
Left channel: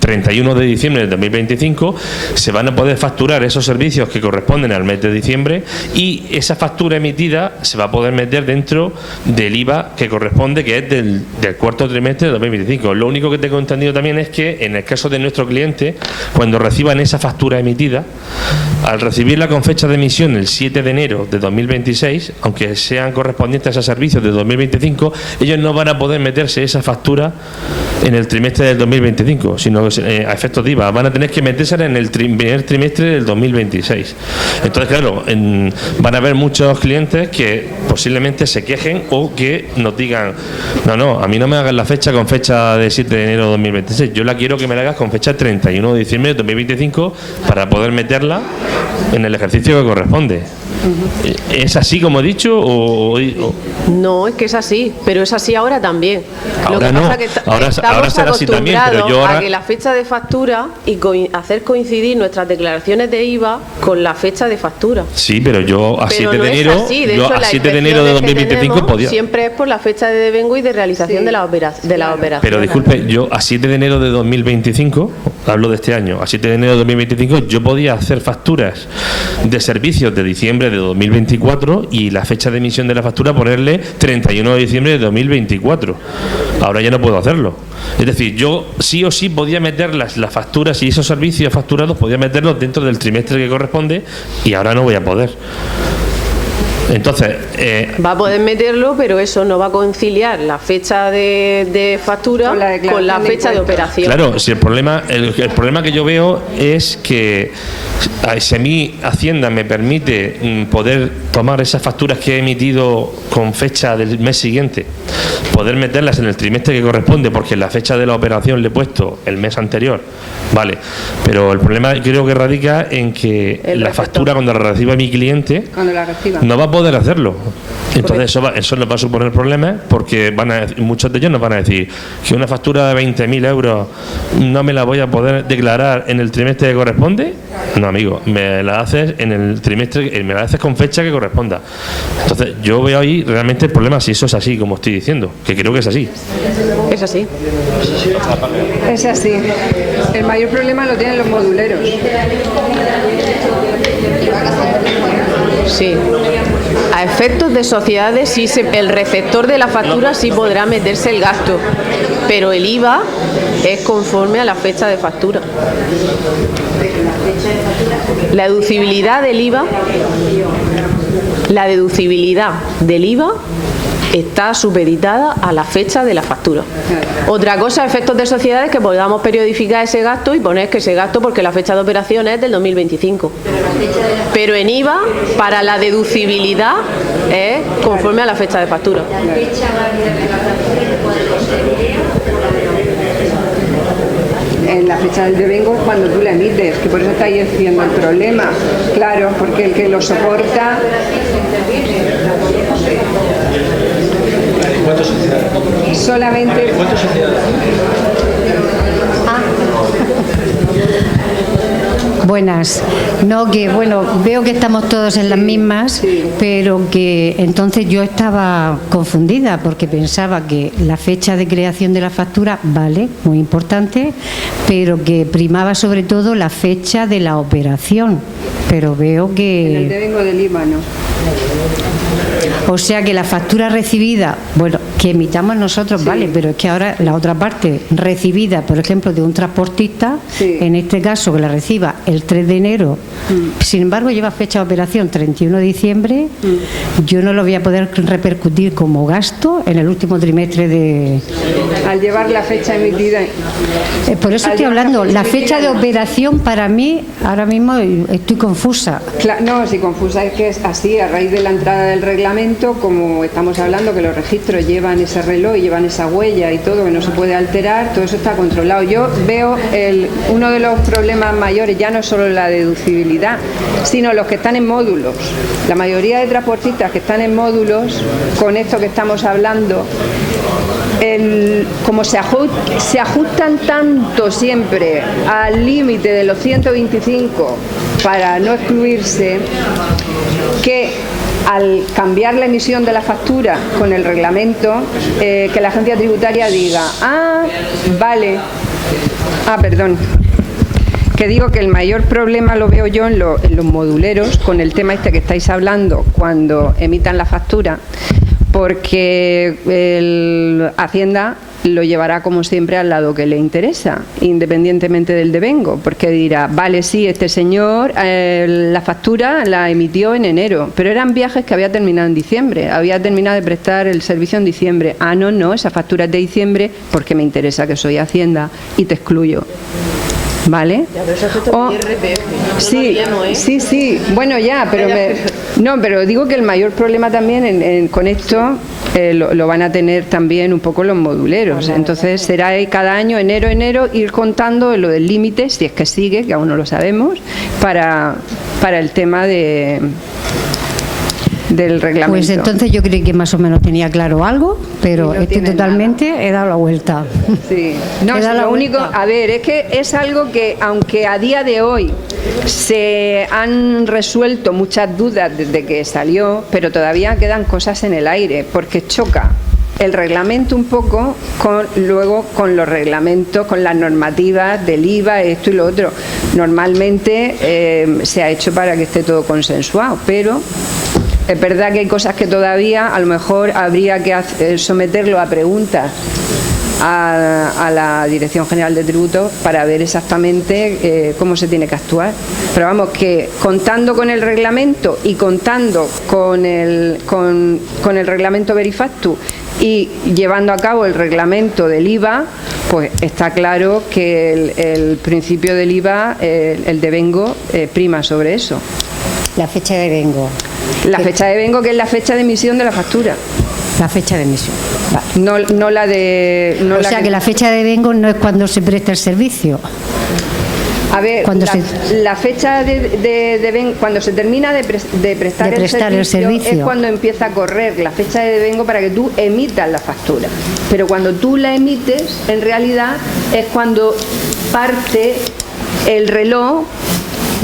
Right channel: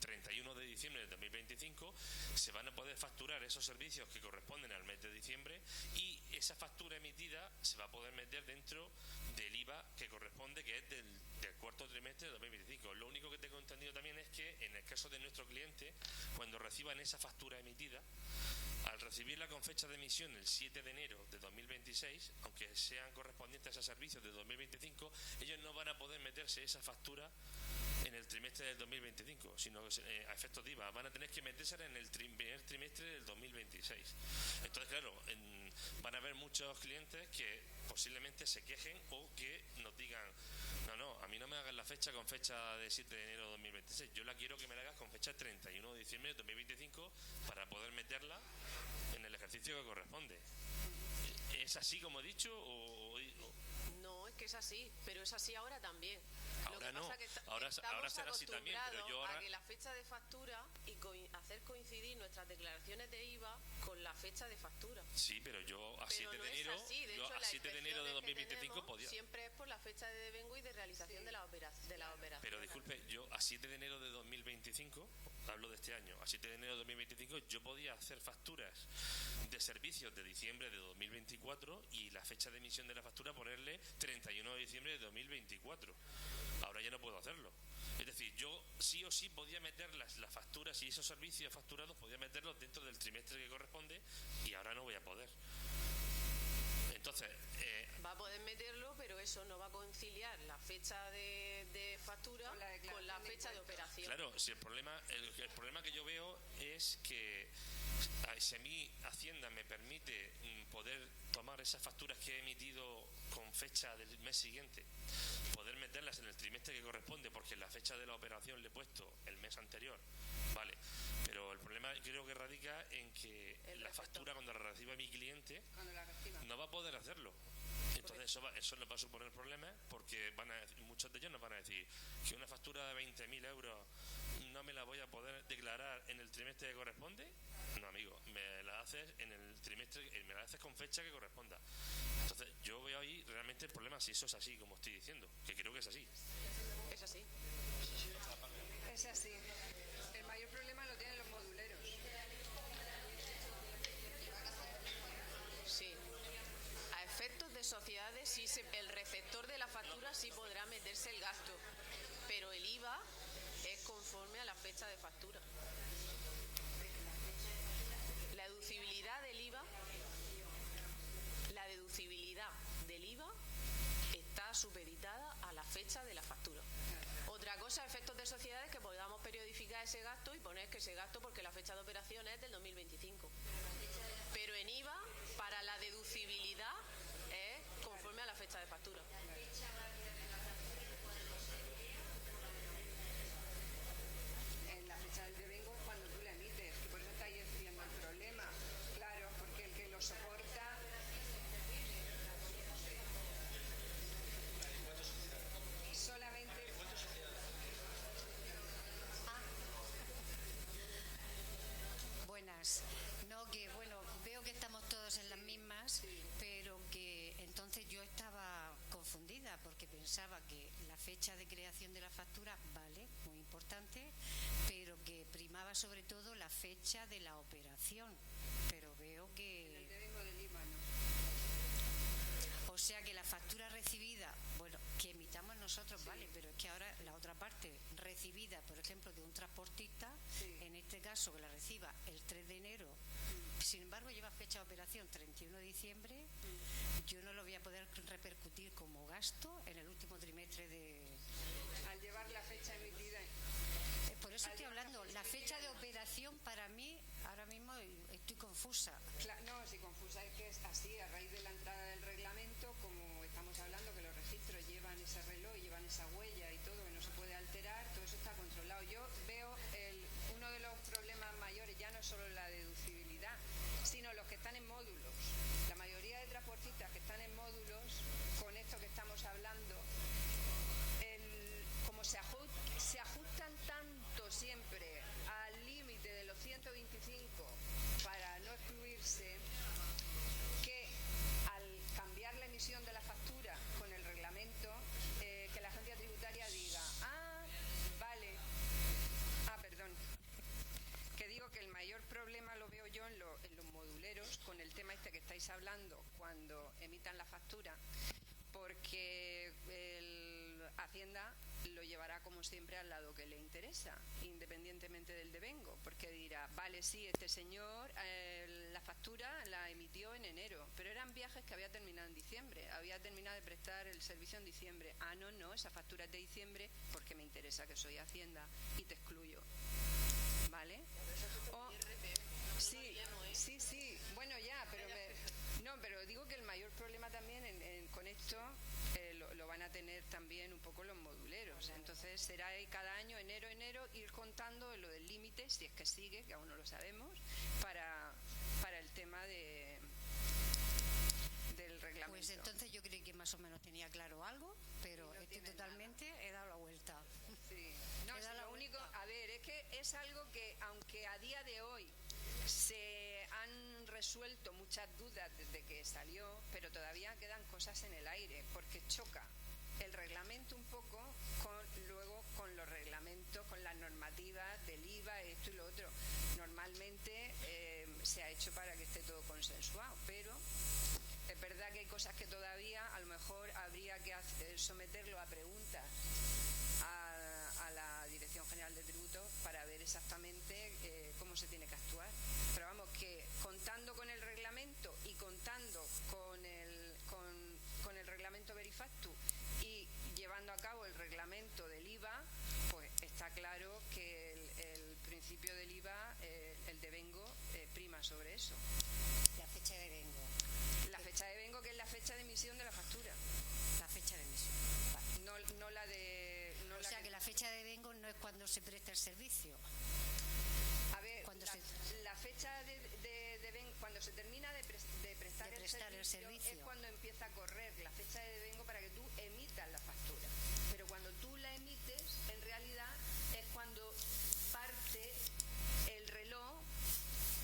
31 de diciembre del 2025, se van a poder facturar esos servicios que corresponden al mes de diciembre y y esa factura emitida se va a poder meter dentro del IVA que corresponde, que es del cuarto trimestre de 2025. Lo único que tengo entendido también es que en el caso de nuestro cliente, cuando reciban esa factura emitida, al recibirla con fecha de emisión el 7 de enero de 2026, aunque sean correspondientes a servicios de 2025, ellos no van a poder meterse esa factura en el trimestre del 2025, sino a efectos de IVA. Van a tener que meterse en el primer trimestre del 2026. Entonces, claro, van a haber muchos clientes que posiblemente se quejen o que nos digan: no, a mí no me hagas la fecha con fecha de 7 de enero de 2026, yo la quiero que me la hagas con fecha 31 de diciembre de 2025 para poder meterla en el ejercicio que corresponde. ¿Es así como he dicho? No, es que es así, pero es así ahora también. Ahora Lo que no, pasa es que ahora será así también, pero yo ahora... a que la fecha de factura y hacer coincidir nuestras declaraciones de IVA con la fecha de factura. Sí, pero yo a 7 de enero, yo a 7 de enero de 2025 podía... Siempre es por la fecha de devengo y de realización de la operación. Pero disculpe, yo a 7 de enero de 2025, hablo de este año, a 7 de enero de 2025 yo podía hacer facturas de servicios de diciembre de 2024 y la fecha de emisión de la factura ponerle 31 de diciembre de 2024. Ahora ya no puedo hacerlo. Es decir, yo sí o sí podía meter las facturas y esos servicios facturados, podía meterlos dentro del trimestre que corresponde, y ahora no voy a poder. Entonces va a poder meterlo, pero eso no va a conciliar la fecha de factura con la fecha de operación. Claro, si el problema que yo veo es que si a mí Hacienda me permite poder tomar esas facturas que he emitido con fecha del mes siguiente, poder meterlas en el trimestre que corresponde, porque la fecha de la operación le he puesto el mes anterior, vale, pero el problema creo que radica en que la factura, cuando la reciba mi cliente, no va a poder hacerlo. Entonces eso nos va a suponer problemas, porque muchos de ellos nos van a decir que una factura de 20.000 euros no me la voy a poder declarar en el trimestre que corresponde. No, amigo, me la haces en el trimestre, me la haces con fecha que corresponda. Entonces yo veo ahí realmente el problema, si eso es así, como estoy diciendo, que creo que es así. Es así. Es así. El mayor problema lo tienen los moduleros. Sí. A efectos de sociedades, sí, el receptor de la factura sí podrá meterse el gasto, pero el IVA es conforme a la fecha de factura. La deducibilidad del IVA está supeditada a la fecha de la factura. Otra cosa, a efectos de sociedades, que podamos periodificar ese gasto y poner que ese gasto, porque la fecha de operación es del 2025. Pero en IVA, para la deducibilidad, es conforme a la fecha de factura. En la fecha del devengo, cuando tú la emites, que por eso está ahí siendo el problema. Claro, porque el que lo soporta... ¿Cuántas sociedades? Solamente... ¿Cuántas sociedades? Buenas. No, que bueno, veo que estamos todos en las mismas, pero que entonces yo estaba confundida porque pensaba que la fecha de creación de la factura, vale, muy importante, pero que primaba sobre todo la fecha de la operación. Pero veo que... En el devengo del IVA, ¿no? O sea que la factura recibida, bueno, que emitamos nosotros, sí, vale, pero es que ahora la otra parte recibida, por ejemplo, de un transportista, sí, en este caso que la reciba el 3 de enero, sin embargo lleva fecha de operación 31 de diciembre, yo no lo voy a poder repercutir como gasto en el último trimestre de... Al llevar la fecha emitida. Por eso estoy hablando, la fecha de operación para mí, ahora mismo estoy confusa. No, si confusa es que es así, a raíz de la entrada del reglamento, como estamos hablando, que los registros llevan ese reloj y llevan esa huella y todo, que no se puede alterar, todo eso está controlado. Yo veo uno de los problemas mayores, ya no es solo la deducibilidad, sino los que están en módulos. La mayoría de transportistas que están en módulos, con esto que estamos hablando, como se ajustan tanto siempre al límite de los 125 para no excluirse, que al cambiar la emisión de la factura con el reglamento, que la agencia tributaria diga, que que digo que el mayor problema lo veo yo en los moduleros, con el tema este que estáis hablando, cuando emitan la factura, porque Hacienda lo llevará como siempre al lado que le interesa, independientemente del devengo, porque dirá, vale, sí, este señor la factura la emitió en enero, pero eran viajes que había terminado en diciembre, había terminado de prestar el servicio en diciembre. Ah, no, esa factura es de diciembre porque me interesa que soy Hacienda y te excluyo. ¿Vale? Ya, pero eso es todo IRPF. Sí, sí. Bueno, ya, pero pero digo que el mayor problema también con esto lo van a tener también un poco los moduleros. Entonces será cada año, enero, ir contando lo del límite, si es que sigue, que aún no lo sabemos, para el tema del reglamento. Pues entonces yo creí que más o menos tenía claro algo, pero he dado la vuelta. Sí. No, es lo único, a ver, es que es algo que, aunque a día de hoy se han resuelto muchas dudas desde que salió, pero todavía quedan cosas en el aire, porque choca el reglamento un poco con los reglamentos, con las normativas del IVA, esto y lo otro. Normalmente se ha hecho para que esté todo consensuado, pero es verdad que hay cosas que todavía a lo mejor habría que someterlo a preguntas a la Dirección General de Tributos para ver exactamente cómo se tiene que actuar. Pero vamos, que contando con el reglamento y contando con el reglamento Verifactu y llevando a cabo el reglamento del IVA, pues está claro que el principio del IVA, el devengo, prima sobre eso. La fecha de devengo. La fecha de devengo, que es la fecha de emisión de la factura. La fecha de emisión. Vale. No la de... No o sea que la fecha de devengo no es cuando se presta el servicio. A ver, la fecha de devengo, cuando se termina de prestar el servicio, es cuando empieza a correr la fecha de devengo para que tú emitas la factura. Pero cuando tú la emites, en realidad es cuando parte el reloj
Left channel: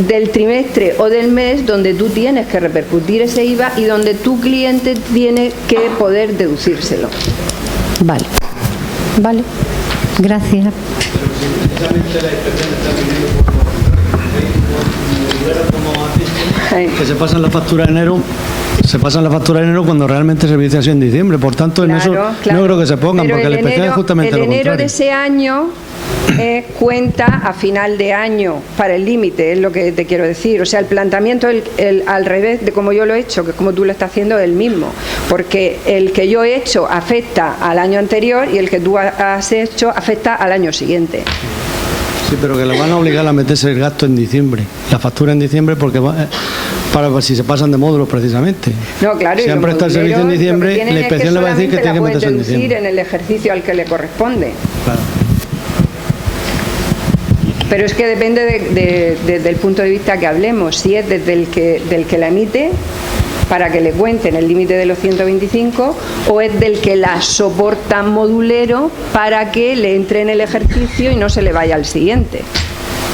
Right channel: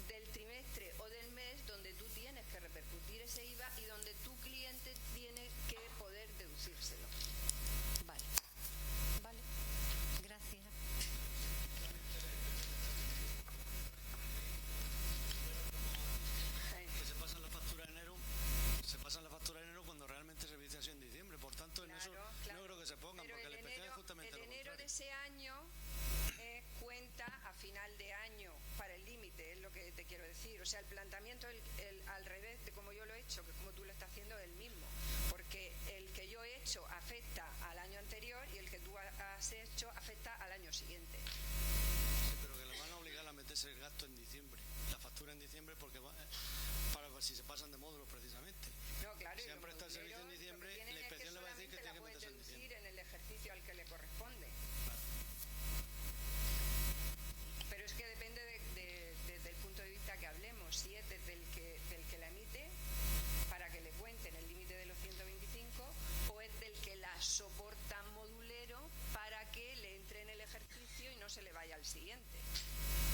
del trimestre o del mes donde tú tienes que repercutir ese IVA y donde tu cliente tiene que poder deducírselo. Vale, gracias. Que se pasan la factura de enero. Se pasan la factura de enero cuando realmente el servicio ha sido en diciembre. Por tanto, en eso no creo que se pongan, porque el especial es justamente lo contrario. El enero de ese año cuenta a final de año para el límite, es lo que te quiero decir. O sea, el planteamiento al revés de como yo lo he hecho, que como tú lo estás haciendo, es el mismo. Porque el que yo he hecho afecta al año anterior y el que tú has hecho afecta al año siguiente. Sí, pero que le van a obligar a meterse el gasto en diciembre, la factura en diciembre, porque para si se pasan de módulos precisamente. No, claro. Si han prestado el servicio en diciembre, la inspección le va a decir que tiene que meterse en diciembre. En el ejercicio al que le corresponde. Claro. Pero es que depende desde el punto de vista que hablemos, si es desde del que la emite, para que le cuenten el límite de los 125, o es del que la soporta modulero para que le entre en el ejercicio y no se le vaya al siguiente.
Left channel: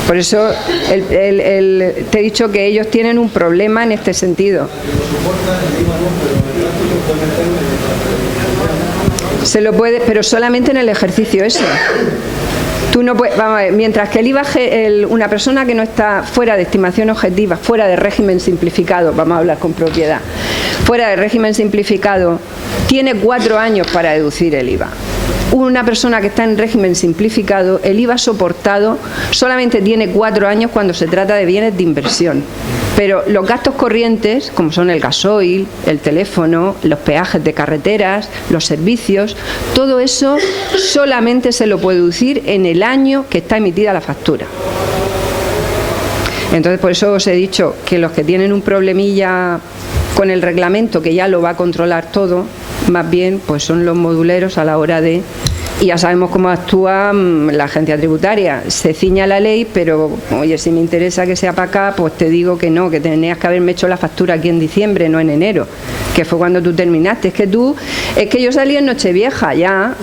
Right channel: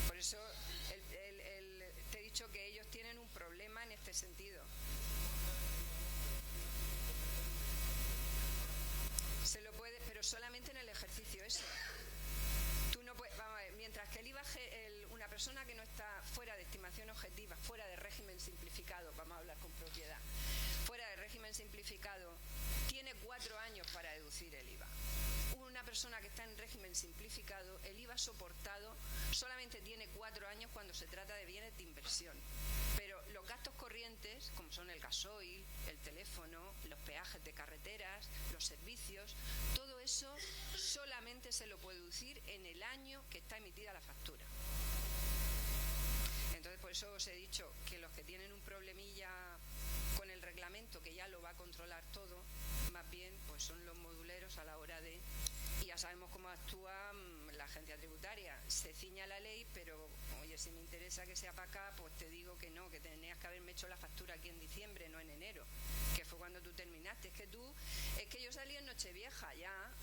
Por eso te he dicho que ellos tienen un problema en este sentido. Se lo puede, pero solamente en el ejercicio ese. Tú no puedes, vamos a ver, mientras que el IVA, una persona que no está fuera de estimación objetiva, fuera de régimen simplificado, vamos a hablar con propiedad, fuera de régimen simplificado, tiene 4 años para deducir el IVA. Una persona que está en régimen simplificado, el IVA soportado solamente tiene 4 años cuando se trata de bienes de inversión. Pero los gastos corrientes, como son el gasoil, el teléfono, los peajes de carreteras, los servicios, todo eso solamente se lo puede deducir en el año que está emitida la factura. Entonces, por eso os he dicho que los que tienen un problemilla con el reglamento, que ya lo va a controlar todo, más bien pues son los moduleros a la hora de... Y ya sabemos cómo actúa la agencia tributaria. Se ciña a la ley, pero oye, si me interesa que sea para acá, pues te digo que no, que tenías que haberme hecho la factura aquí en diciembre, no en enero, que fue cuando tú terminaste. Es que yo salí en Nochevieja ya,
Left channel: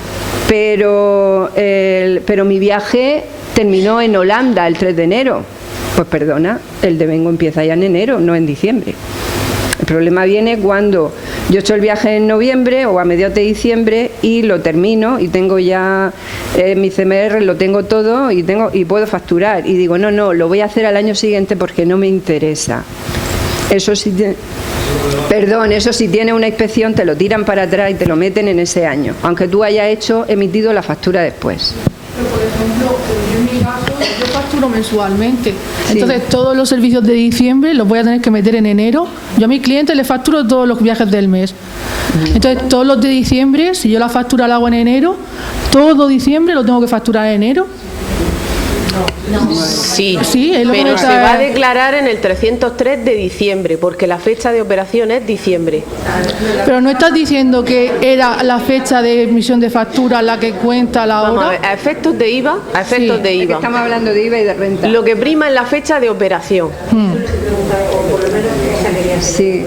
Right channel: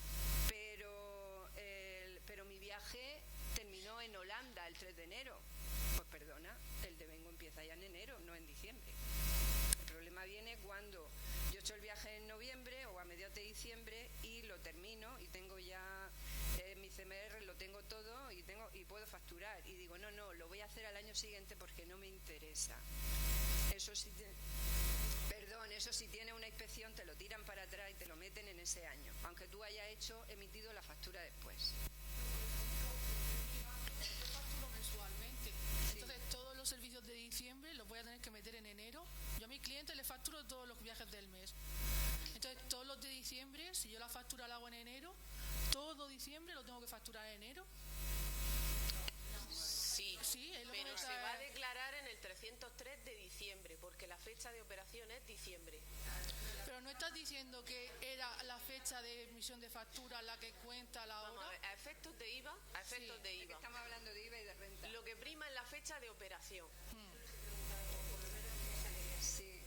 pero mi viaje terminó en Holanda el 3 de enero. Pues perdona, el devengo empieza ya en enero, no en diciembre. El problema viene cuando yo he hecho el viaje en noviembre o a mediados de diciembre y lo termino y tengo ya mi CMR, lo tengo todo y puedo facturar. Y digo, no, lo voy a hacer al año siguiente porque no me interesa. Eso sí, eso sí tiene una inspección, te lo tiran para atrás y te lo meten en ese año, aunque tú hayas emitido la factura después. Pero, por ejemplo, yo en mi caso, yo facturo mensualmente. Entonces, todos los servicios de diciembre los voy a tener que meter en enero. Yo a mis clientes les facturo todos los viajes del mes. Entonces, todos los de diciembre, si yo la factura la hago en enero, todo diciembre lo tengo que facturar en enero. Sí, es lo pero que se va a declarar en el 303 de diciembre, porque la fecha de operación es diciembre. Pero no estás diciendo que era la fecha de emisión de factura la que cuenta la hora. Vamos a ver, a efectos de IVA, de IVA. Estamos hablando de IVA y de renta. Lo que prima es la fecha de operación. Sí.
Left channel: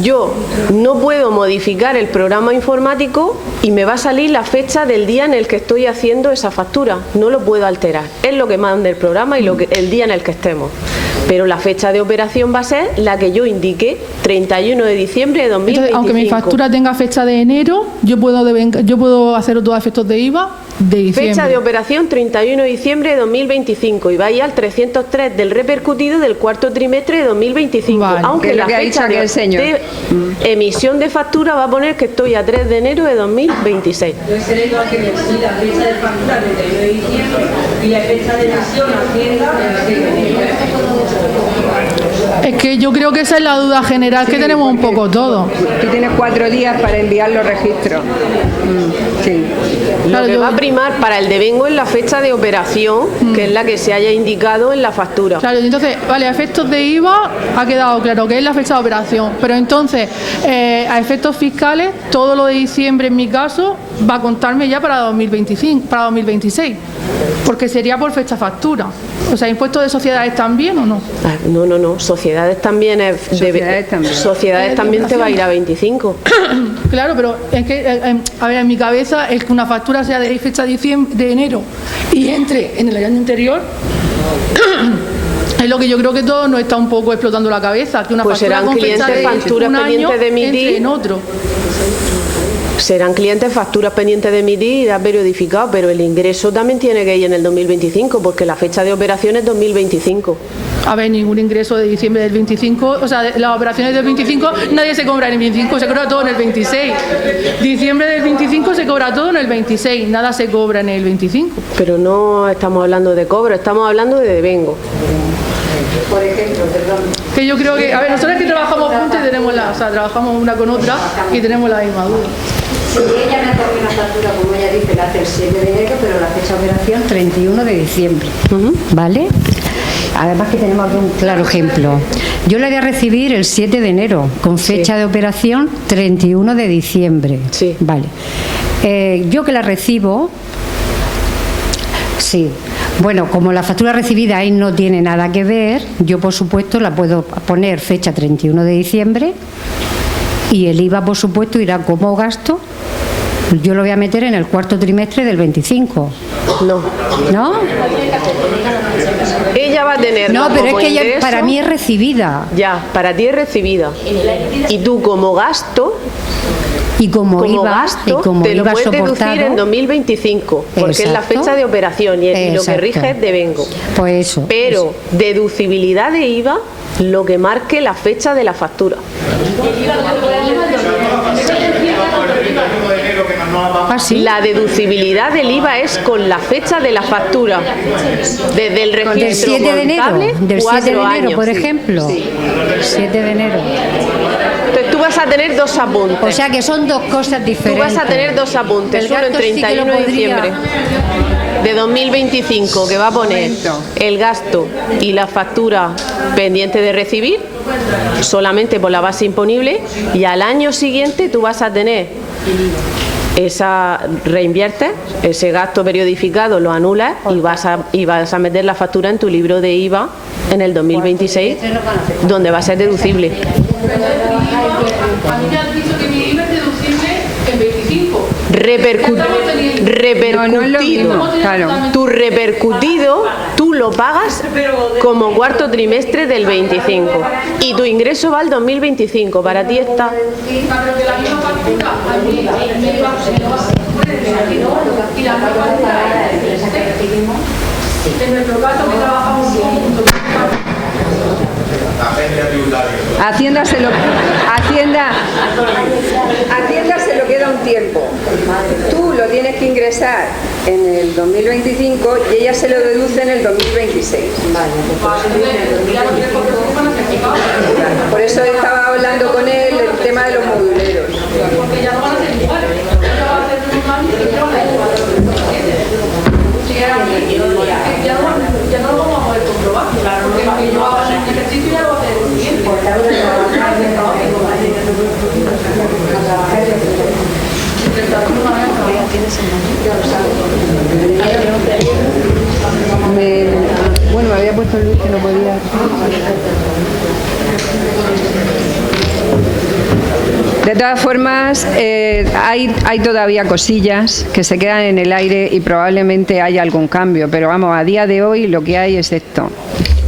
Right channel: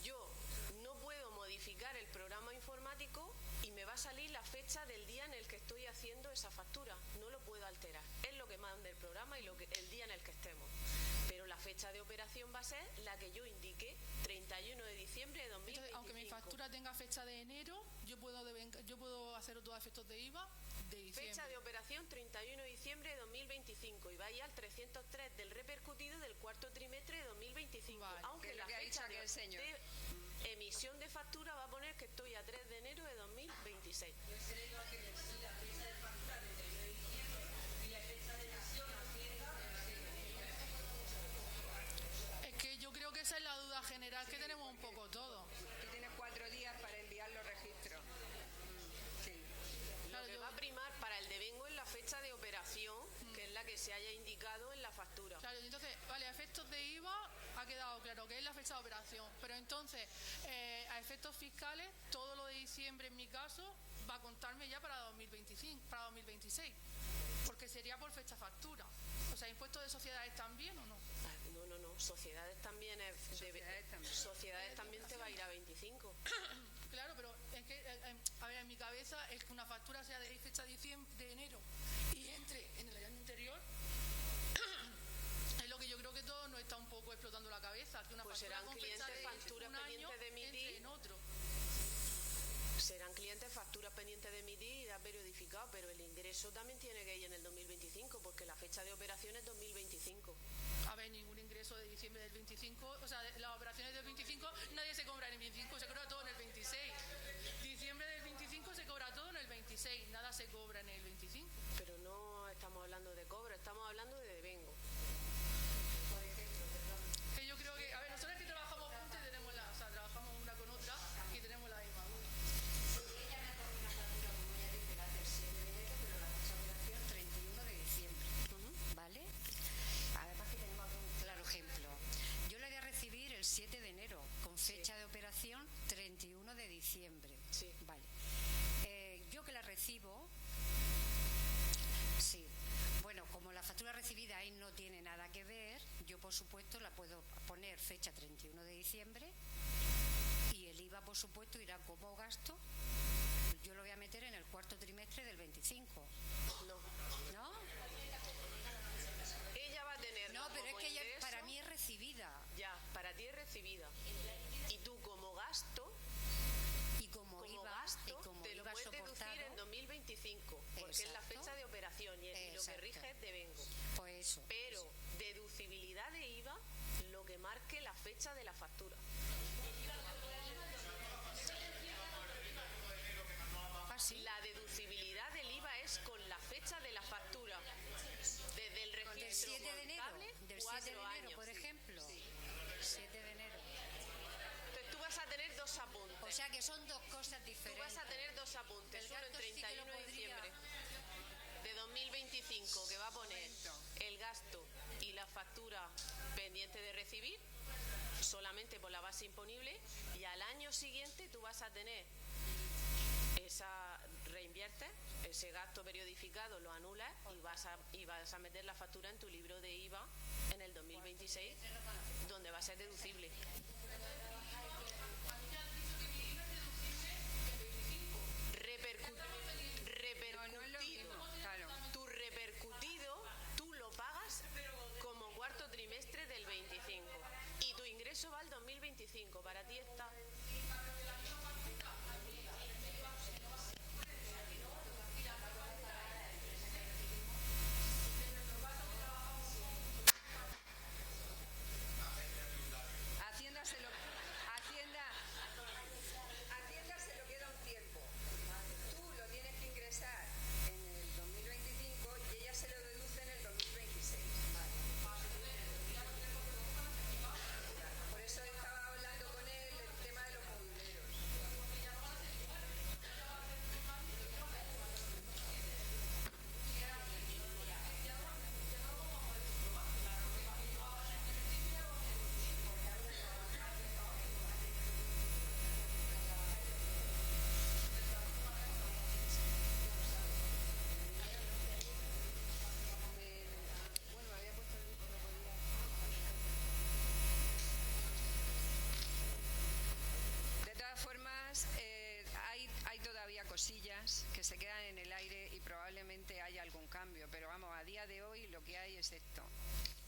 Yo no puedo modificar el programa informático y me va a salir la fecha del día en el que estoy haciendo esa factura. No lo puedo alterar. Es lo que manda el programa y el día en el que estemos. Pero la fecha de operación va a ser la que yo indique, 31 de diciembre de 2025. Entonces, aunque mi factura tenga fecha de enero, yo puedo hacer todos efectos de IVA de diciembre. Fecha de operación 31 de diciembre de 2025 y vaya al 303 del repercutido del cuarto trimestre de 2025. Vale. Aunque la fecha de emisión de factura va a poner que estoy a 3 de enero de 2026. Puede ser igual que la fecha de factura 31 de diciembre y la fecha de emisión Hacienda de enero. Es que yo creo que esa es la duda general que tenemos un poco todos. Tú tienes 4 días para enviar los registros. Sí. Lo que va a primar para el devengo es la fecha de operación, que es la que se haya indicado en la factura. Claro, entonces, vale, a efectos de IVA ha quedado claro que es la fecha de operación, pero entonces, a efectos fiscales, todo lo de diciembre en mi caso va a contarme ya para 2026, porque sería por fecha factura. O sea, ¿impuestos de sociedades también o no? No, sociedades también Sociedades también te va a ir a 25. Claro, pero es que, a ver, en mi cabeza es que una factura sea de fecha de enero y entre en el año anterior. Es lo que yo creo que todos nos está un poco explotando la cabeza, que una factura con fecha de un año entre en otro. Serán clientes facturas pendientes de emitir y de periodificado, pero el ingreso también tiene que ir en el 2025, porque la fecha de operación es 2025. A ver, ningún ingreso de diciembre del 25, o sea, las operaciones del 25, nadie se cobra en el 25, se cobra todo en el 26. Diciembre del 25 se cobra todo en el 26, nada se cobra en el 25. Pero no estamos hablando de cobro, estamos hablando de devengo. Por ejemplo, perdón. Que yo creo que, a ver, nosotros que trabajamos juntos y tenemos trabajamos una con otra y tenemos la misma duda. Si ella me corre una factura, como ella dice, la hace el 7 de enero, pero la fecha de operación 31 de diciembre. ¿Vale? Además que tenemos aquí un claro ejemplo. Yo la voy a recibir el 7 de enero, con fecha de operación 31 de diciembre. Sí. Vale. Yo que la recibo... Sí. Bueno, como la factura recibida ahí no tiene nada que ver, yo por supuesto la puedo poner fecha 31 de diciembre y el IVA por supuesto irá como gasto. Yo lo voy a meter en el cuarto trimestre del 25. No. ¿No? Ella va a tener. No, pero es que ella para mí es recibida. Ya, para ti es recibida. Y tú como gasto. Y como IVA, gasto, y como te lo IVA puedes deducir soportado, en 2025, porque es la fecha de operación y lo que rige es devengo. Pues eso. Pero deducibilidad de IVA, lo que marque la fecha de la factura. La deducibilidad del IVA es con la fecha de la factura. Desde el registro del 7 de enero, del 7 de enero, años, por ejemplo. Sí. 7 de enero. Entonces tú vas a tener dos apuntes. O sea que son dos cosas diferentes. Tú vas a tener dos apuntes. Uno en 31 de diciembre de 2025, que va a poner el gasto y la factura pendiente de recibir, solamente por la base imponible, y al año siguiente tú vas a tener reinviertes ese gasto periodificado, lo anulas y vas a meter la factura en tu libro de IVA en el 2026, donde va a ser deducible. A mí me han dicho que mi IVA es deducible en 25. repercutido. Claro. Tu repercutido, tú lo pagas como cuarto trimestre del 25 y tu ingreso va al 2025. Para ti está. En nuestro caso que trabajamos juntos. Hacienda se lo queda un tiempo. Tú lo tienes que ingresar en el 2025 y ella se lo deduce en el 2026. Por eso estaba hablando con él el tema de los moduleros. Ya no lo vamos a poder comprobar, porque yo hago un ejercicio y ya lo voy a hacer el siguiente. Bueno, me había puesto Luis que no podía. De todas formas, hay todavía cosillas que se quedan en el aire y probablemente haya algún cambio, pero vamos, a día de hoy lo que hay es esto.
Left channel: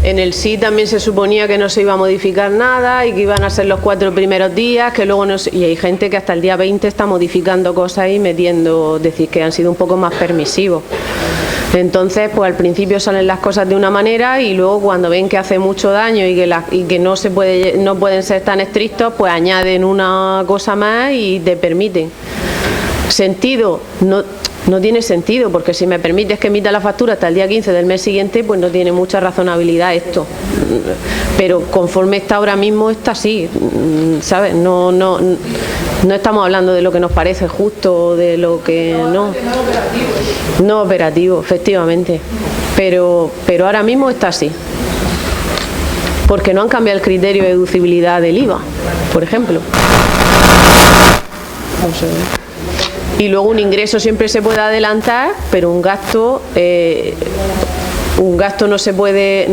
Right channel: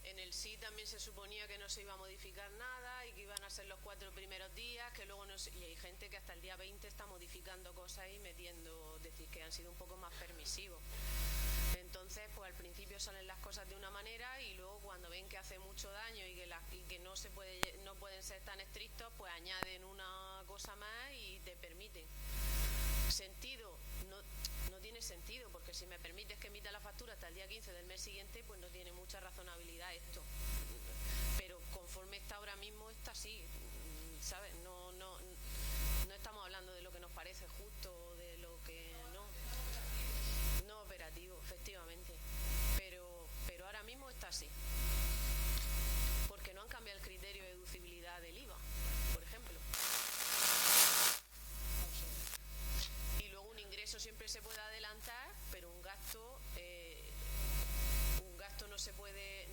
En el sí también se suponía que no se iba a modificar nada y que iban a ser los 4 primeros días, que luego no se... Y hay gente que hasta el día 20 está modificando cosas y metiendo, decir que han sido un poco más permisivos. Entonces, pues al principio salen las cosas de una manera y luego cuando ven que hace mucho daño y que no pueden ser tan estrictos, pues añaden una cosa más y te permiten. Sentido, no tiene sentido, porque si me permites que emita la factura hasta el día 15 del mes siguiente, pues no tiene mucha razonabilidad esto. Pero conforme está ahora mismo, está así, ¿sabes? No estamos hablando de lo que nos parece justo, de lo que no. No operativo, efectivamente. Pero ahora mismo está así. Porque no han cambiado el criterio de deducibilidad del IVA, por ejemplo. Vamos a ver. Y luego un ingreso siempre se puede adelantar, pero un gasto no se puede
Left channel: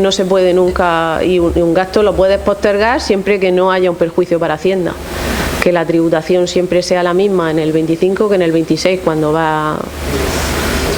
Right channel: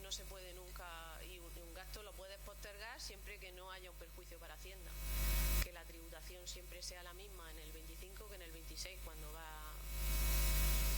nunca, y un gasto lo puedes postergar siempre que no haya un perjuicio para Hacienda. Que la tributación siempre sea la misma en el 25 que en el 26 cuando va